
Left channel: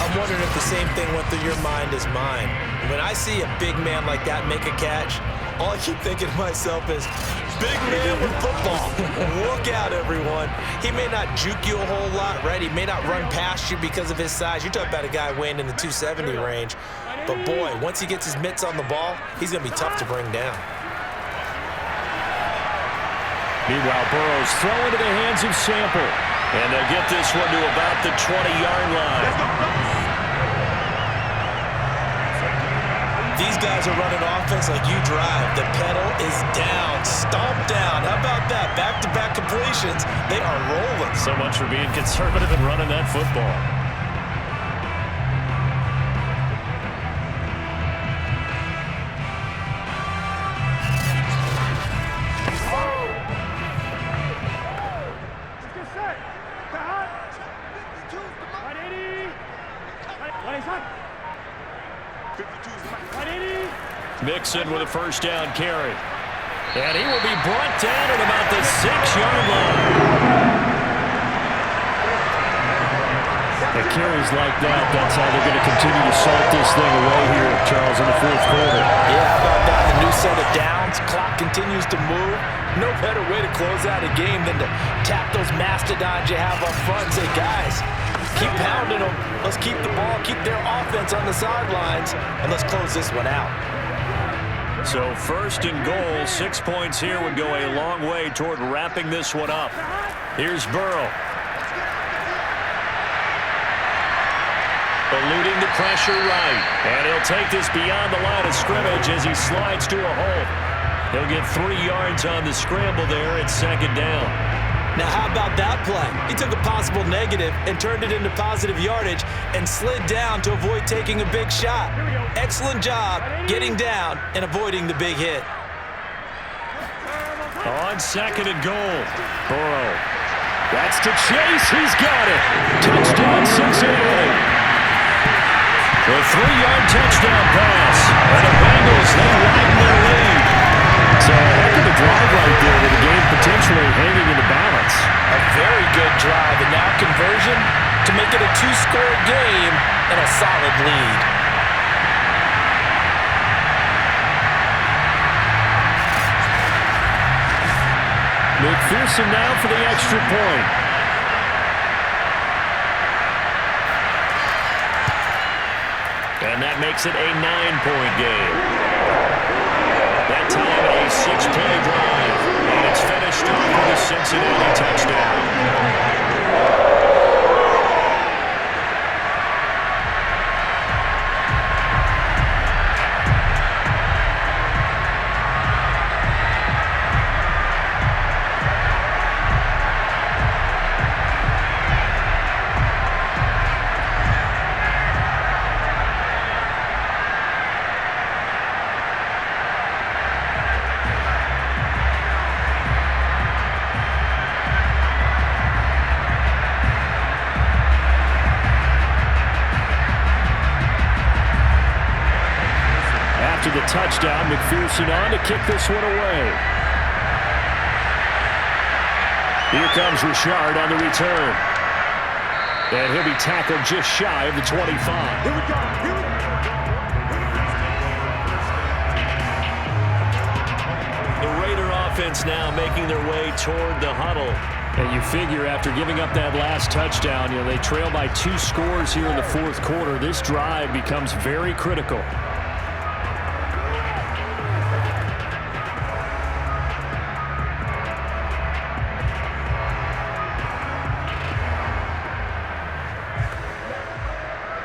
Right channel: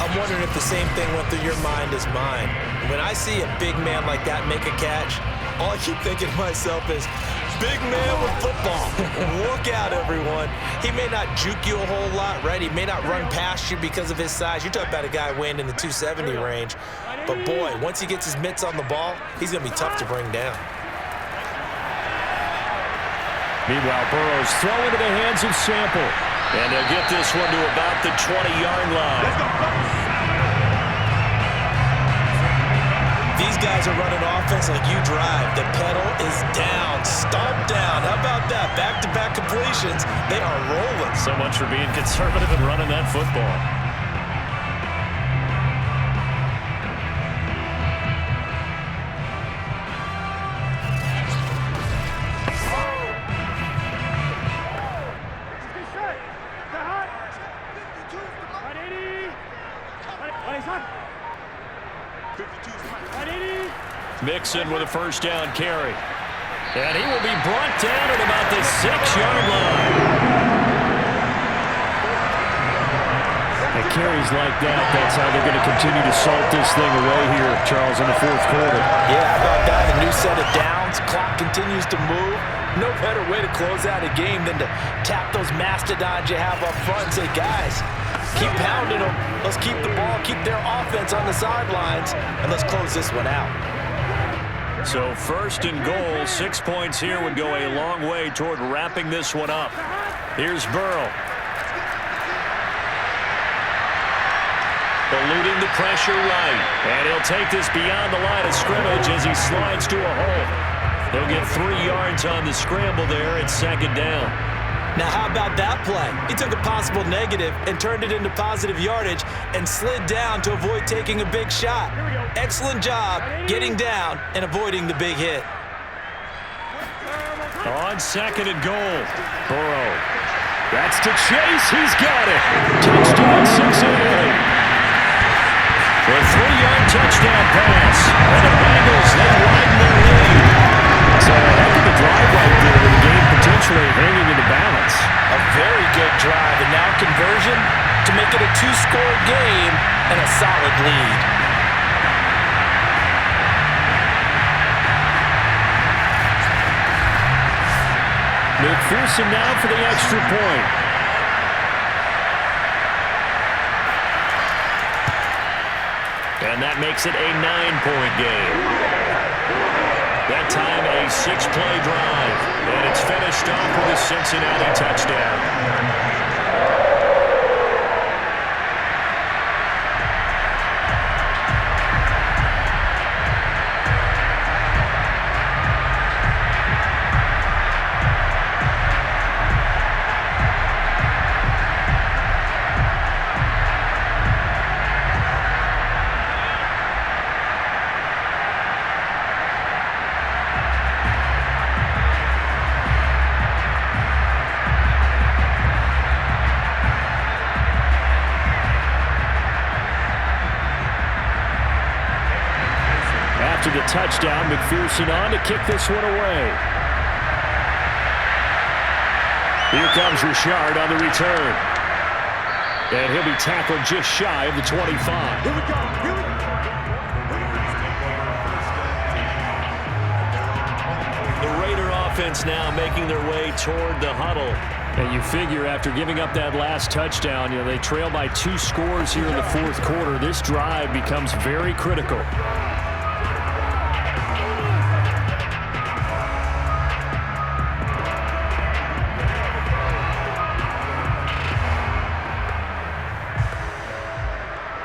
I'm wondering if the same thing went through your mind as mine. When I see a big man like that make a catch, all I keep thinking to myself is, big man with football. Look out, everyone. He may not juke you a whole lot, right? He may not run past you because of his size. You're talking about a guy weighing in the 270 range. But, boy, once he gets his mitts on the ball, he's going to be tough to bring down. Meanwhile, Burrow's throw into the hands of Sample. And they'll get this one to about the 20-yard line. These guys are running offense like you drive. The pedal is down, stomp down. How about that? Back-to-back completions. They are rolling. So much for being conservative and running that football. Mixon with a first down carry. And he will be brought down at about the 6-yard line. At carries like that, that's how they're going to continue to salt this thing away here, Charles, in the 4th quarter. Yeah, how about that? A new set of downs. Clock continues to move. No better way to close out a game than to tap those mastodons you have up front and say, guys, keep pounding them. Let's keep the ball, keep their offense on the sidelines, and let's close this one out. So 1st and goal, 6 points here would go a long way toward wrapping this one up. Here's Burrow. Eluding the pressure right. And he'll take this beyond the line of scrimmage as he slides to a hole. He'll get 3 yards on the scramble there at 2nd down. Now, how about that play? He took a possible negative and turned it into positive yardage and slid down to avoid taking a big shot. Excellent job getting down and avoiding the big hit. On 2nd and goal, Burrow. That's to Chase. He's got it. Touchdown, Cincinnati. The 3-yard touchdown pass. And the Bengals, they widen their lead. So a heck of a drive right there with the game potentially hanging in the balance. A very good drive, and now conversion to make it a 2-score game and a solid lead. McPherson now for the extra point. And that makes it a 9-point game. That time a 6-play drive. And it's finished off with a Cincinnati touchdown. After the touchdown, McPherson on to kick this one away. Here comes Richard on the return. And he'll be tackled just shy of the 25. Here we go. Here we go. The Raider offense now making their way toward the huddle. And you figure after giving up that last touchdown, they trail by 2 scores here in the 4th quarter. This drive becomes very critical.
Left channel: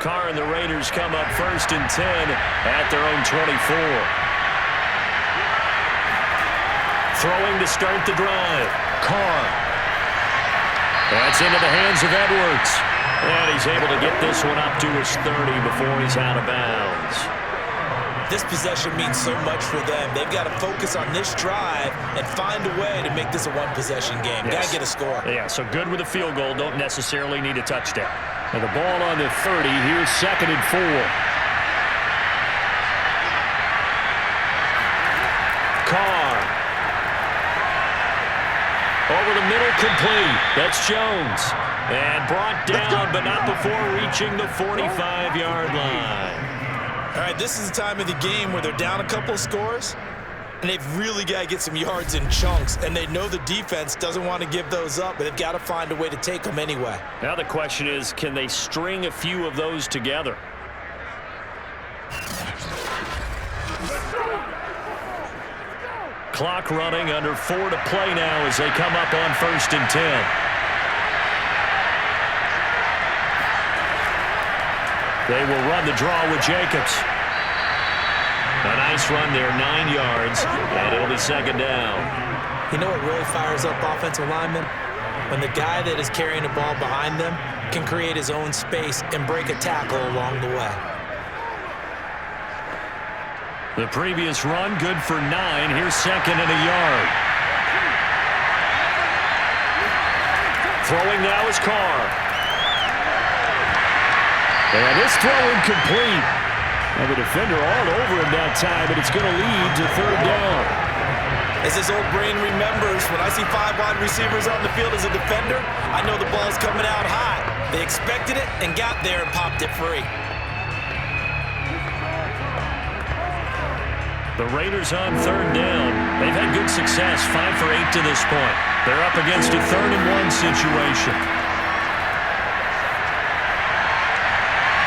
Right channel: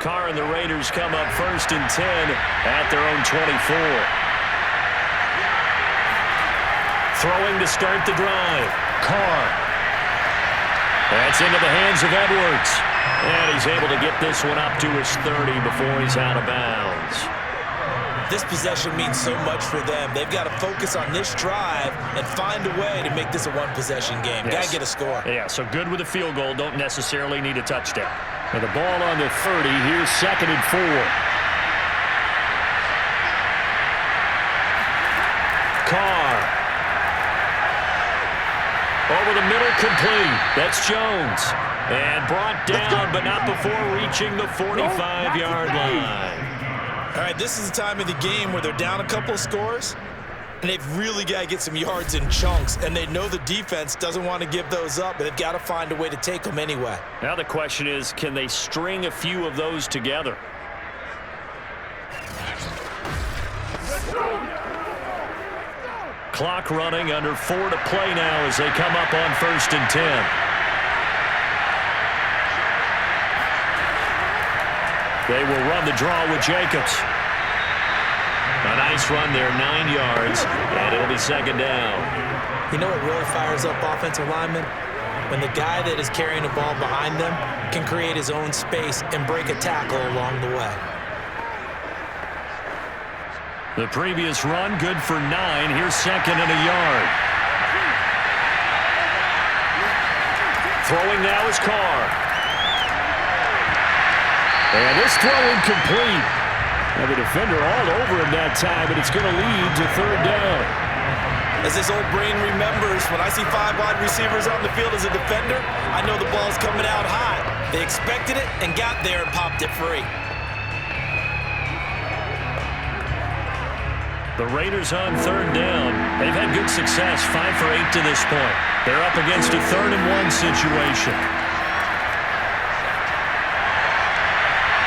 Carr and the Raiders come up 1st and 10 at their own 24. Throwing to start the drive. Carr. That's into the hands of Edwards. And he's able to get this one up to his 30 before he's out of bounds. This possession means so much for them. They've got to focus on this drive and find a way to make this a one-possession game. Yes. Got to get a score. Yeah, so good with a field goal. Don't necessarily need a touchdown. And the ball on the 30. Here's 2nd and 4. Carr. Over the middle, complete. That's Jones. And brought down, but not before reaching the 45-yard line. All right, this is the time of the game where they're down a couple of scores, and they've really got to get some yards in chunks, and they know the defense doesn't want to give those up, but they've got to find a way to take them anyway. Now the question is, can they string a few of those together? Clock running, under 4 to play now as they come up on 1st and 10. They will run the draw with Jacobs. A nice run there, 9 yards, and it'll be 2nd down. You know what really fires up offensive linemen? When the guy that is carrying the ball behind them can create his own space and break a tackle along the way. The previous run, good for 9. Here's 2nd and a yard. Throwing now is Carr. And this throw incomplete. Now the defender all over him that time, but it's going to lead to 3rd down. As this old brain remembers, when I see 5 wide receivers on the field as a defender, I know the ball's coming out hot. They expected it and got there and popped it free. The Raiders on 3rd down. They've had good success, 5 for 8 to this point. They're up against a 3rd and 1 situation.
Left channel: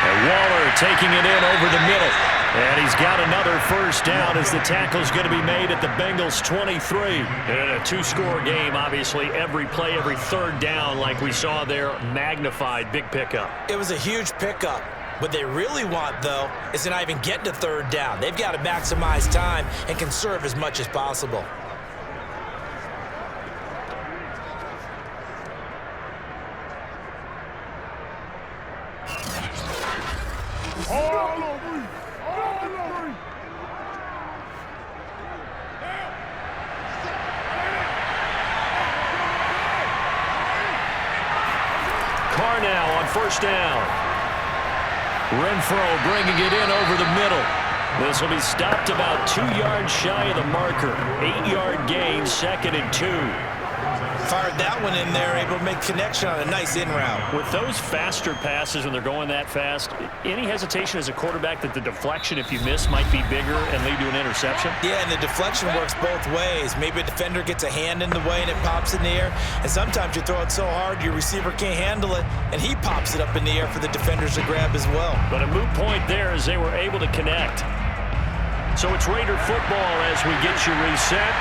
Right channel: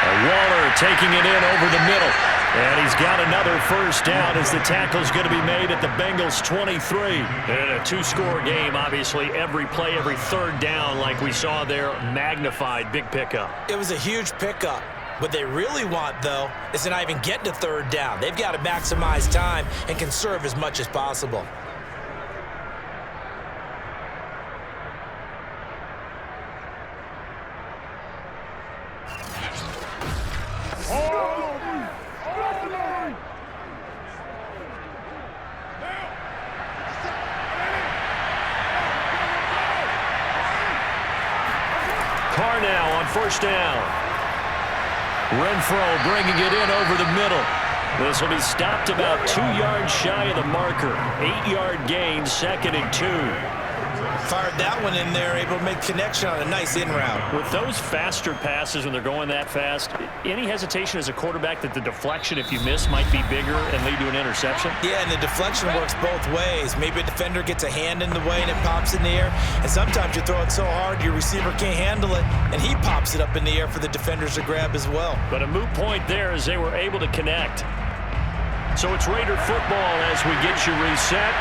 And Waller taking it in over the middle. And he's got another 1st down as the tackle's going to be made at the Bengals 23. And in a 2-score game, obviously, every play, every 3rd down, like we saw there, magnified, big pickup. It was a huge pickup. What they really want, though, is to not even get to 3rd down. They've got to maximize time and conserve as much as possible. Carr now on 1st down. Renfro bringing it in over the middle. This will be stopped about 2 yards shy of the marker. 8-yard gain, 2nd and 2. Fired that one in there, able to make connection on a nice in route. With those faster passes when they're going that fast, any hesitation as a quarterback that the deflection, if you miss, might be bigger and lead to an interception? Yeah, and the deflection works both ways. Maybe a defender gets a hand in the way and it pops in the air, and sometimes you throw it so hard your receiver can't handle it, and he pops it up in the air for the defenders to grab as well. But a moot point there as they were able to connect. So it's Raider football as we get you reset.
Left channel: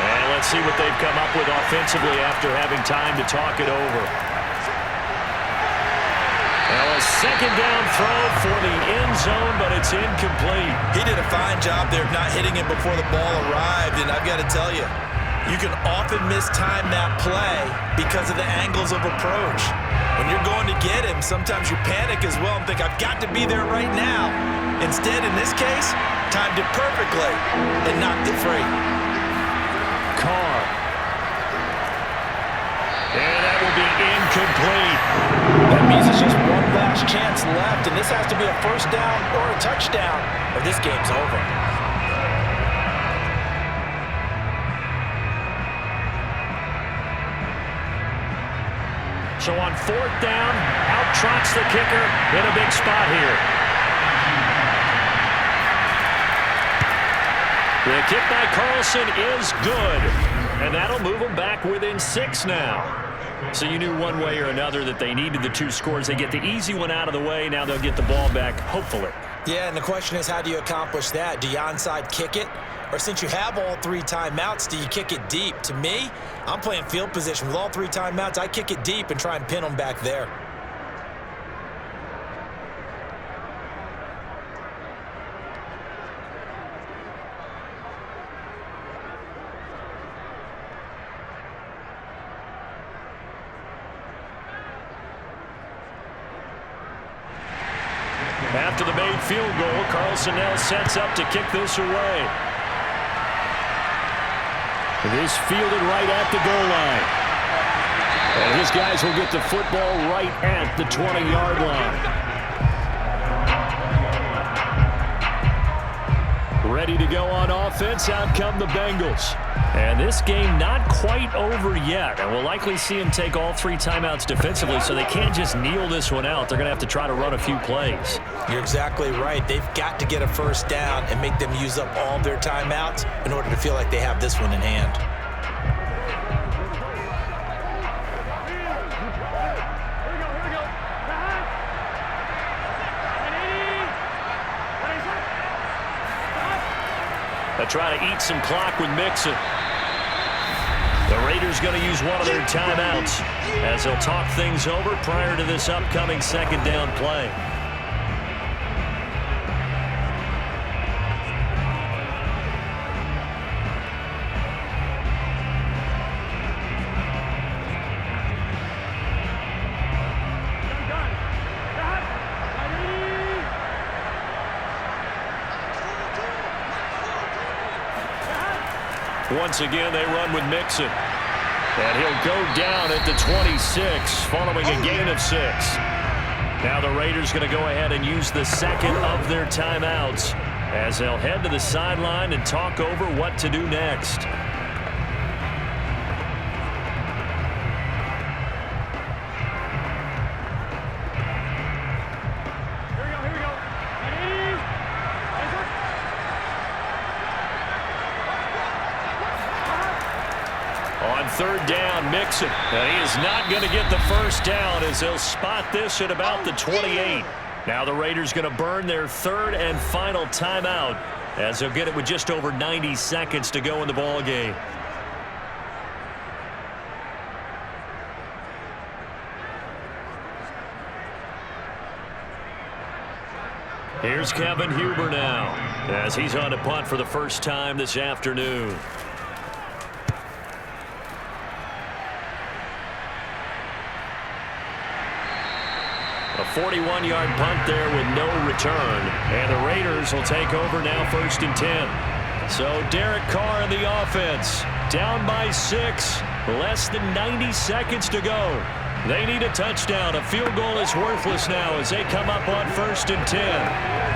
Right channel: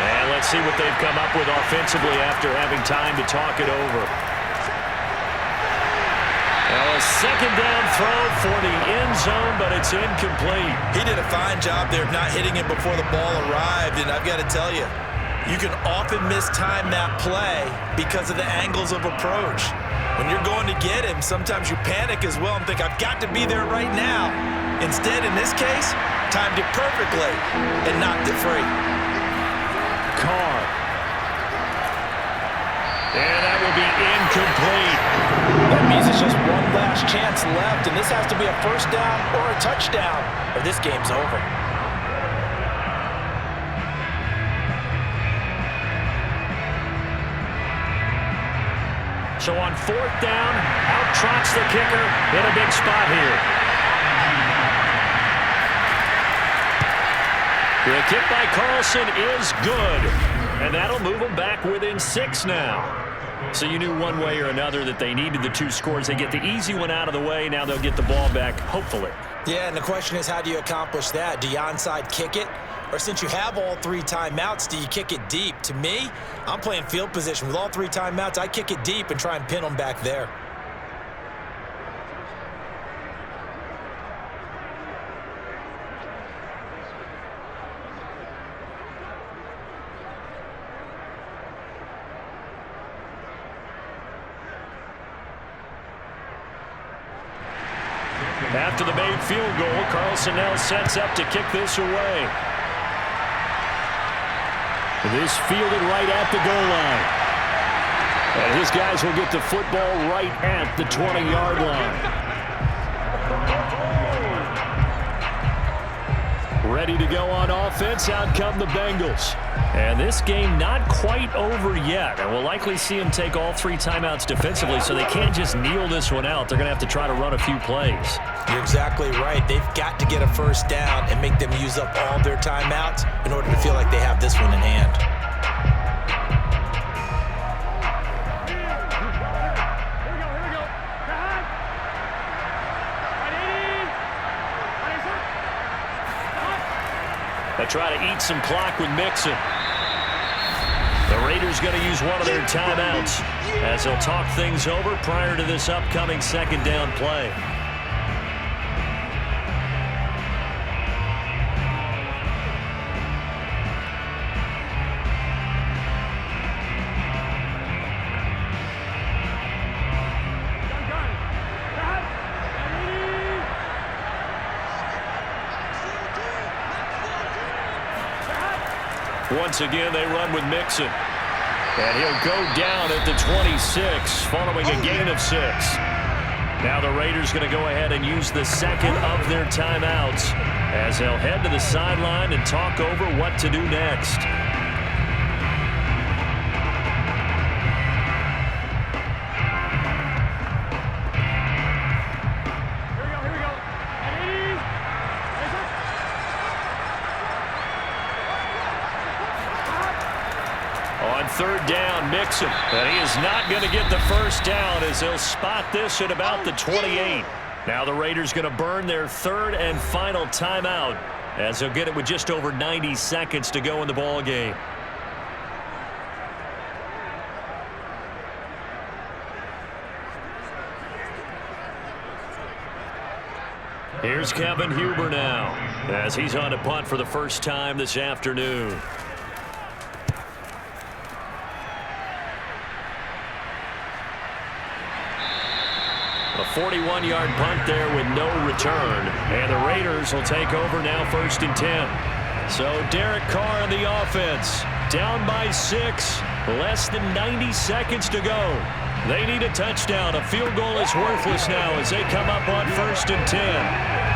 And let's see what they've come up with offensively after having time to talk it over. Now a 2nd down throw for the end zone, but it's incomplete. He did a fine job there of not hitting it before the ball arrived, and I've got to tell you, you can often mistime that play because of the angles of approach. When you're going to get him, sometimes you panic as well and think, I've got to be there right now. Instead, in this case, timed it perfectly and knocked it free. Carr. And that will be incomplete. That means it's just one last chance left, and this has to be a 1st down or a touchdown, or this game's over. So on 4th down, out trots the kicker in a big spot here. The kick by Carlson is good, and that'll move them back within 6 now. So you knew one way or another that they needed the 2 scores. They get the easy one out of the way. Now they'll get the ball back, hopefully. Yeah, and the question is, how do you accomplish that? Do you onside kick it? Or since you have all 3 timeouts, do you kick it deep? To me, I'm playing field position. With all 3 timeouts, I kick it deep and try and pin them back there. After the made field goal, Carlson now sets up to kick this away. This fielded right at the goal line. And his guys will get the football right at the 20-yard line. Ready to go on offense, out come the Bengals. And this game not quite over yet. And we'll likely see them take all 3 timeouts defensively, so they can't just kneel this one out. They're going to have to try to run a few plays. You're exactly right. They've got to get a first down and make them use up all their timeouts in order to feel like they have this one in hand. They try to eat some clock with Mixon. The Raiders going to use one of their timeouts as they'll talk things over prior to this upcoming second down play. Once again, they run with Mixon. And he'll go down at the 26, following a gain of 6. Now the Raiders going to go ahead and use the second of their timeouts as they'll head to the sideline and talk over what to do next. On third down, Mixon. And he is not going to get the first down as they'll spot this at about the 28. Now the Raiders going to burn their third and final timeout as they'll get it with just over 90 seconds to go in the ball game. Here's Kevin Huber now as he's on to punt for the first time this afternoon. A 41-yard punt there with no return. And the Raiders will take over now, 1st and 10. So Derek Carr in the offense. Down by 6. Less than 90 seconds to go. They need a touchdown. A field goal is worthless now as they come up on 1st and 10.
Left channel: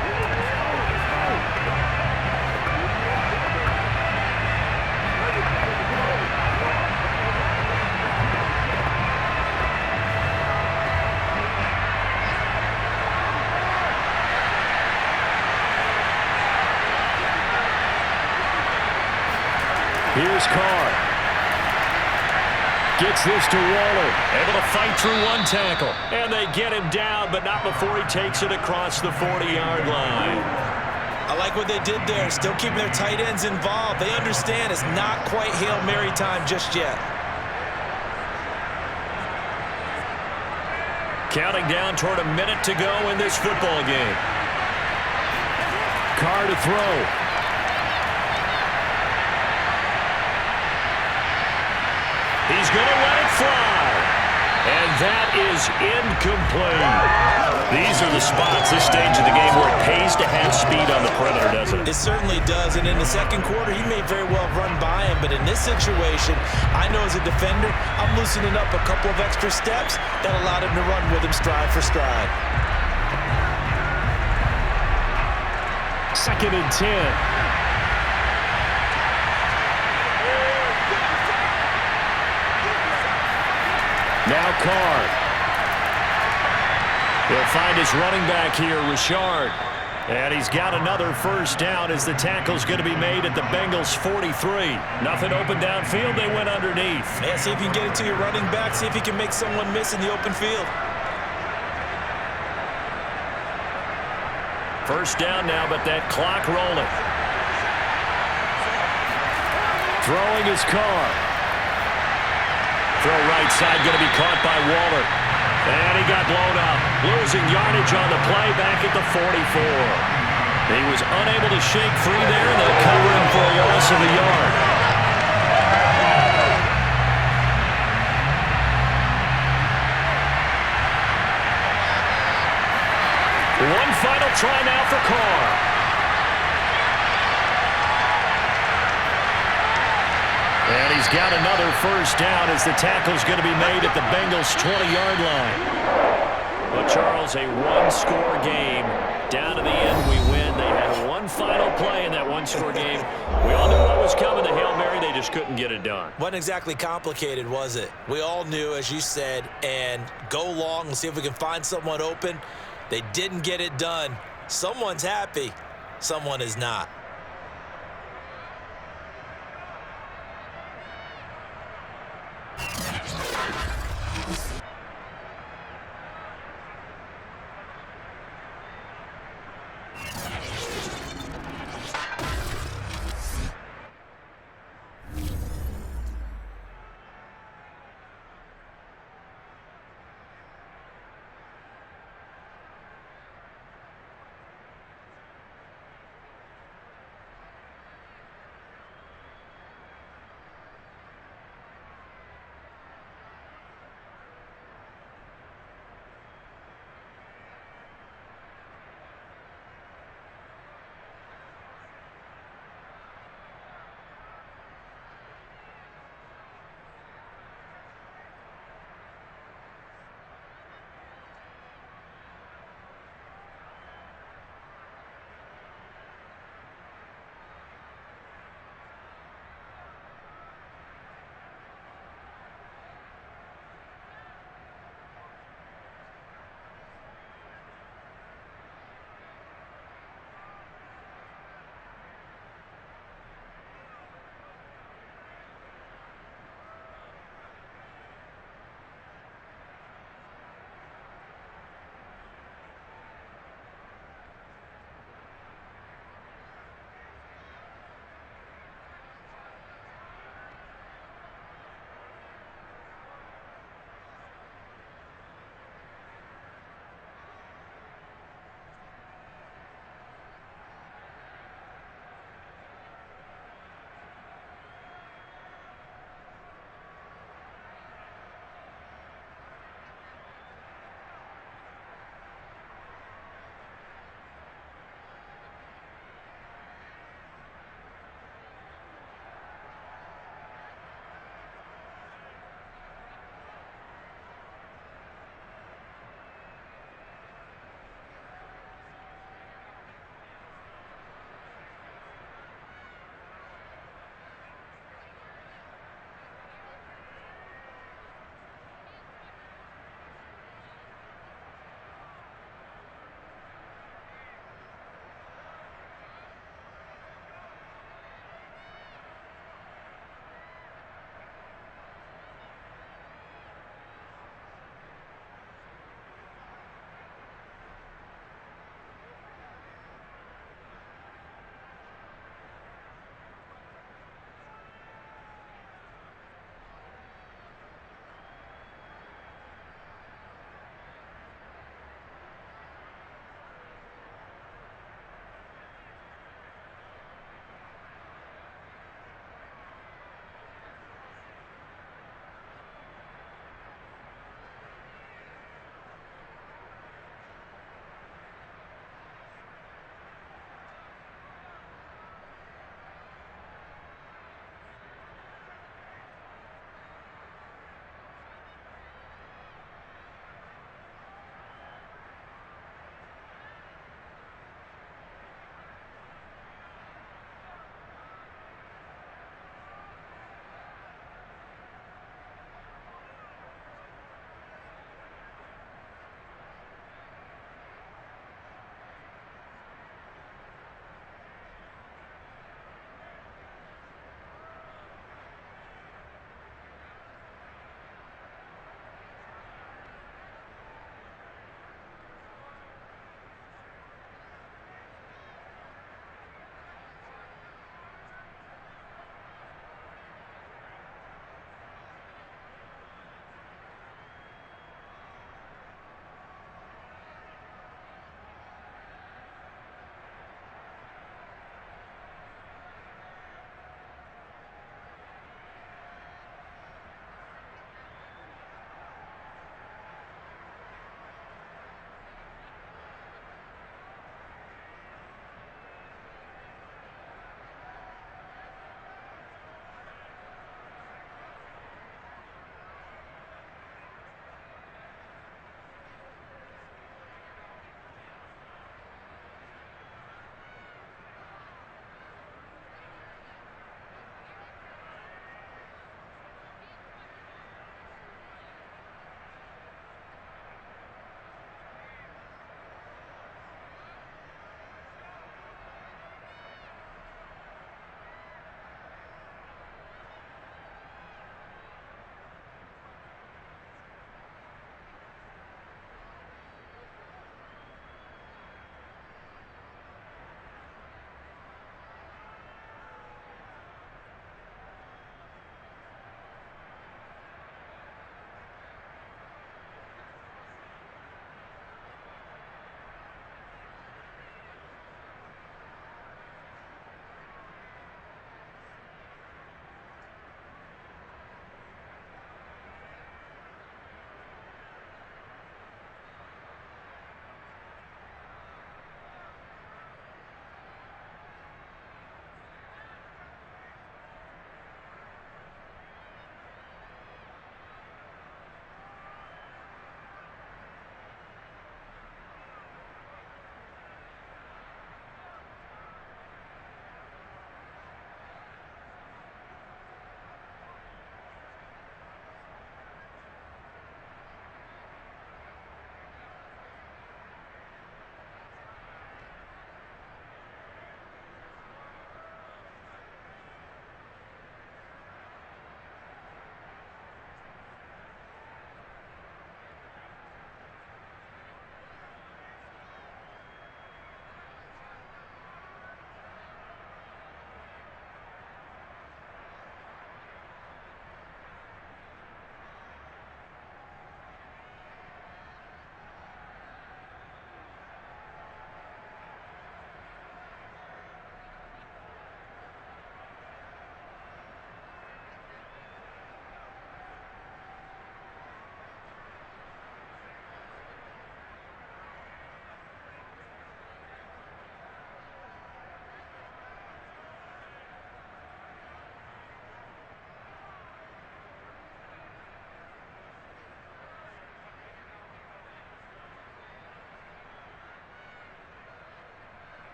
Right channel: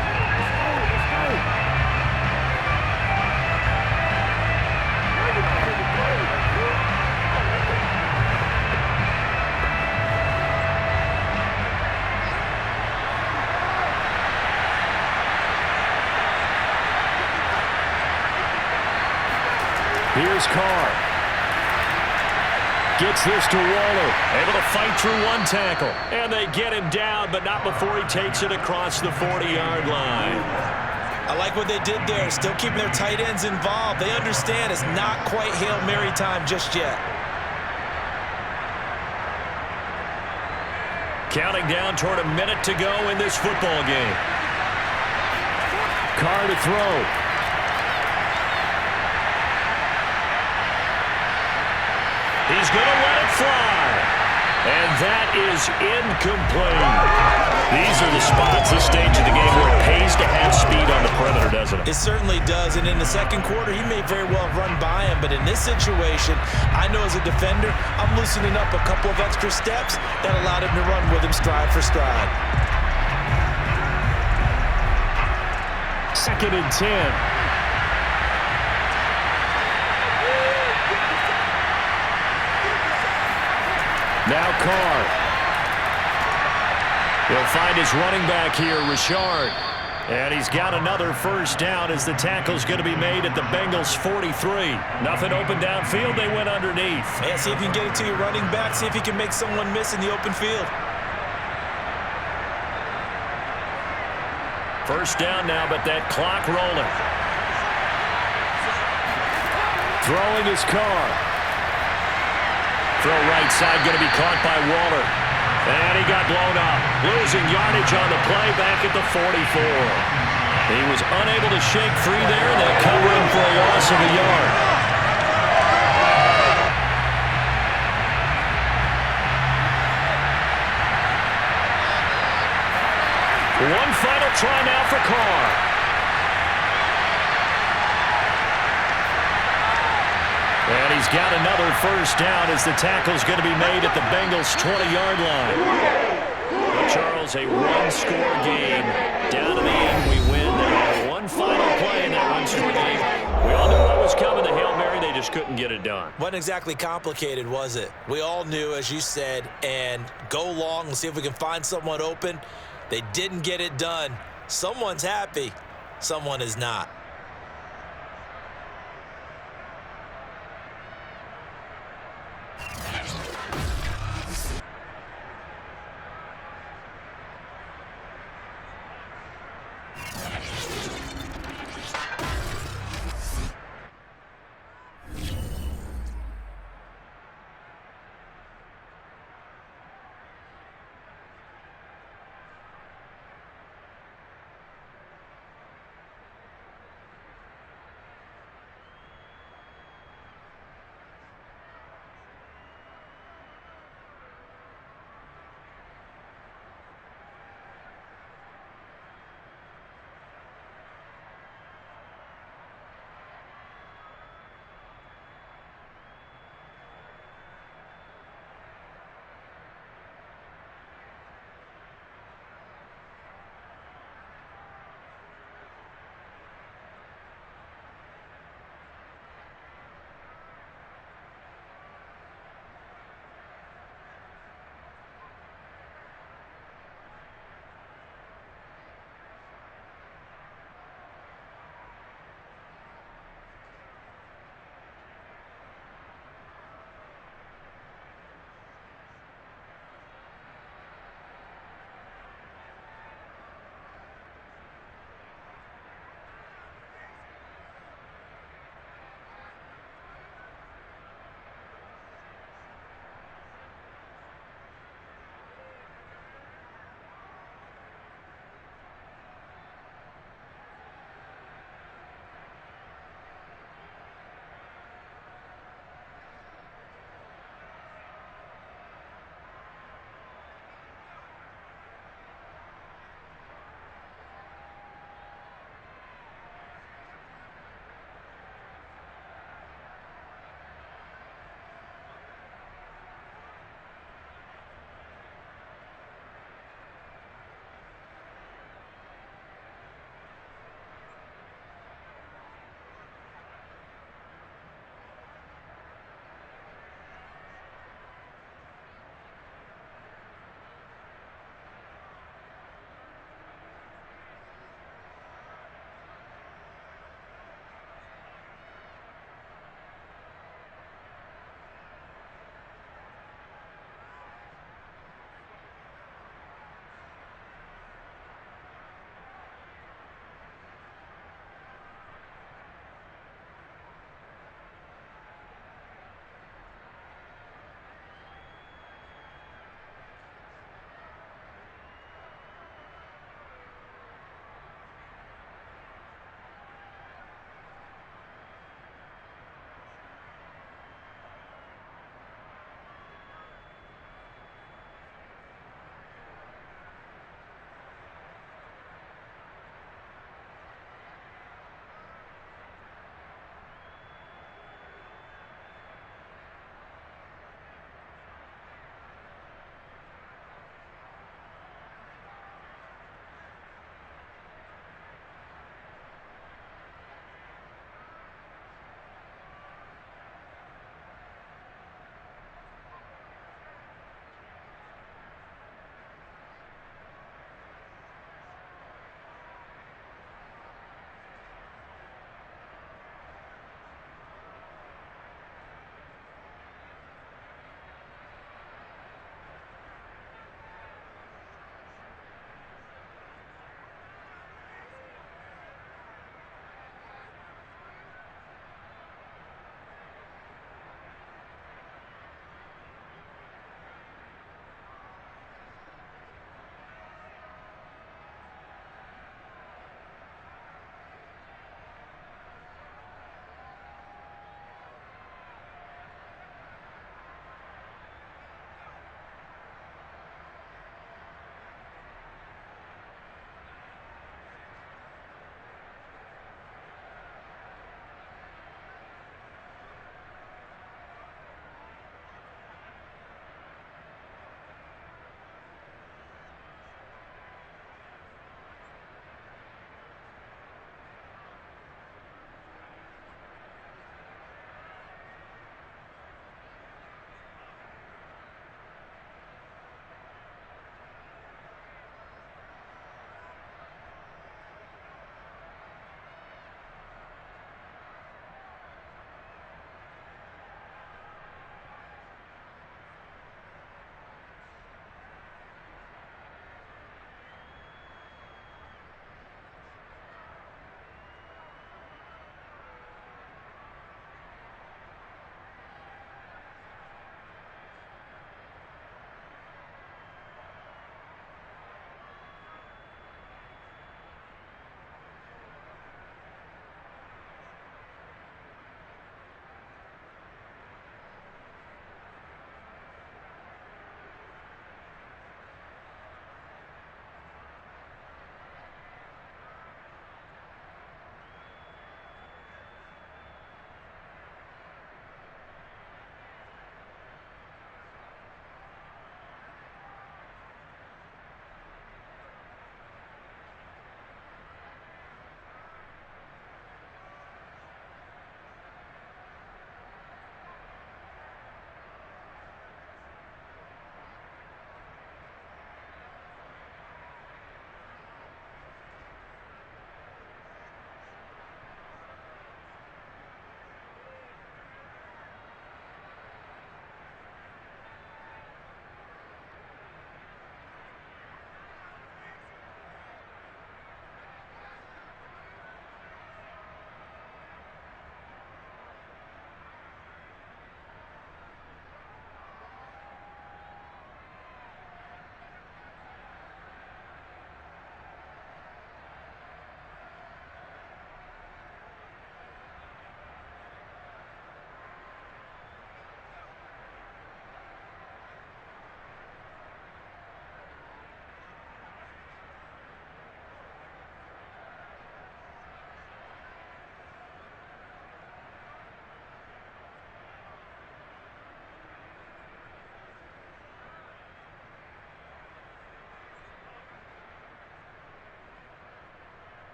Here's Carr. Gets this to Waller. Able to fight through one tackle. And they get him down, but not before he takes it across the 40-yard line. I like what they did there. Still keeping their tight ends involved. They understand it's not quite Hail Mary time just yet. Counting down toward a minute to go in this football game. Carr to throw. He's going to let it fly. And that is incomplete. These are the spots, this stage of the game, where it pays to have speed on the perimeter, doesn't it? It certainly does. And in the second quarter, he may very well run by him. But in this situation, I know as a defender, I'm loosening up a couple of extra steps that allowed him to run with him stride for stride. 2nd and 10. Now Carr. He'll find his running back here, Richard. And he's got another first down as the tackle's going to be made at the Bengals 43. Nothing open downfield. They went underneath. Yeah, see if you can get it to your running back. See if you can make someone miss in the open field. First down now, but that clock rolling. Throwing his Carr. Throw right side, going to be caught by Waller. And he got blown up. Losing yardage on the play back at the 44. He was unable to shake free there, and they'll cover him for a loss of a yard. One final try now for Carr. And he's got another first down as the tackle's going to be made at the Bengals' 20-yard line. But, Charles, a one-score game. Down to the end, we win. They had one final play in that one-score game. We all knew what was coming, the Hail Mary. They just couldn't get it done. Wasn't exactly complicated, was it? We all knew, as you said, and go long and see if we can find someone open. They didn't get it done. Someone's happy. Someone is not.